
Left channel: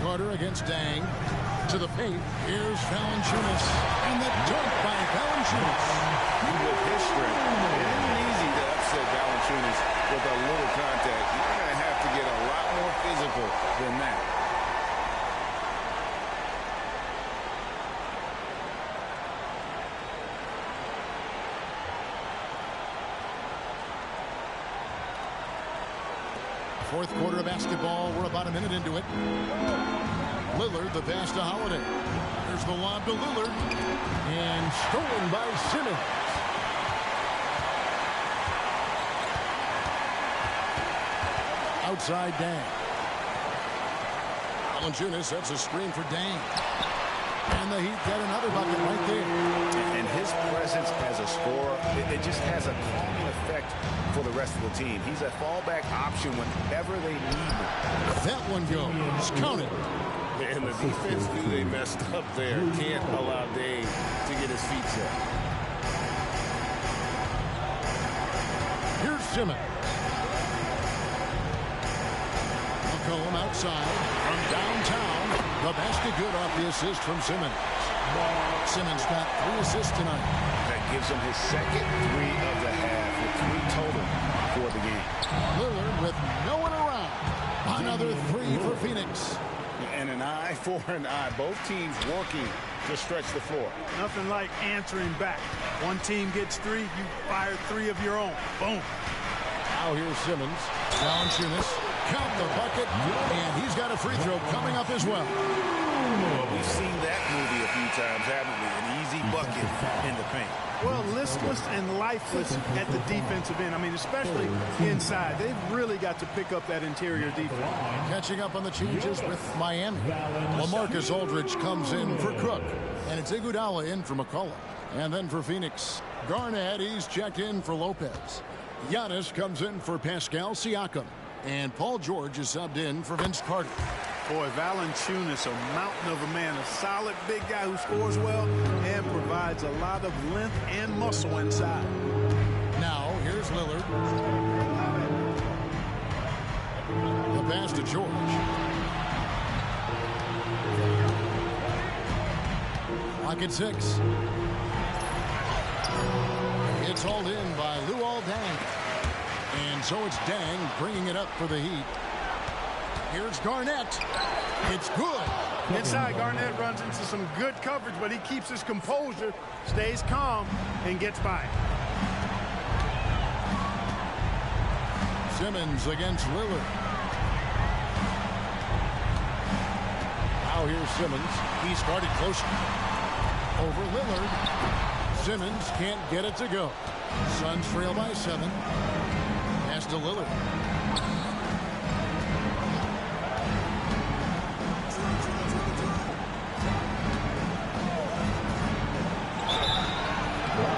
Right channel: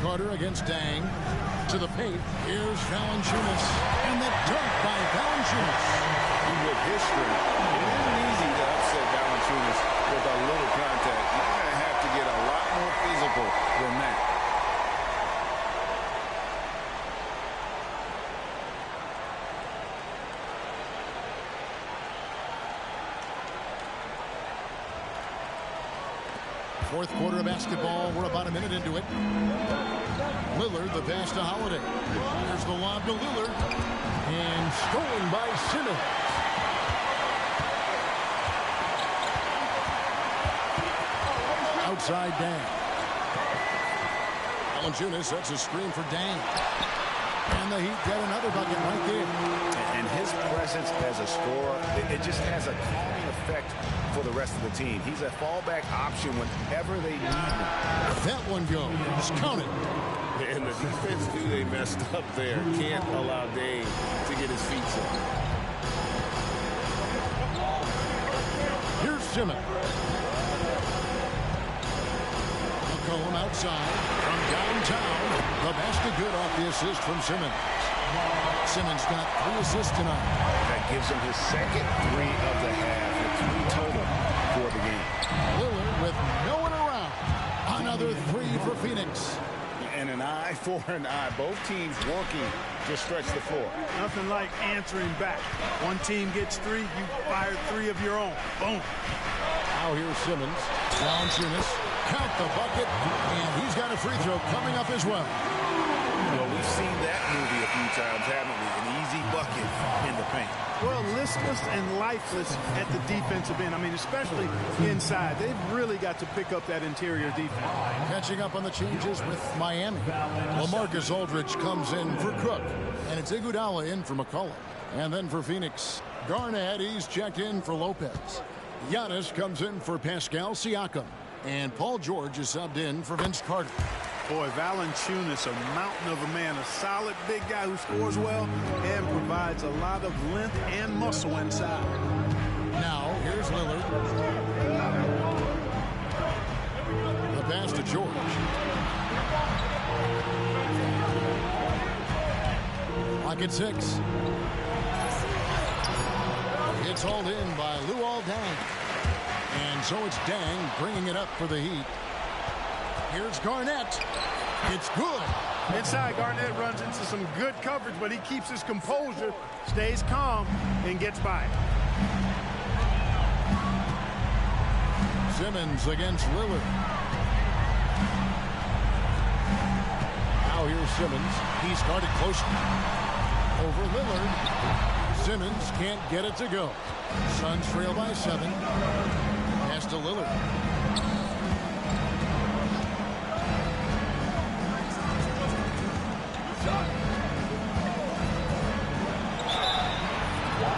Carter against Dang. To the paint. Here's Valanciunas. And the dunk by Valanciunas. With his strength, it isn't easy to upset Valanciunas with a little contact. You're going to have to get a lot more physical than that. Fourth quarter of basketball. We're about a minute into it. Lillard, the pass to Holiday. Here's the lob to Lillard. And stolen by Simmons. Outside Dang. Valanciunas sets a screen for Dang. And the Heat get another bucket right there. And his presence as a scorer, it just has a calming effect for the rest of the team. He's a fallback option whenever they need him. That one goes. Count it. And the defense knew they messed up there. Can't allow Dame to get his feet set. Here's Simmons. McCollum outside from downtown. The basket good off the assist from Simmons. Simmons got 3 assists tonight. That gives him his second 3 of the half with 3 total for the game. Lillard with no one around. Another 3 for Phoenix. And an eye for an eye. Both teams working to stretch the floor. Nothing like answering back. One team gets 3, you fire 3 of your own. Boom. Now here's Simmons. Valanciunas. Count the bucket. And he's got a free throw coming up as well. Well, we've seen that movie a few times, haven't we? An easy bucket in the paint. Well, listless and lifeless at the defensive end. I mean, especially inside. They've really got to pick up that interior defense. Catching up on the changes with Miami. LaMarcus Aldridge comes in for Cook. And it's Iguodala in for McCollum. And then for Phoenix, Garnett, he's checked in for Lopez. Giannis comes in for Pascal Siakam. And Paul George is subbed in for Vince Carter. Boy, Valanciunas, a mountain of a man, a solid big guy who scores well and provides a lot of length and muscle inside. Now, here's Lillard. The pass to George. Clock at 6. It's hauled in by Luol Deng. And so it's Deng bringing it up for the Heat. Here's Garnett. It's good. Inside, Garnett runs into some good coverage, but he keeps his composure, stays calm, and gets by. Simmons against Lillard. Now here's Simmons. He's guarded close over Lillard. Simmons can't get it to go. Suns trail by 7. Pass to Lillard.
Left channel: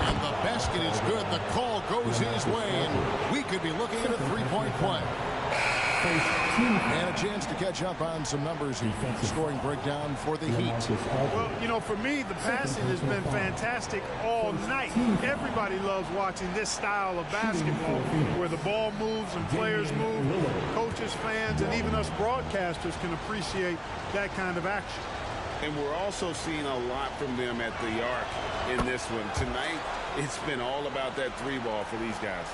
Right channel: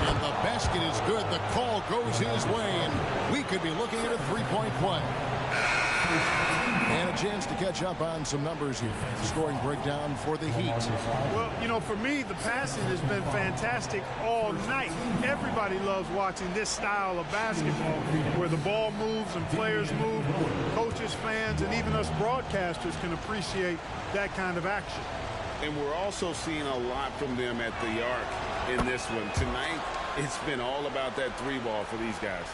And the basket is good. The call goes his way, and we could be looking at a 3-point play. And a chance to catch up on some numbers here. Scoring breakdown for the Heat. Well, you know, for me, the passing has been fantastic all night. Everybody loves watching this style of basketball where the ball moves and players move. Coaches, fans, and even us broadcasters can appreciate that kind of action. And we're also seeing a lot from them at the arc in this one. Tonight, it's been all about that 3-ball for these guys.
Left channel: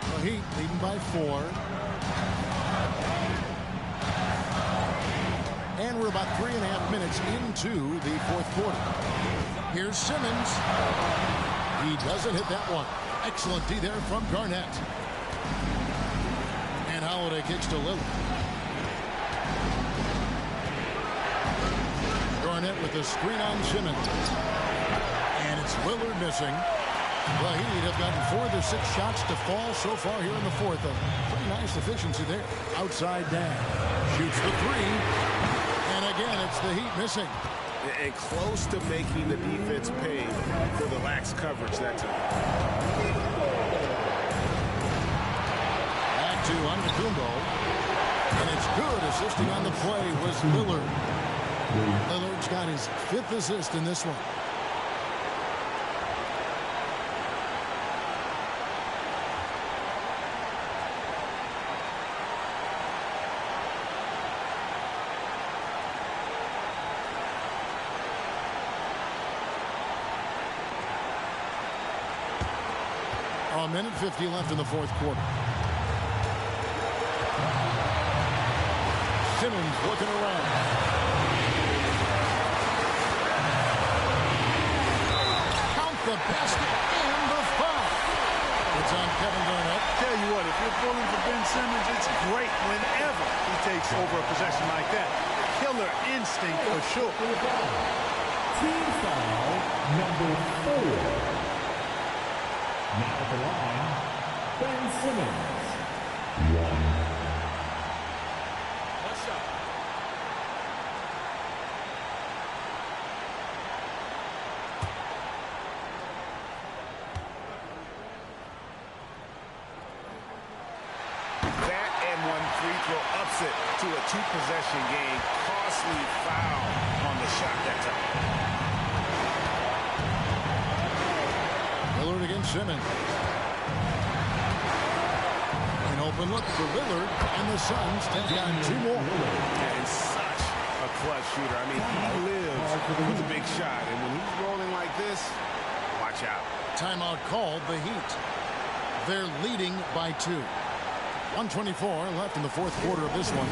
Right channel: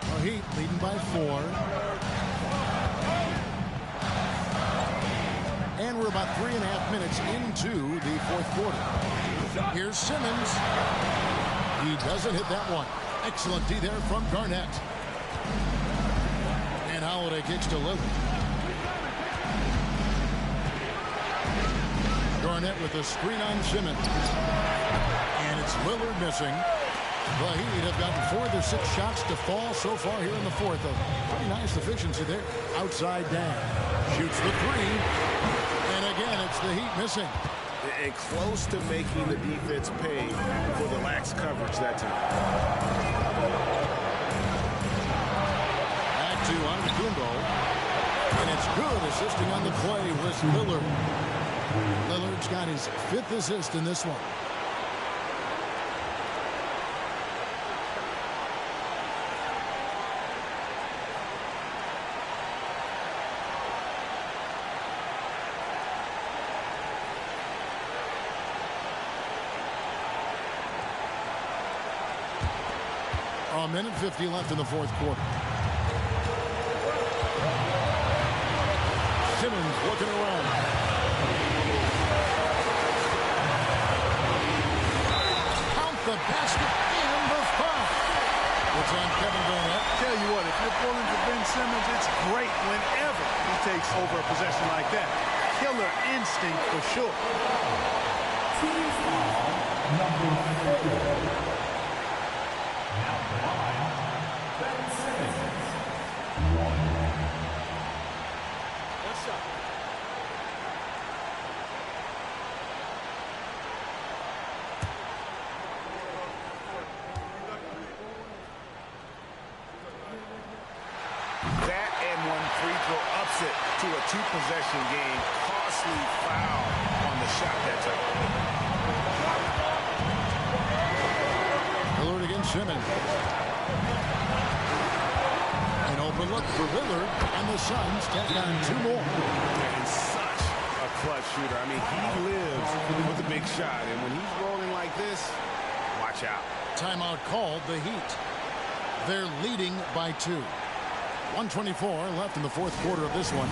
The Heat leading by 4. And we're about 3.5 minutes into the 4th quarter. Here's Simmons. He doesn't hit that one. Excellent D there from Garnett. And Holiday kicks to Lillard. Garnett with a screen on Simmons. And it's Lillard missing. The Heat have gotten 4 of their 6 shots to fall so far here in the 4th. A pretty nice efficiency there. Outside Deng. Shoots the 3. And again, it's the Heat missing. And close to making the defense pay for the lax coverage that time. Back to Antetokounmpo. And it's good. Assisting on the play was Lillard. Lillard's got his 5th assist in this one. A minute 50 left in the 4th quarter. Simmons looking around. Count the basket and the foul. It's on Kevin Garnett. Tell you what, if you're pulling for Ben Simmons, it's great whenever he takes over a possession like that. Killer instinct for sure. Team foul number 4. Now at the line, Ben Simmons. 1. What's up? That and one free throw ups it to a two-possession game. Costly foul on the shot that time. Lillard against Simmons. An open look for Lillard, and the Suns tack on 2 more. And such a clutch shooter. I mean, he lives with a big shot, and when he's rolling like this, watch out. Timeout called, the Heat. They're leading by 2. 1:24 left in the fourth quarter of this one.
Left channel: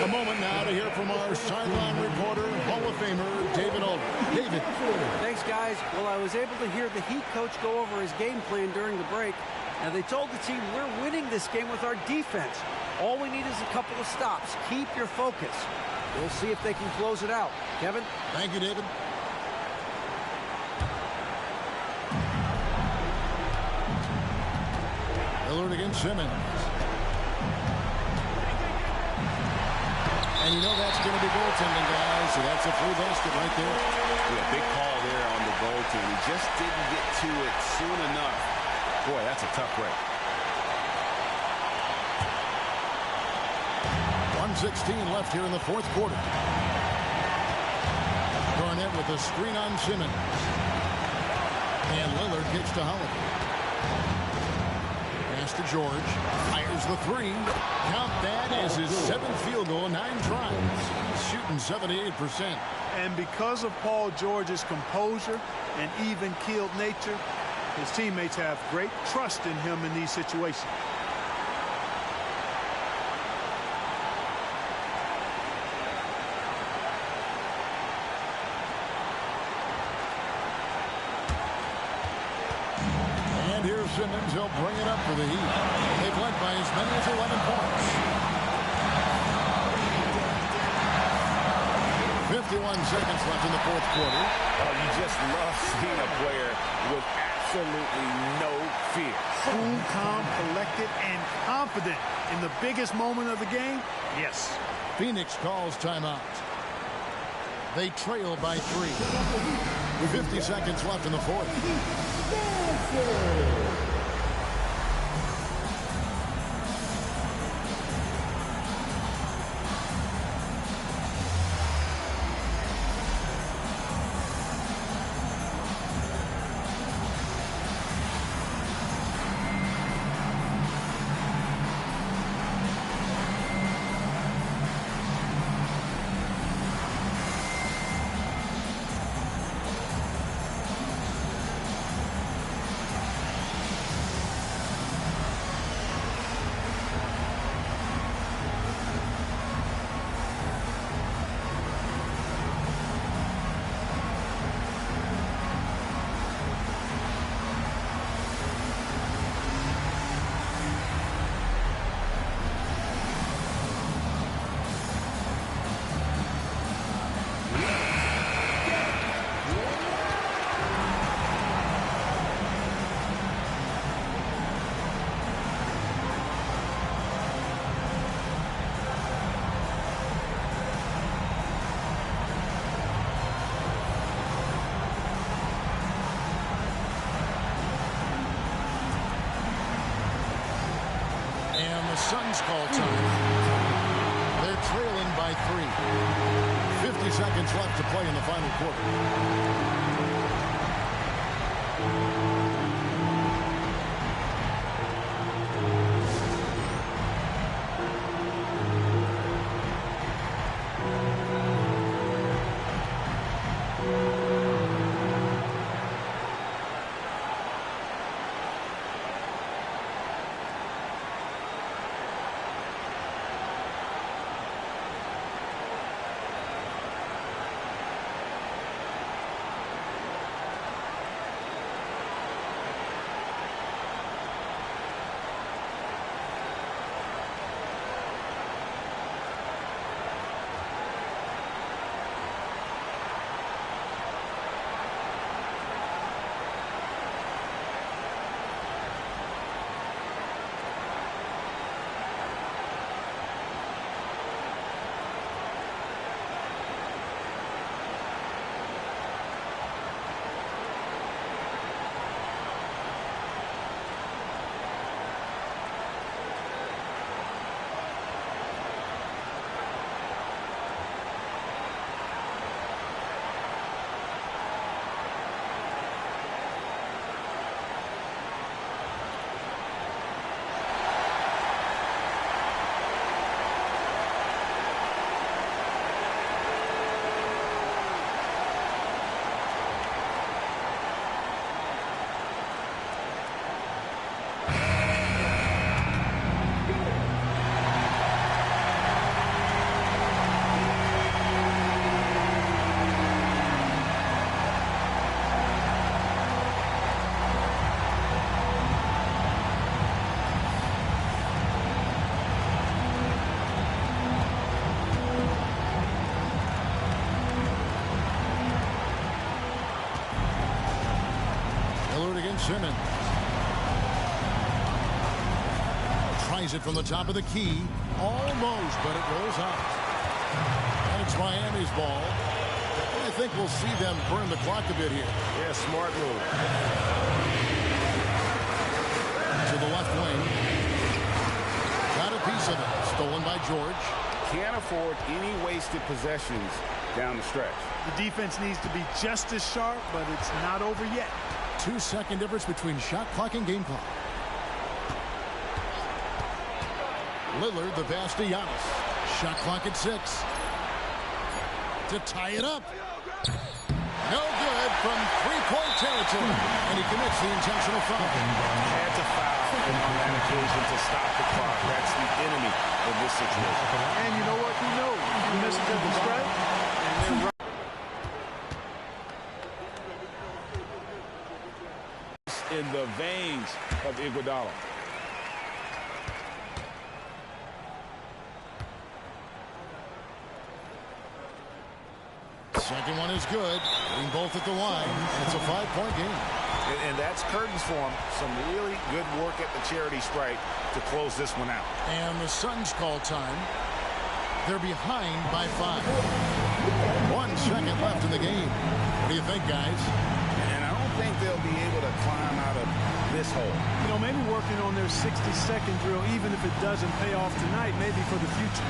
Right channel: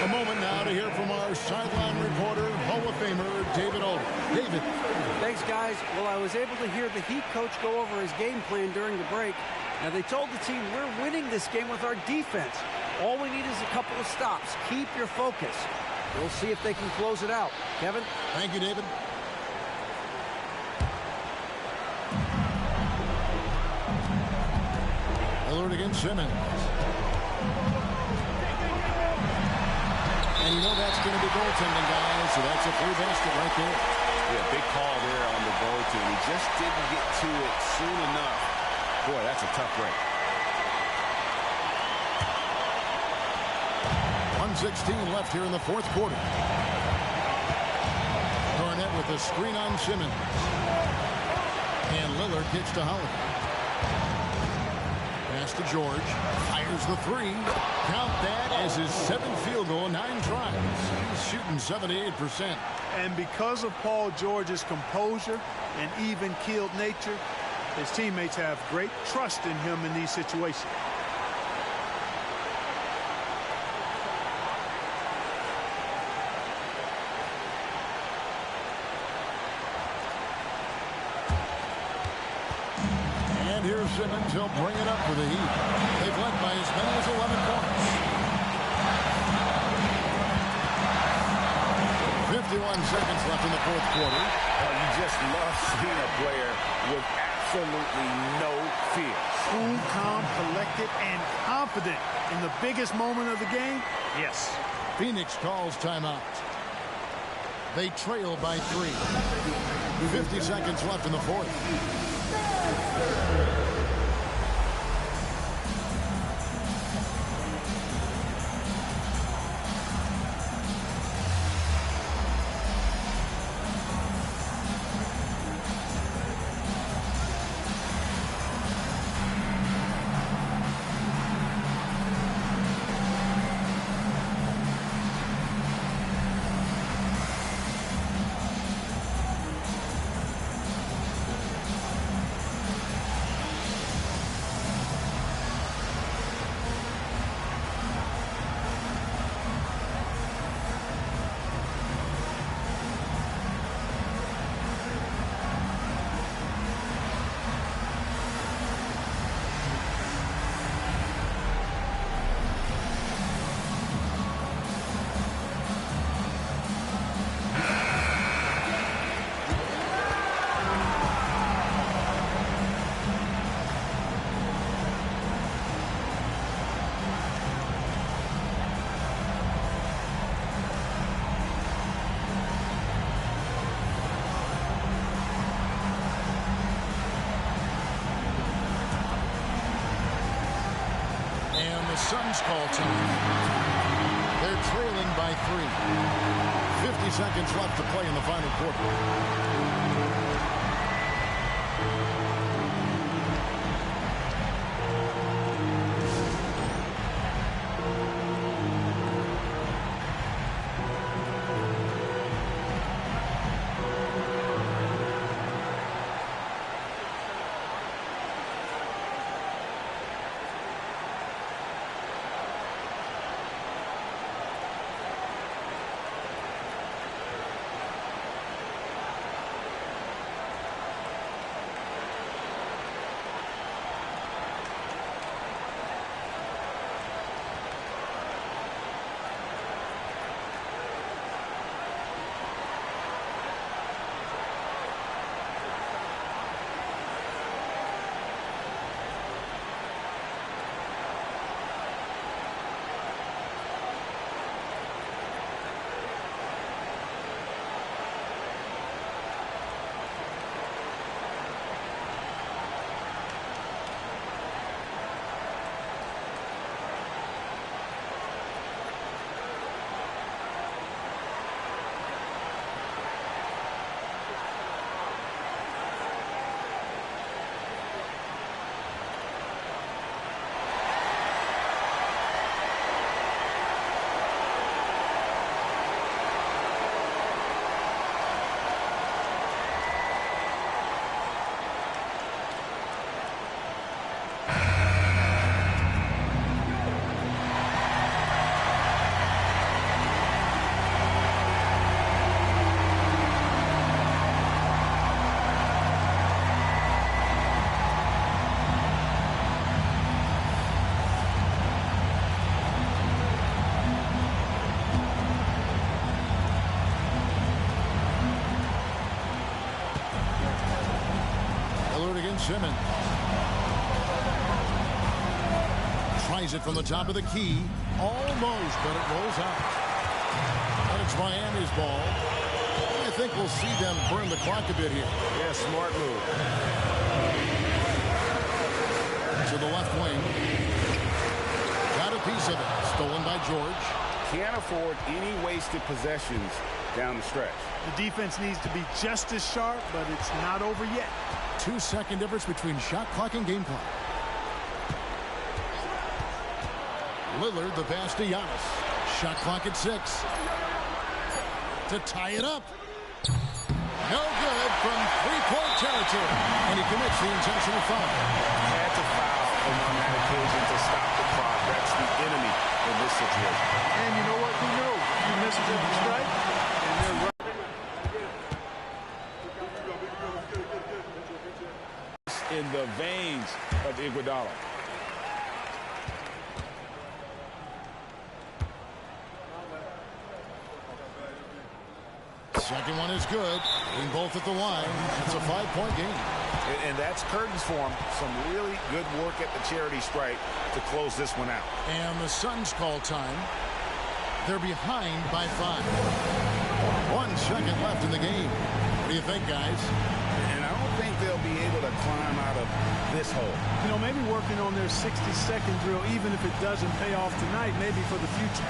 A moment now to hear from our sideline reporter, Hall of Famer David Aldridge. David. Thanks, guys. Well, I was able to hear the Heat coach go over his game plan during the break. Now, they told the team, we're winning this game with our defense. All we need is a couple of stops. Keep your focus. We'll see if they can close it out. Kevin? Thank you, David. Lillard against Simmons. And you know that's going to be goaltending, guys, so that's a free basket right there. Yeah, big call there on the goaltend. He just didn't get to it soon enough. Boy, that's a tough break. 1:16 left here in the fourth quarter. Garnett with a screen on Simmons. And Lillard kicks to Holiday. Pass to George. Fires the 3. Count that as his 7th field goal, 9 tries. He's shooting 78%. And because of Paul George's composure and even-keeled nature, his teammates have great trust in him in these situations. And here's Simmons. He'll bring it up for the Heat. They've led by as many as 11 points. 51 seconds left in the fourth quarter. Oh, you just love seeing a player with absolutely no fear. Cool, calm, collected, and confident in the biggest moment of the game. Yes. Phoenix calls timeout. They trail by 3. 50 seconds left in the fourth. And the Suns call time. They're trailing by 3. 50 seconds left to play in the final quarter. Lillard against Simmons. Tries it from the top of the key. Almost, but it rolls out. And it's Miami's ball. I think we'll see them burn the clock a bit here. Yeah, smart move. To the left wing. Got a piece of it. Stolen by George. Can't afford any wasted possessions down the stretch. The defense needs to be just as sharp, but it's not over yet. 2-second difference between shot clock and game clock. Lillard, the pass to Giannis. Shot clock at 6. To tie it up. No good from three-point territory. And he commits the intentional foul. Had to foul him on that occasion to stop the clock. That's the enemy in this situation. And you know what? Who knows? A few misses at the strike, and they're right. In the veins of Iguodala. Second one is good. Hitting both at the line. And it's a 5-point game. And that's curtains for him. Some really good work at the charity stripe to close this one out. And the Suns call time. They're behind by 5. 1 second left in the game. What do you think, guys? And I don't think they'll be able to climb out of this hole. You know, maybe working on their 60-second drill, even if it doesn't pay off tonight, maybe for the future.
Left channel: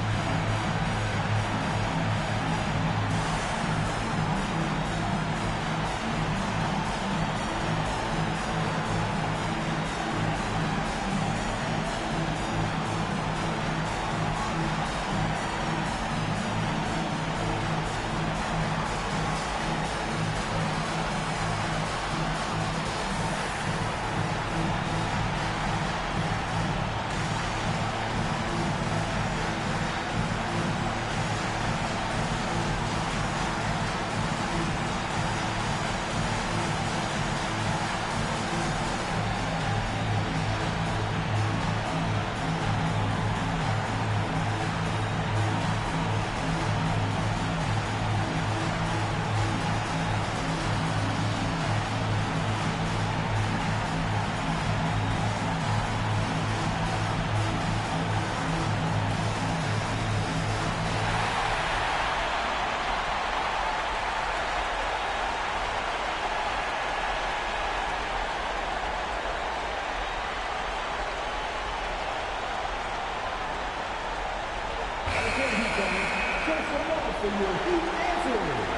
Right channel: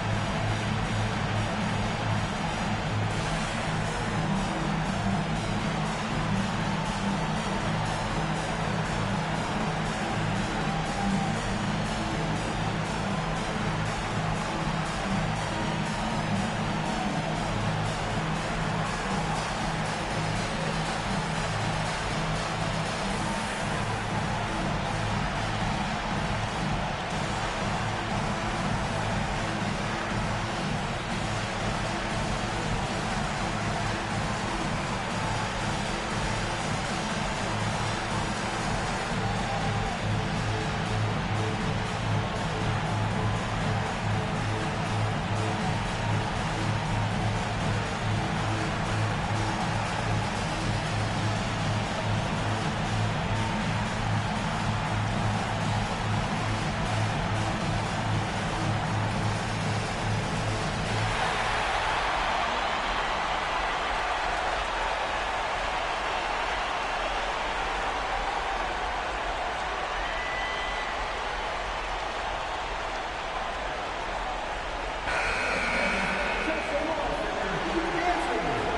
dancers.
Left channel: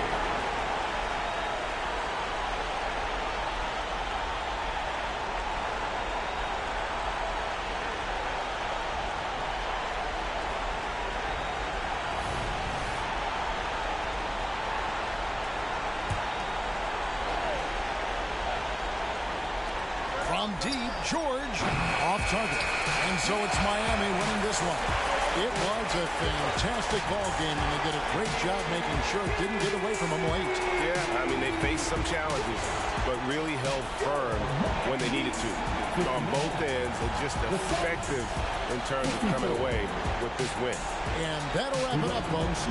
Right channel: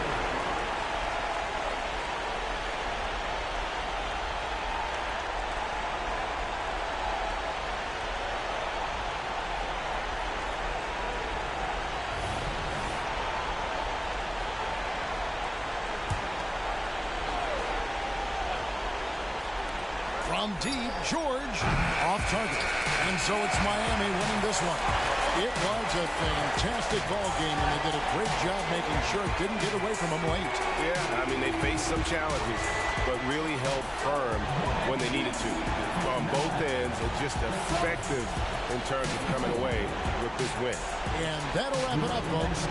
From deep, George off target. And so it's Miami winning this one. It was a fantastic ball game, and they did a great job making sure it didn't get away from them late. Yeah, I mean, they faced some challenges, but really held firm when they needed to. On both ends, and just effective in terms of coming away with this win. And that'll wrap it up, folks.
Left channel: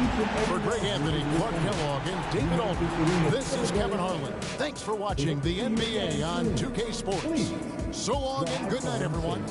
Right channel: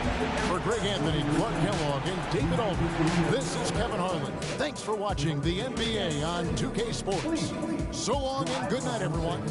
For Greg Anthony, Clark Kellogg, and David Aldridge, this is Kevin Harlan. Thanks for watching the NBA on 2K Sports. So long and good night, everyone.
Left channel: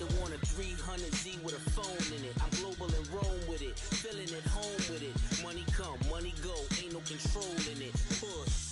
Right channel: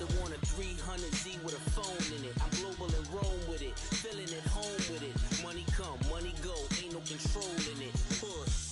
that want a 300Z with a phone in it. I'm global and roam with it, feeling at home with it. Money come, money go, ain't no control in it. Push.